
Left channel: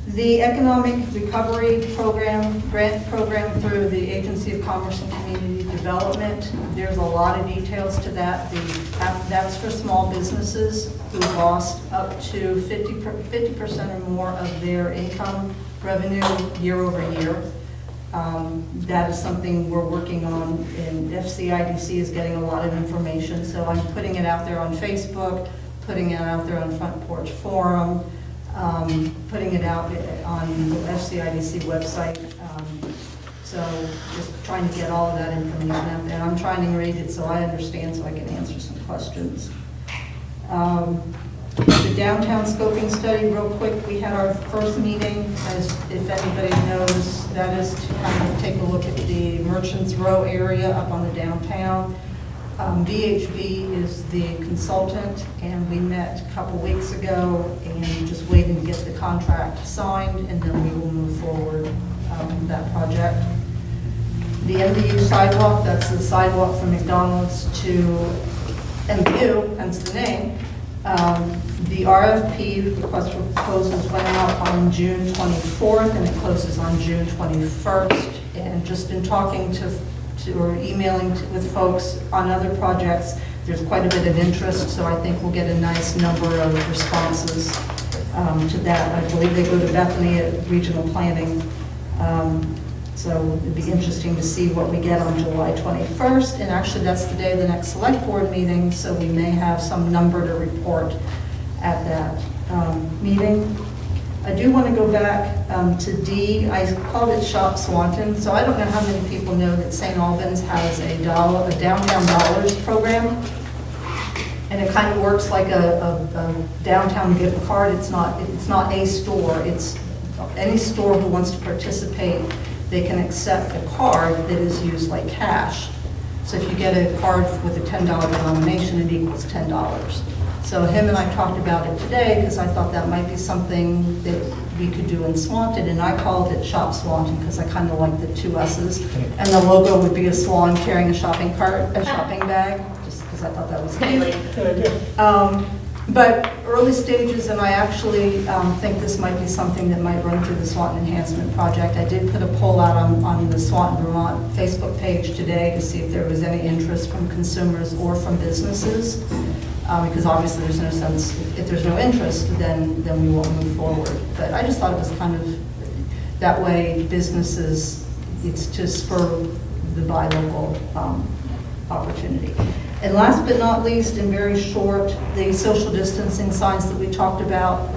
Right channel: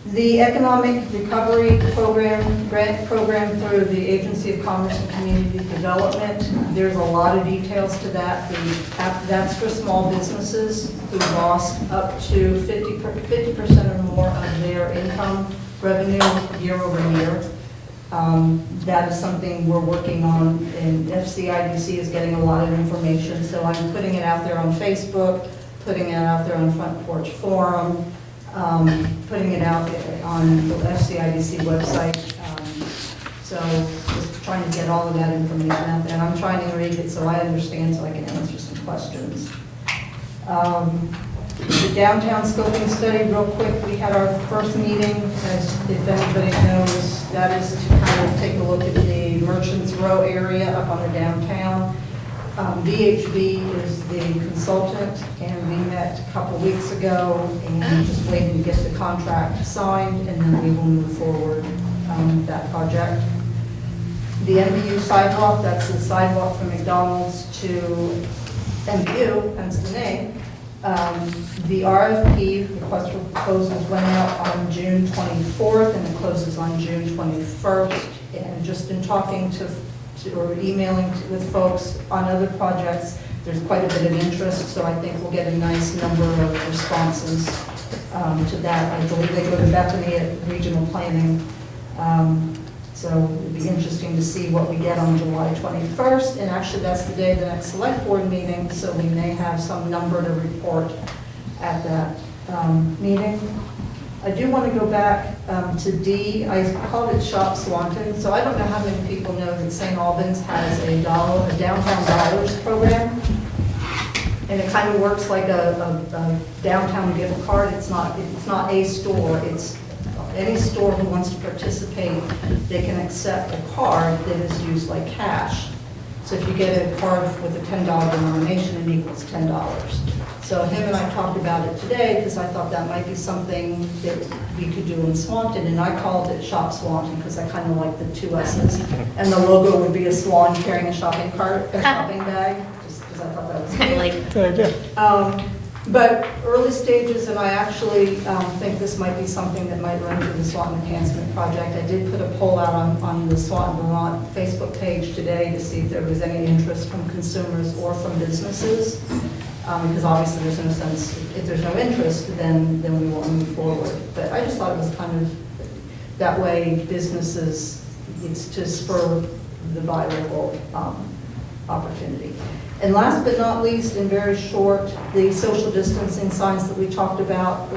The Economic Recovery Program, grant program through the Agency of Commerce and Community Development, there's a lot of details to that. That's for small businesses who lost up to 50% or more of their income revenue year over year. That is something we're working on, and FCIDC is getting a lot of information, so I'm putting it out there on Facebook, putting it out there on Front Porch Forum, putting it out on the FCIDC website. So just trying to get all of that information out there. And I'm trying to read it so I understand, so I can answer some questions. The downtown scoping study, real quick, we had our first meeting, as if everybody knows, that is to kind of take a look at the Merchants Row area up on the downtown. VHB is the consultant, and we met a couple weeks ago and just waiting to get the contract signed, and then we will move forward with that project. The Nbu Sidewalk, that's the sidewalk from McDonald's to Nbu, hence the name. The RFP, request for proposals, went out on June 24th, and it closes on June 21st. And just in talking to or emailing with folks on other projects, there's quite a bit of interest, so I think we'll get a nice number of responses to that. I believe they go to Bethany at Regional Planning, so it'd be interesting to see what we get on July 21st, and actually that's the day of the next select board meeting, so we may have some number to report at that meeting. I do want to go back to D. I called it Shop Swanton, so I don't know how many people know that St. Albans has a downtown dollars program, and it kind of works like a downtown gift card. It's not a store. It's any store who wants to participate. They can accept a card that is used like cash. So if you get a card with a $10 denomination, it equals $10. So him and I talked about it today because I thought that might be something that we could do in Swanton, and I called it Shop Swanton because I kind of like the two S's. And the logo would be a swan carrying a shopping bag, just because I thought that was cute. Good idea. But early stages, and I actually think this might be something that might run through the Swanton Enhancement Project. I did put a poll out on the Swanton Vermont Facebook page today to see if there was any interest from consumers or from businesses. Because obviously there's no sense, if there's no interest, then we won't move forward. But I just thought it was kind of, that way businesses, it's to spur the buy local opportunity. And last but not least, and very short, the social distancing signs that we talked about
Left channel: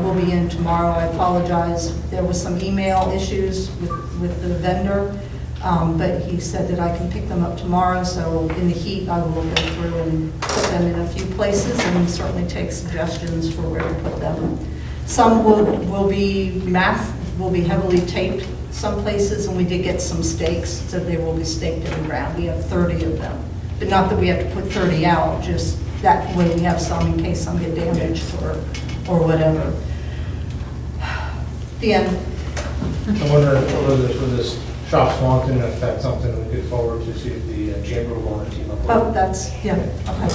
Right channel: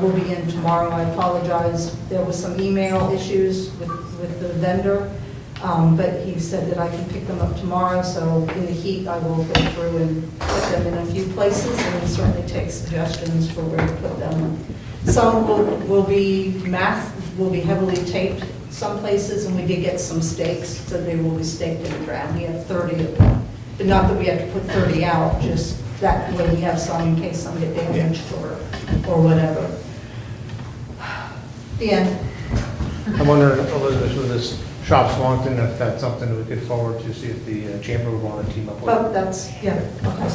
will be in tomorrow. I apologize, there was some email issues with the vendor. But he said that I can pick them up tomorrow, so in the heat, I will go through and put them in a few places and certainly take suggestions for where to put them. Some will be heavily taped some places, and we did get some stakes, so they will be staked in the ground. We have 30 of them, but not that we have to put 30 out, just that way we have some in case some get damaged or whatever. The end. I'm wondering, Elizabeth, with this Shop Swanton, if that's something we could forward to, see if the Chamber would want to team up with. Oh, that's, yeah, okay.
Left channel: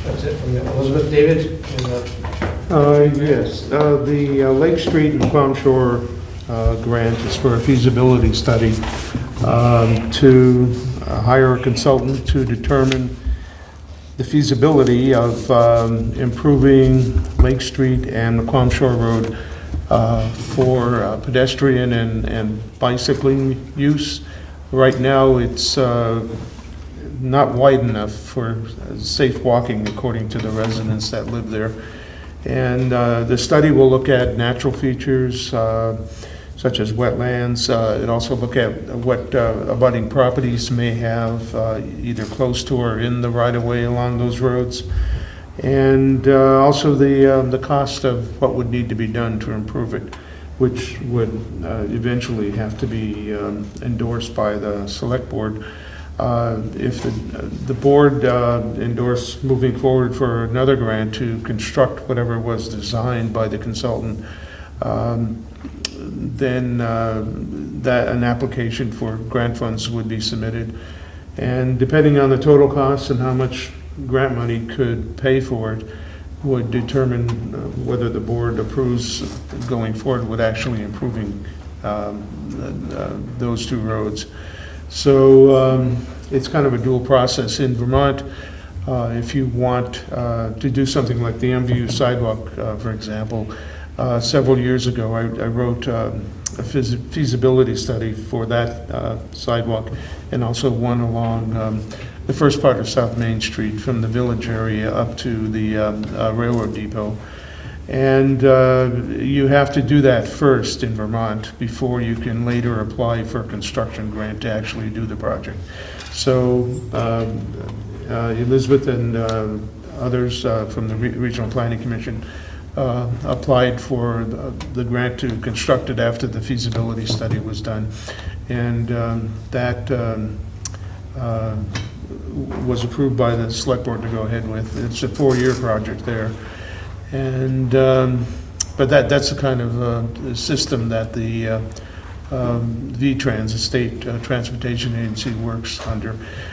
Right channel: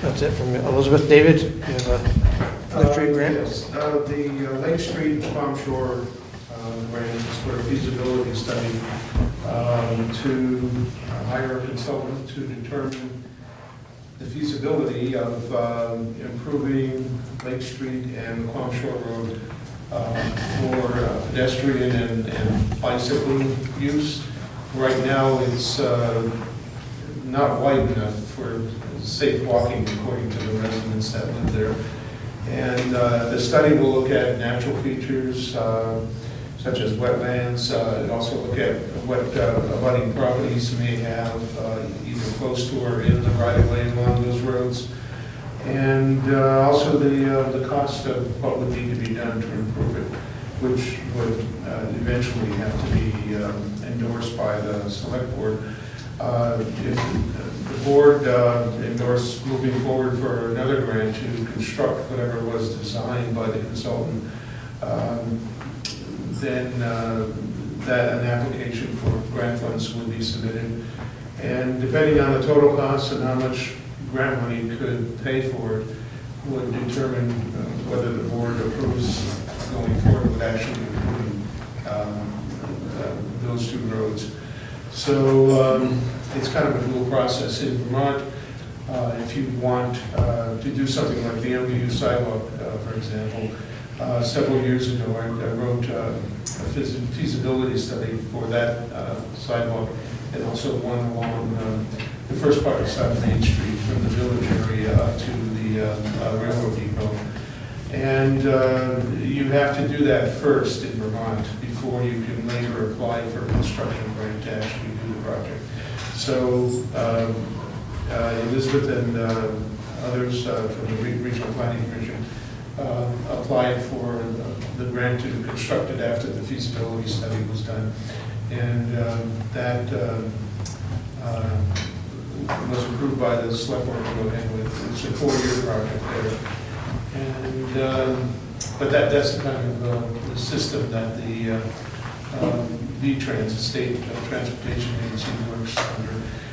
That's it from Elizabeth. David? Yes, the Lake Street and Palm Shore grant is for a feasibility study to hire a consultant to determine the feasibility of improving Lake Street and the Palm Shore Road for pedestrian and bicycling use. Right now, it's not wide enough for safe walking, according to the residents that live there. And the study will look at natural features, so such as wetlands. It also look at what abutting properties may have either close to or in the right-of-way along those roads. And also the cost of what would need to be done to improve it, which would eventually have to be endorsed by the select board. If the board endorsed moving forward for another grant to construct whatever was designed by the consultant, then that an application for grant funds would be submitted. And depending on the total cost and how much grant money could pay for it, would determine whether the board approves going forward with actually improving those two roads. So it's kind of a dual process. In Vermont, if you want to do something like the Nbu Sidewalk, for example, several years ago I wrote a feasibility study for that sidewalk, and also one along the first part of South Main Street from the village area up to the railroad depot. And you have to do that first in Vermont before you can later apply for a construction grant to actually do the project. So Elizabeth and others from the Regional Planning Commission applied for the grant to construct it after the feasibility study was done. And that was approved by the select board to go ahead with. It's a 4-year project there. And but that's the kind of system that the VTrans, the State Transportation Agency, works under.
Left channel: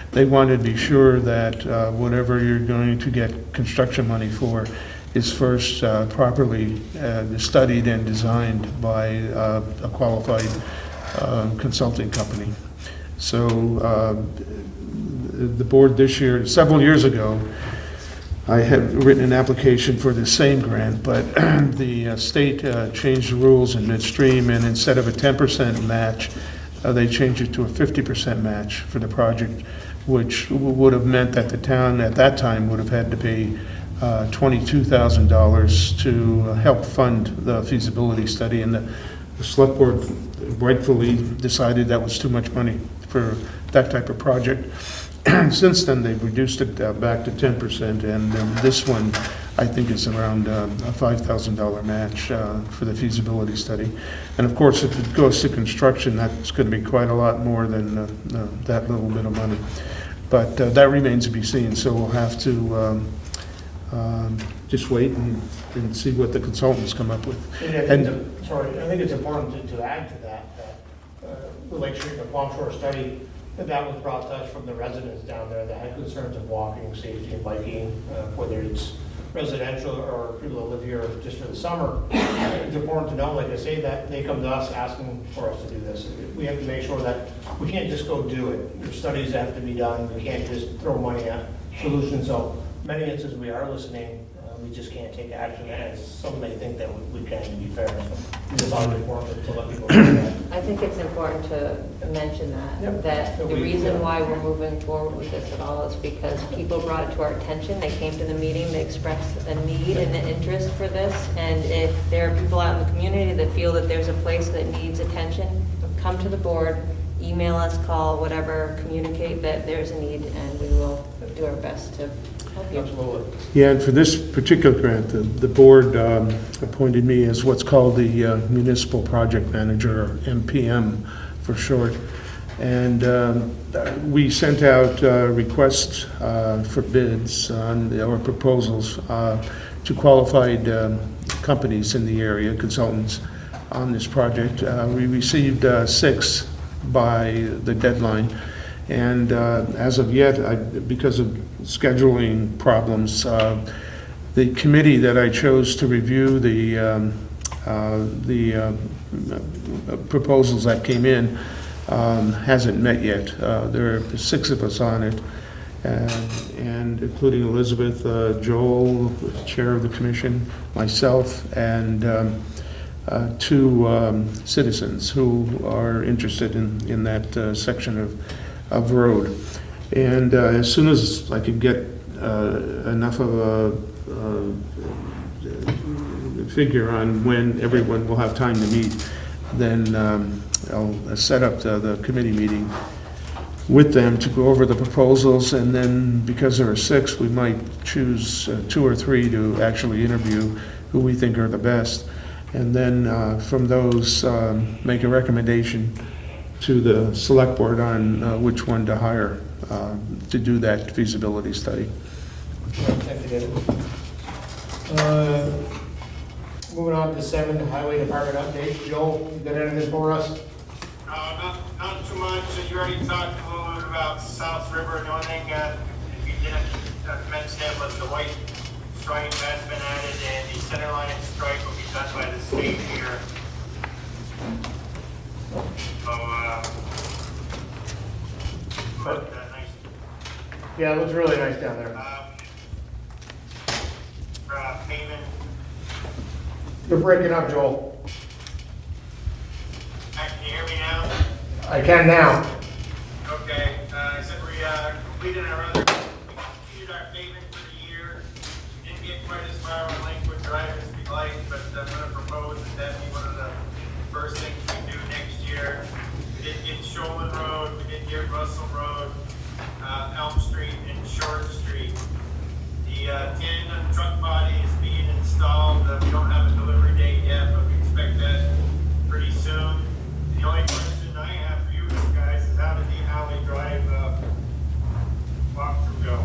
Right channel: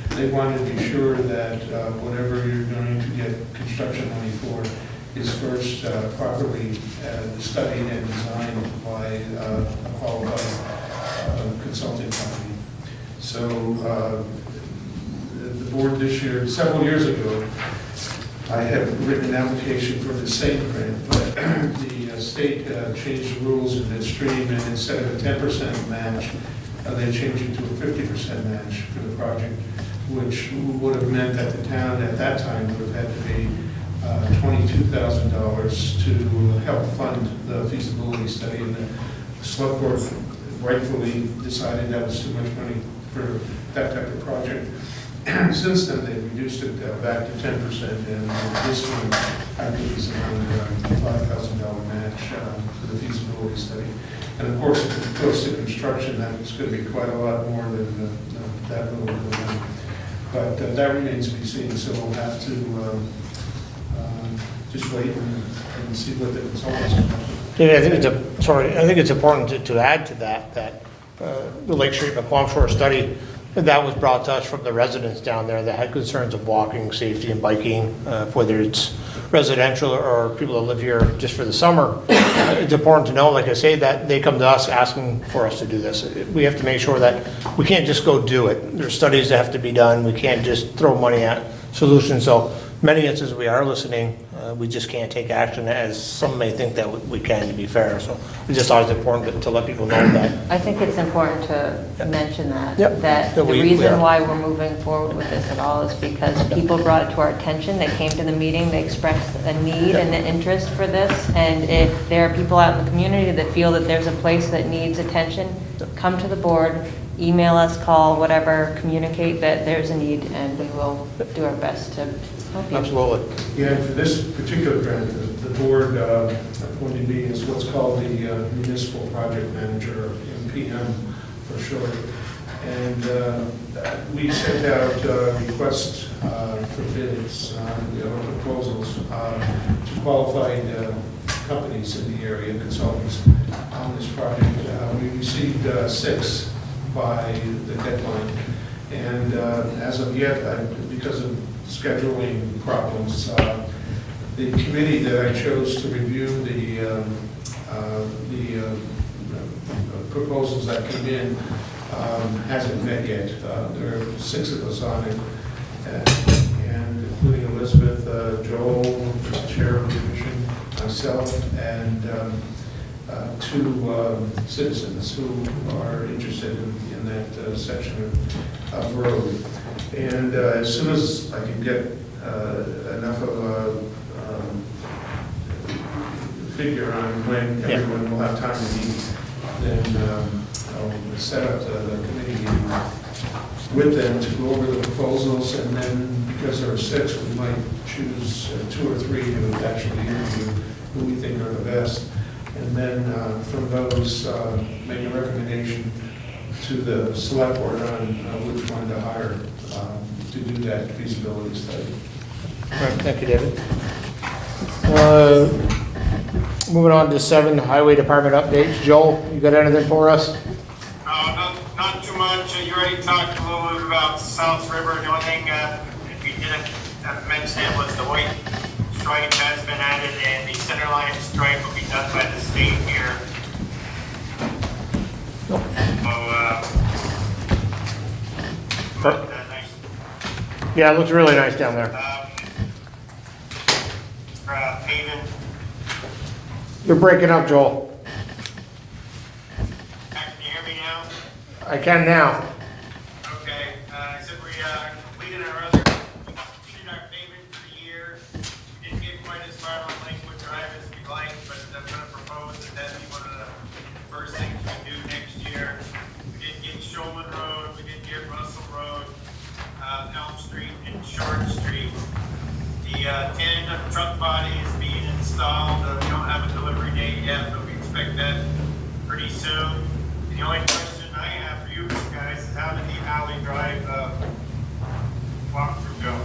They want to be sure that whatever you're going to get construction money for is first properly studied and designed by a qualified consulting company. So the board this year, several years ago, I had written an application for the same grant, but the state changed the rules in midstream, and instead of a 10% match, they changed it to a 50% match for the project, which would have meant that the town at that time would have had to pay $22,000 to help fund the feasibility study, and the select board rightfully decided that was too much money for that type of project. Since then, they've reduced it back to 10%, and this one, I think, is around a $5,000 match for the feasibility study. And of course, if it goes to construction, that's going to be quite a lot more than that little bit of money. But that remains to be seen, so we'll have to just wait and see what the consultants come up with. Yeah, I think it's important to add to that the Lake Street McQuam Shore study, that was brought to us from the residents down there that had concerns of walking, safety, and biking, whether it's residential or people that live here just for the summer. It's important to know, like I say, that they come to us asking for us to do this. We have to make sure that we can't just go do it. There's studies that have to be done. We can't just throw money at solutions. So many instances we are listening. We just can't take action, as some may think that we can, to be fair. So it's just always important to let people know that. I think it's important to mention that, Yep. that the reason why we're moving forward with this at all is because people brought it to our attention. They came to the meeting, they expressed a need and an interest for this. And if there are people out in the community that feel that there's a place that needs attention, come to the board, email us, call, whatever, communicate that there's a need, and we will do our best to help you. Absolutely. Yeah, and for this particular grant, the board appointed me as what's called the Municipal Project Manager, or MPM for short. And we sent out requests for bids or proposals to qualified companies in the area, consultants, on this project. We received 6 by the deadline. And as of yet, because of scheduling problems, the committee that I chose to review the proposals that came in hasn't met yet. There are 6 of us on it, and including Elizabeth, Joel, the chair of the commission, myself, and 2 citizens who are interested in that section of road. And as soon as I could get enough of a figure on when everyone will have time to meet, then I'll set up the committee meeting with them to go over the proposals, and then because there are 6, we might choose 2 or 3 to actually interview who we think are the best. And then from those, make a recommendation to the select board on which one to hire to do that feasibility study. All right, thank you, David. Moving on to 7, Highway Department updates. Joel, you got anything for us? Not too much. You already talked a little bit about South River. The only thing we didn't mention was the white stripe has been added, and the center line stripe will be done by the state here. So, Yeah, it looks really nice down there. Paving. You're breaking up, Joel. Can you hear me now? I can now. Okay, I said we completed our paving for the year. We didn't get quite as far on Lakewood Drive as we'd like, but I'm gonna propose that that'd be one of the first things we do next year. We did get Shulman Road, we did get Russell Road, Elm Street, and Short Street. The 10 truck body is being installed. We don't have a delivery date yet, but we expect that pretty soon. The only question I have for you guys is how did the Alley Drive walkthrough go?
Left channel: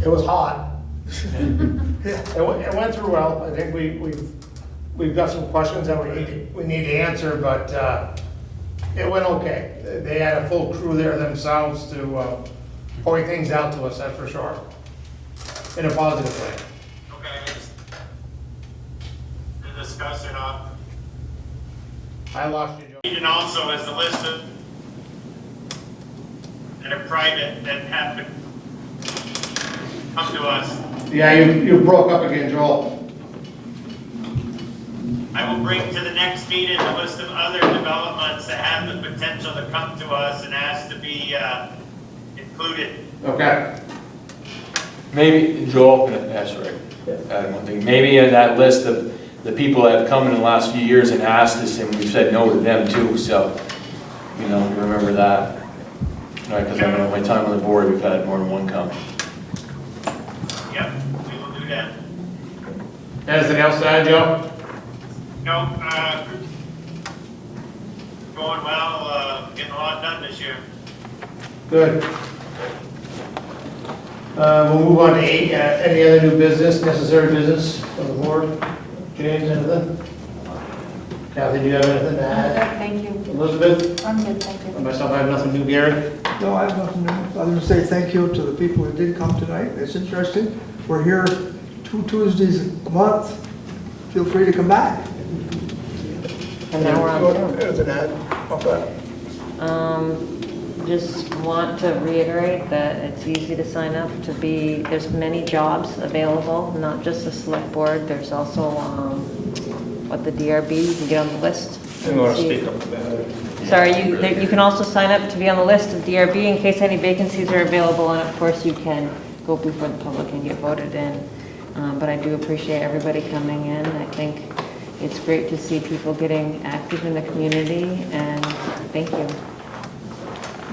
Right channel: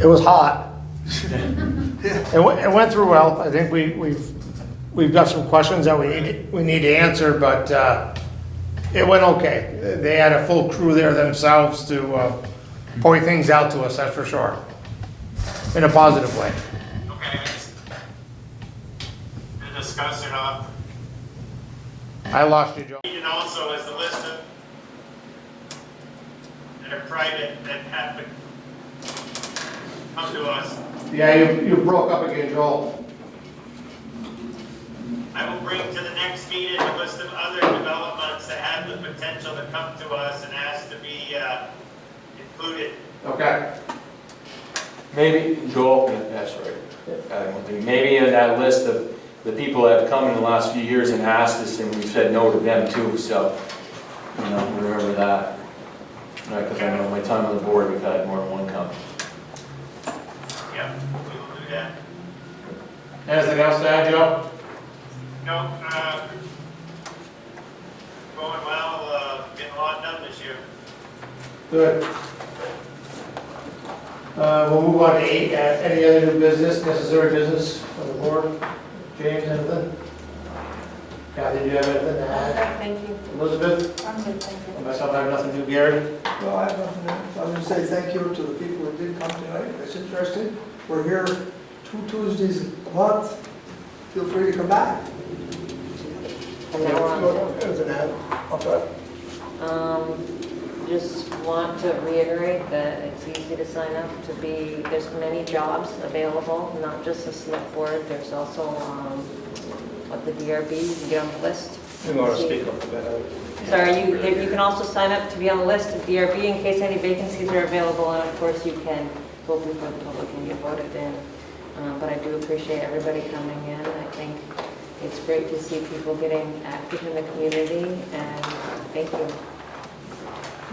It was hot. It went through well. I think we've got some questions that we need to answer, but it went okay. They had a full crew there themselves to point things out to us, that's for sure, in a positive way. Okay. To discuss or not? I lost you, Joe. And also as a list of that are private that have to come to us. Yeah, you broke up again, Joel. I will bring to the next meeting a list of other developments that have the potential to come to us and ask to be included. Okay. Maybe, Joel, that's right. Maybe in that list of the people that have come in the last few years and asked us, and we've said no to them too, so, remember that. Right, because I know my time on the board, we've had more than one come. Yep, we will do that. Anything else to add, Joe? No, going well, getting a lot done this year. Good. We'll move on to 8. Any other new business, necessary business from the board? James, anything? Kathy, do you have anything to add? Thank you. Elizabeth? I'm good, thank you. And myself, I have nothing new. Gary? No, I have nothing new. I was going to say thank you to the people who did come tonight. It's interesting. We're here 2 Tuesdays a month. Feel free to come back. And now we're on Zoom. As an ad, off that. Just want to reiterate that it's easy to sign up to be, there's many jobs available, not just the select board, there's also, the DRB, you can get on the list. I'm going to speak up about Sorry, you can also sign up to be on the list of DRB in case any vacancies are available, and of course you can go before the public and get voted in. But I do appreciate everybody coming in. I think it's great to see people getting active in the community, and thank you.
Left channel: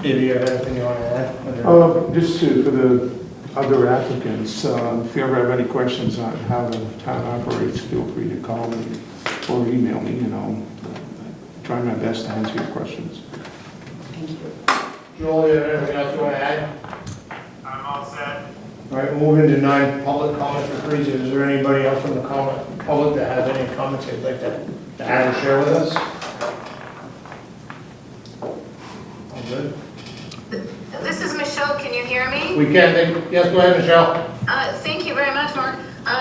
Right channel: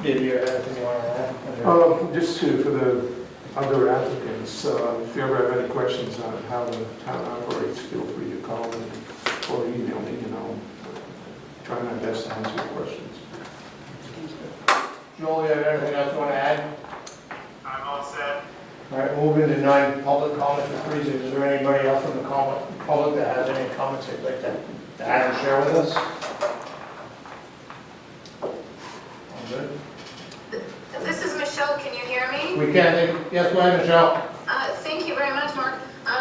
Do you have anything you want to add? Just for the other applicants, if you ever have any questions on how the town operates, feel free to call me or email me, and I'll try my best to answer your questions. Thank you. Joel, you have anything else you want to add? I'm all set. All right, moving to 9, public comments, please. Is there anybody else from the public that has any comments they'd like to add or share with us? All good? This is Michelle, can you hear me? We can. Yes, go ahead, Michelle. Thank you very much, Mark.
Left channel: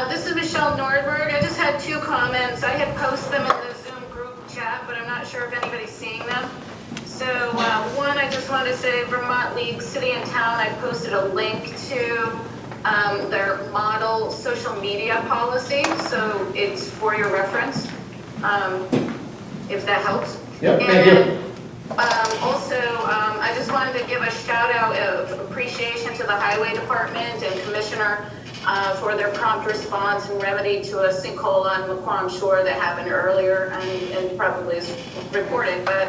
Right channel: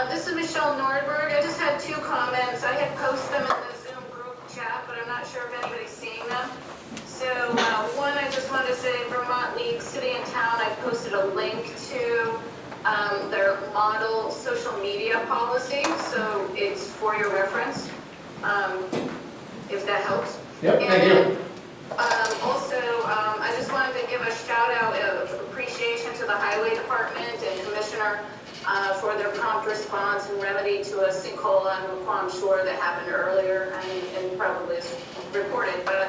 This is Michelle Nordberg. I just had 2 comments. I had posted them in the Zoom group chat, but I'm not sure if anybody's seeing them. So one, I just wanted to say Vermont League City and Town, I posted a link to their model social media policy, so it's for your reference, if that helps. Yep, thank you. Also, I just wanted to give a shout out of appreciation to the Highway Department and Commissioner for their prompt prompt response and remedy to a sinkhole on McQuam Shore that happened earlier and probably is reported, but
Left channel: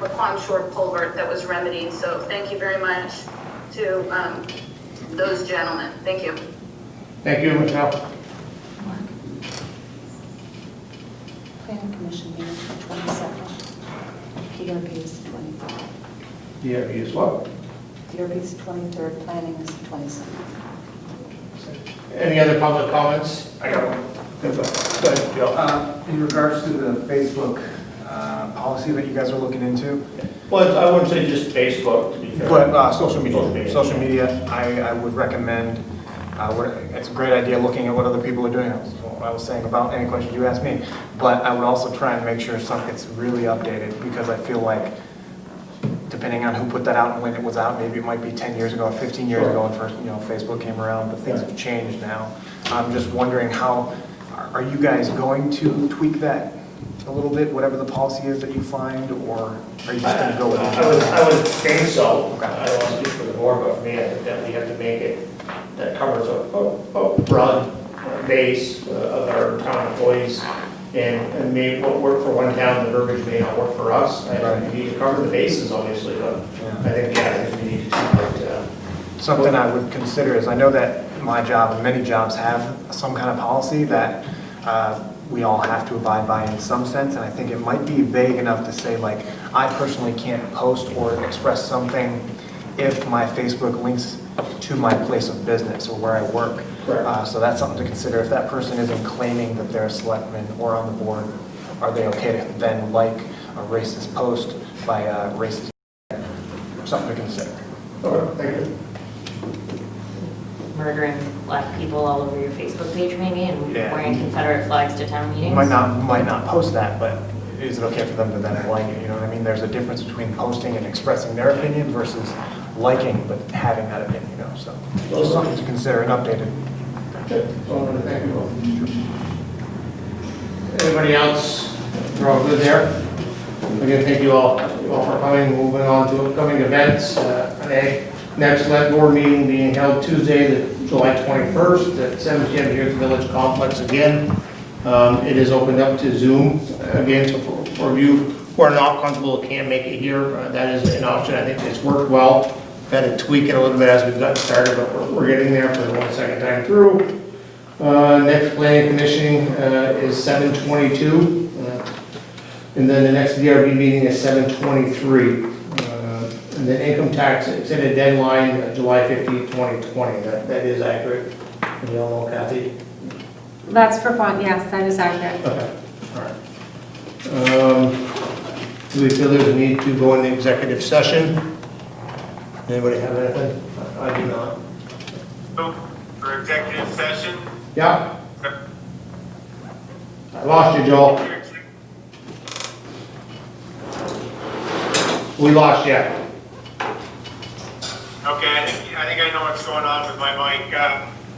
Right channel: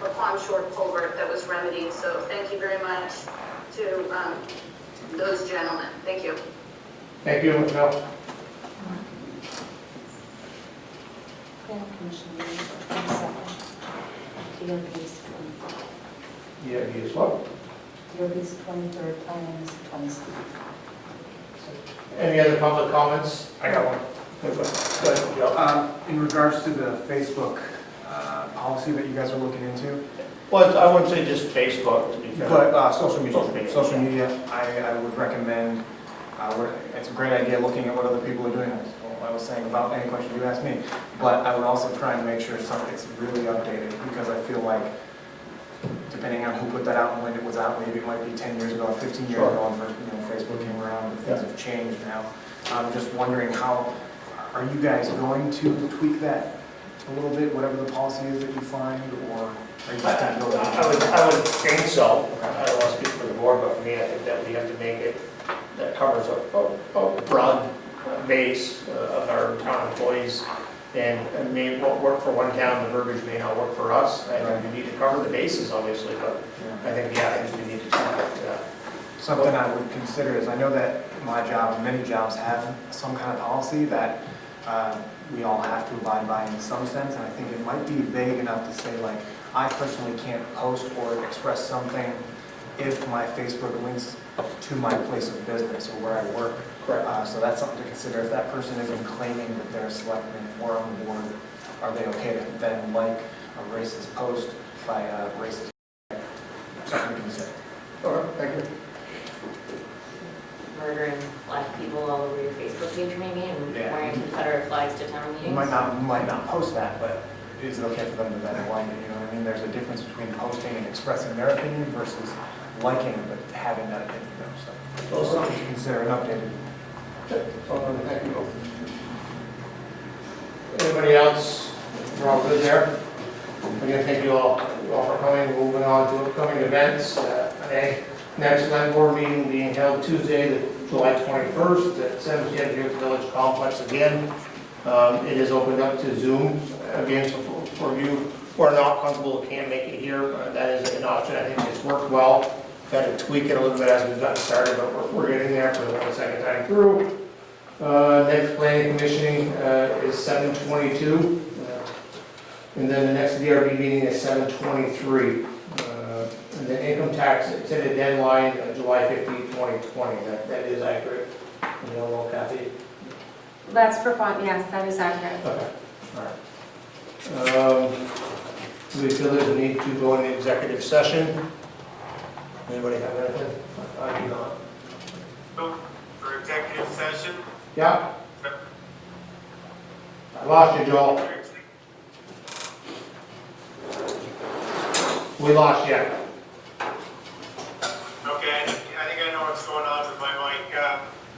McQuam Shore culvert that was remedied. So thank you very much to those gentlemen. Thank you. Thank you, Michelle. Planning Commission meeting the 22nd. DRB's the 23rd. Yeah, you as well. DRB's the 23rd, planning is the 22nd. Any other public comments? I got one. Go ahead, Joe. In regards to the Facebook policy that you guys are looking into, Well, I wouldn't say just Facebook, to be fair. but social media. Social media, I would recommend, it's a great idea looking at what other people are doing. That's what I was saying about any question you asked me. But I would also try and make sure stuff gets really updated, because I feel like depending on who put that out and when it was out, maybe it might be 10 years ago or 15 years ago when first, Facebook came around, but things have changed now. I'm just wondering are you guys going to tweak that a little bit, whatever the policy is that you find, or are you just going to go with it? I would think so. I don't want to speak for the board, but for me, I think that we have to make it, that covers a broad base of our town employees. And maybe what worked for one town, the verbiage may not work for us. I think we need to cover the bases, obviously, but I think, I think we need to keep it. Something I would consider is, I know that my job and many jobs have some kind of policy that we all have to abide by in some sense, and I think it might be vague enough to say, like, I personally can't post or express something if my Facebook links to my place of business or where I work. So that's something to consider. If that person isn't claiming that they're a selectman or on the board, are they okay to then like a racist post by a racist? Something to consider. Thank you. Murdering black people all over your Facebook page maybe, and wearing Confederate flags to town meetings? Might not post that, but is it okay for them to then like it? You know what I mean? There's a difference between posting and expressing their opinion versus liking but having that opinion. So something to consider and updated. Thank you. Anybody else? We're all good there? Again, thank you all for coming. Moving on to upcoming events. Next select board meeting being held Tuesday, July 21st at 7 p.m. here at the Village Complex again. It is opened up to Zoom again, so for you who are not comfortable, can make it here. That is an option. I think it's worked well. Had to tweak it a little bit as we've gotten started, but we're getting there for the second time through. Next planning commissioning is 7/22, and then the next DRB meeting is 7/23. And then income tax extended deadline July 15th, 2020. That is accurate. And you all know, Kathy? That's for fun, yes, that is accurate. Okay, all right. Do we feel there's a need to go into executive session? Anybody have anything? I do not. For executive session? Yeah? I lost you, Joel. We lost you. Okay, I think I know what's going on with my mic.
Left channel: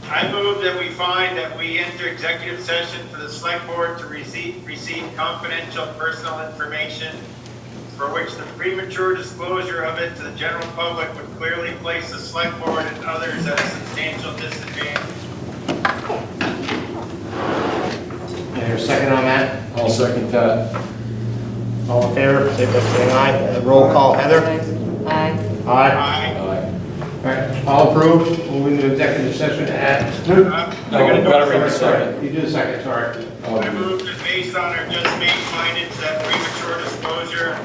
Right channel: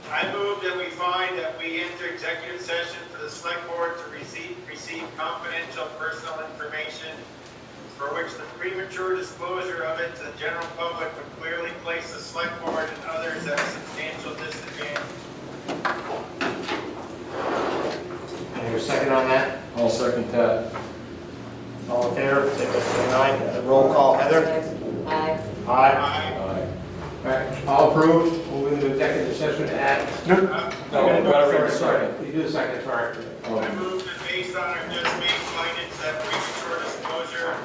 I move that we find that we enter executive session for the select board to receive confidential personal information for which the premature disclosure of it to the general public would clearly place the select board and others at a substantial disadvantage. Is there a second on that? I'll second that. All in favor, say by saying aye. Roll call, Heather? Aye. Aye. All right, all approved. Moving to executive session at... Sorry. You do the second, sorry. I move that based on our just made findings that premature disclosure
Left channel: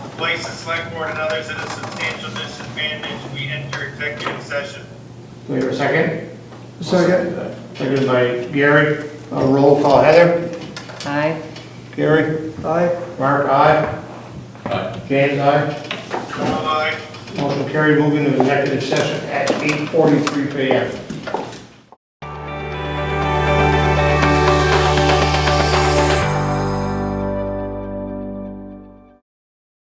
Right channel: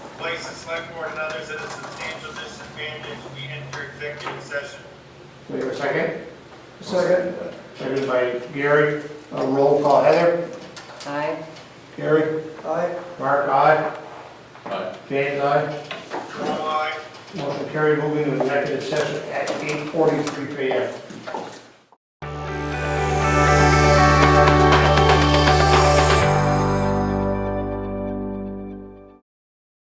will place the select board and others at a substantial disadvantage, we enter executive session. Do we have a second? Second. Seconded by Gary. Roll call, Heather? Aye. Gary? Aye. Mark, aye. Aye. James, aye. Aye. Motion carried. Moving to executive session at 8:43 p.m.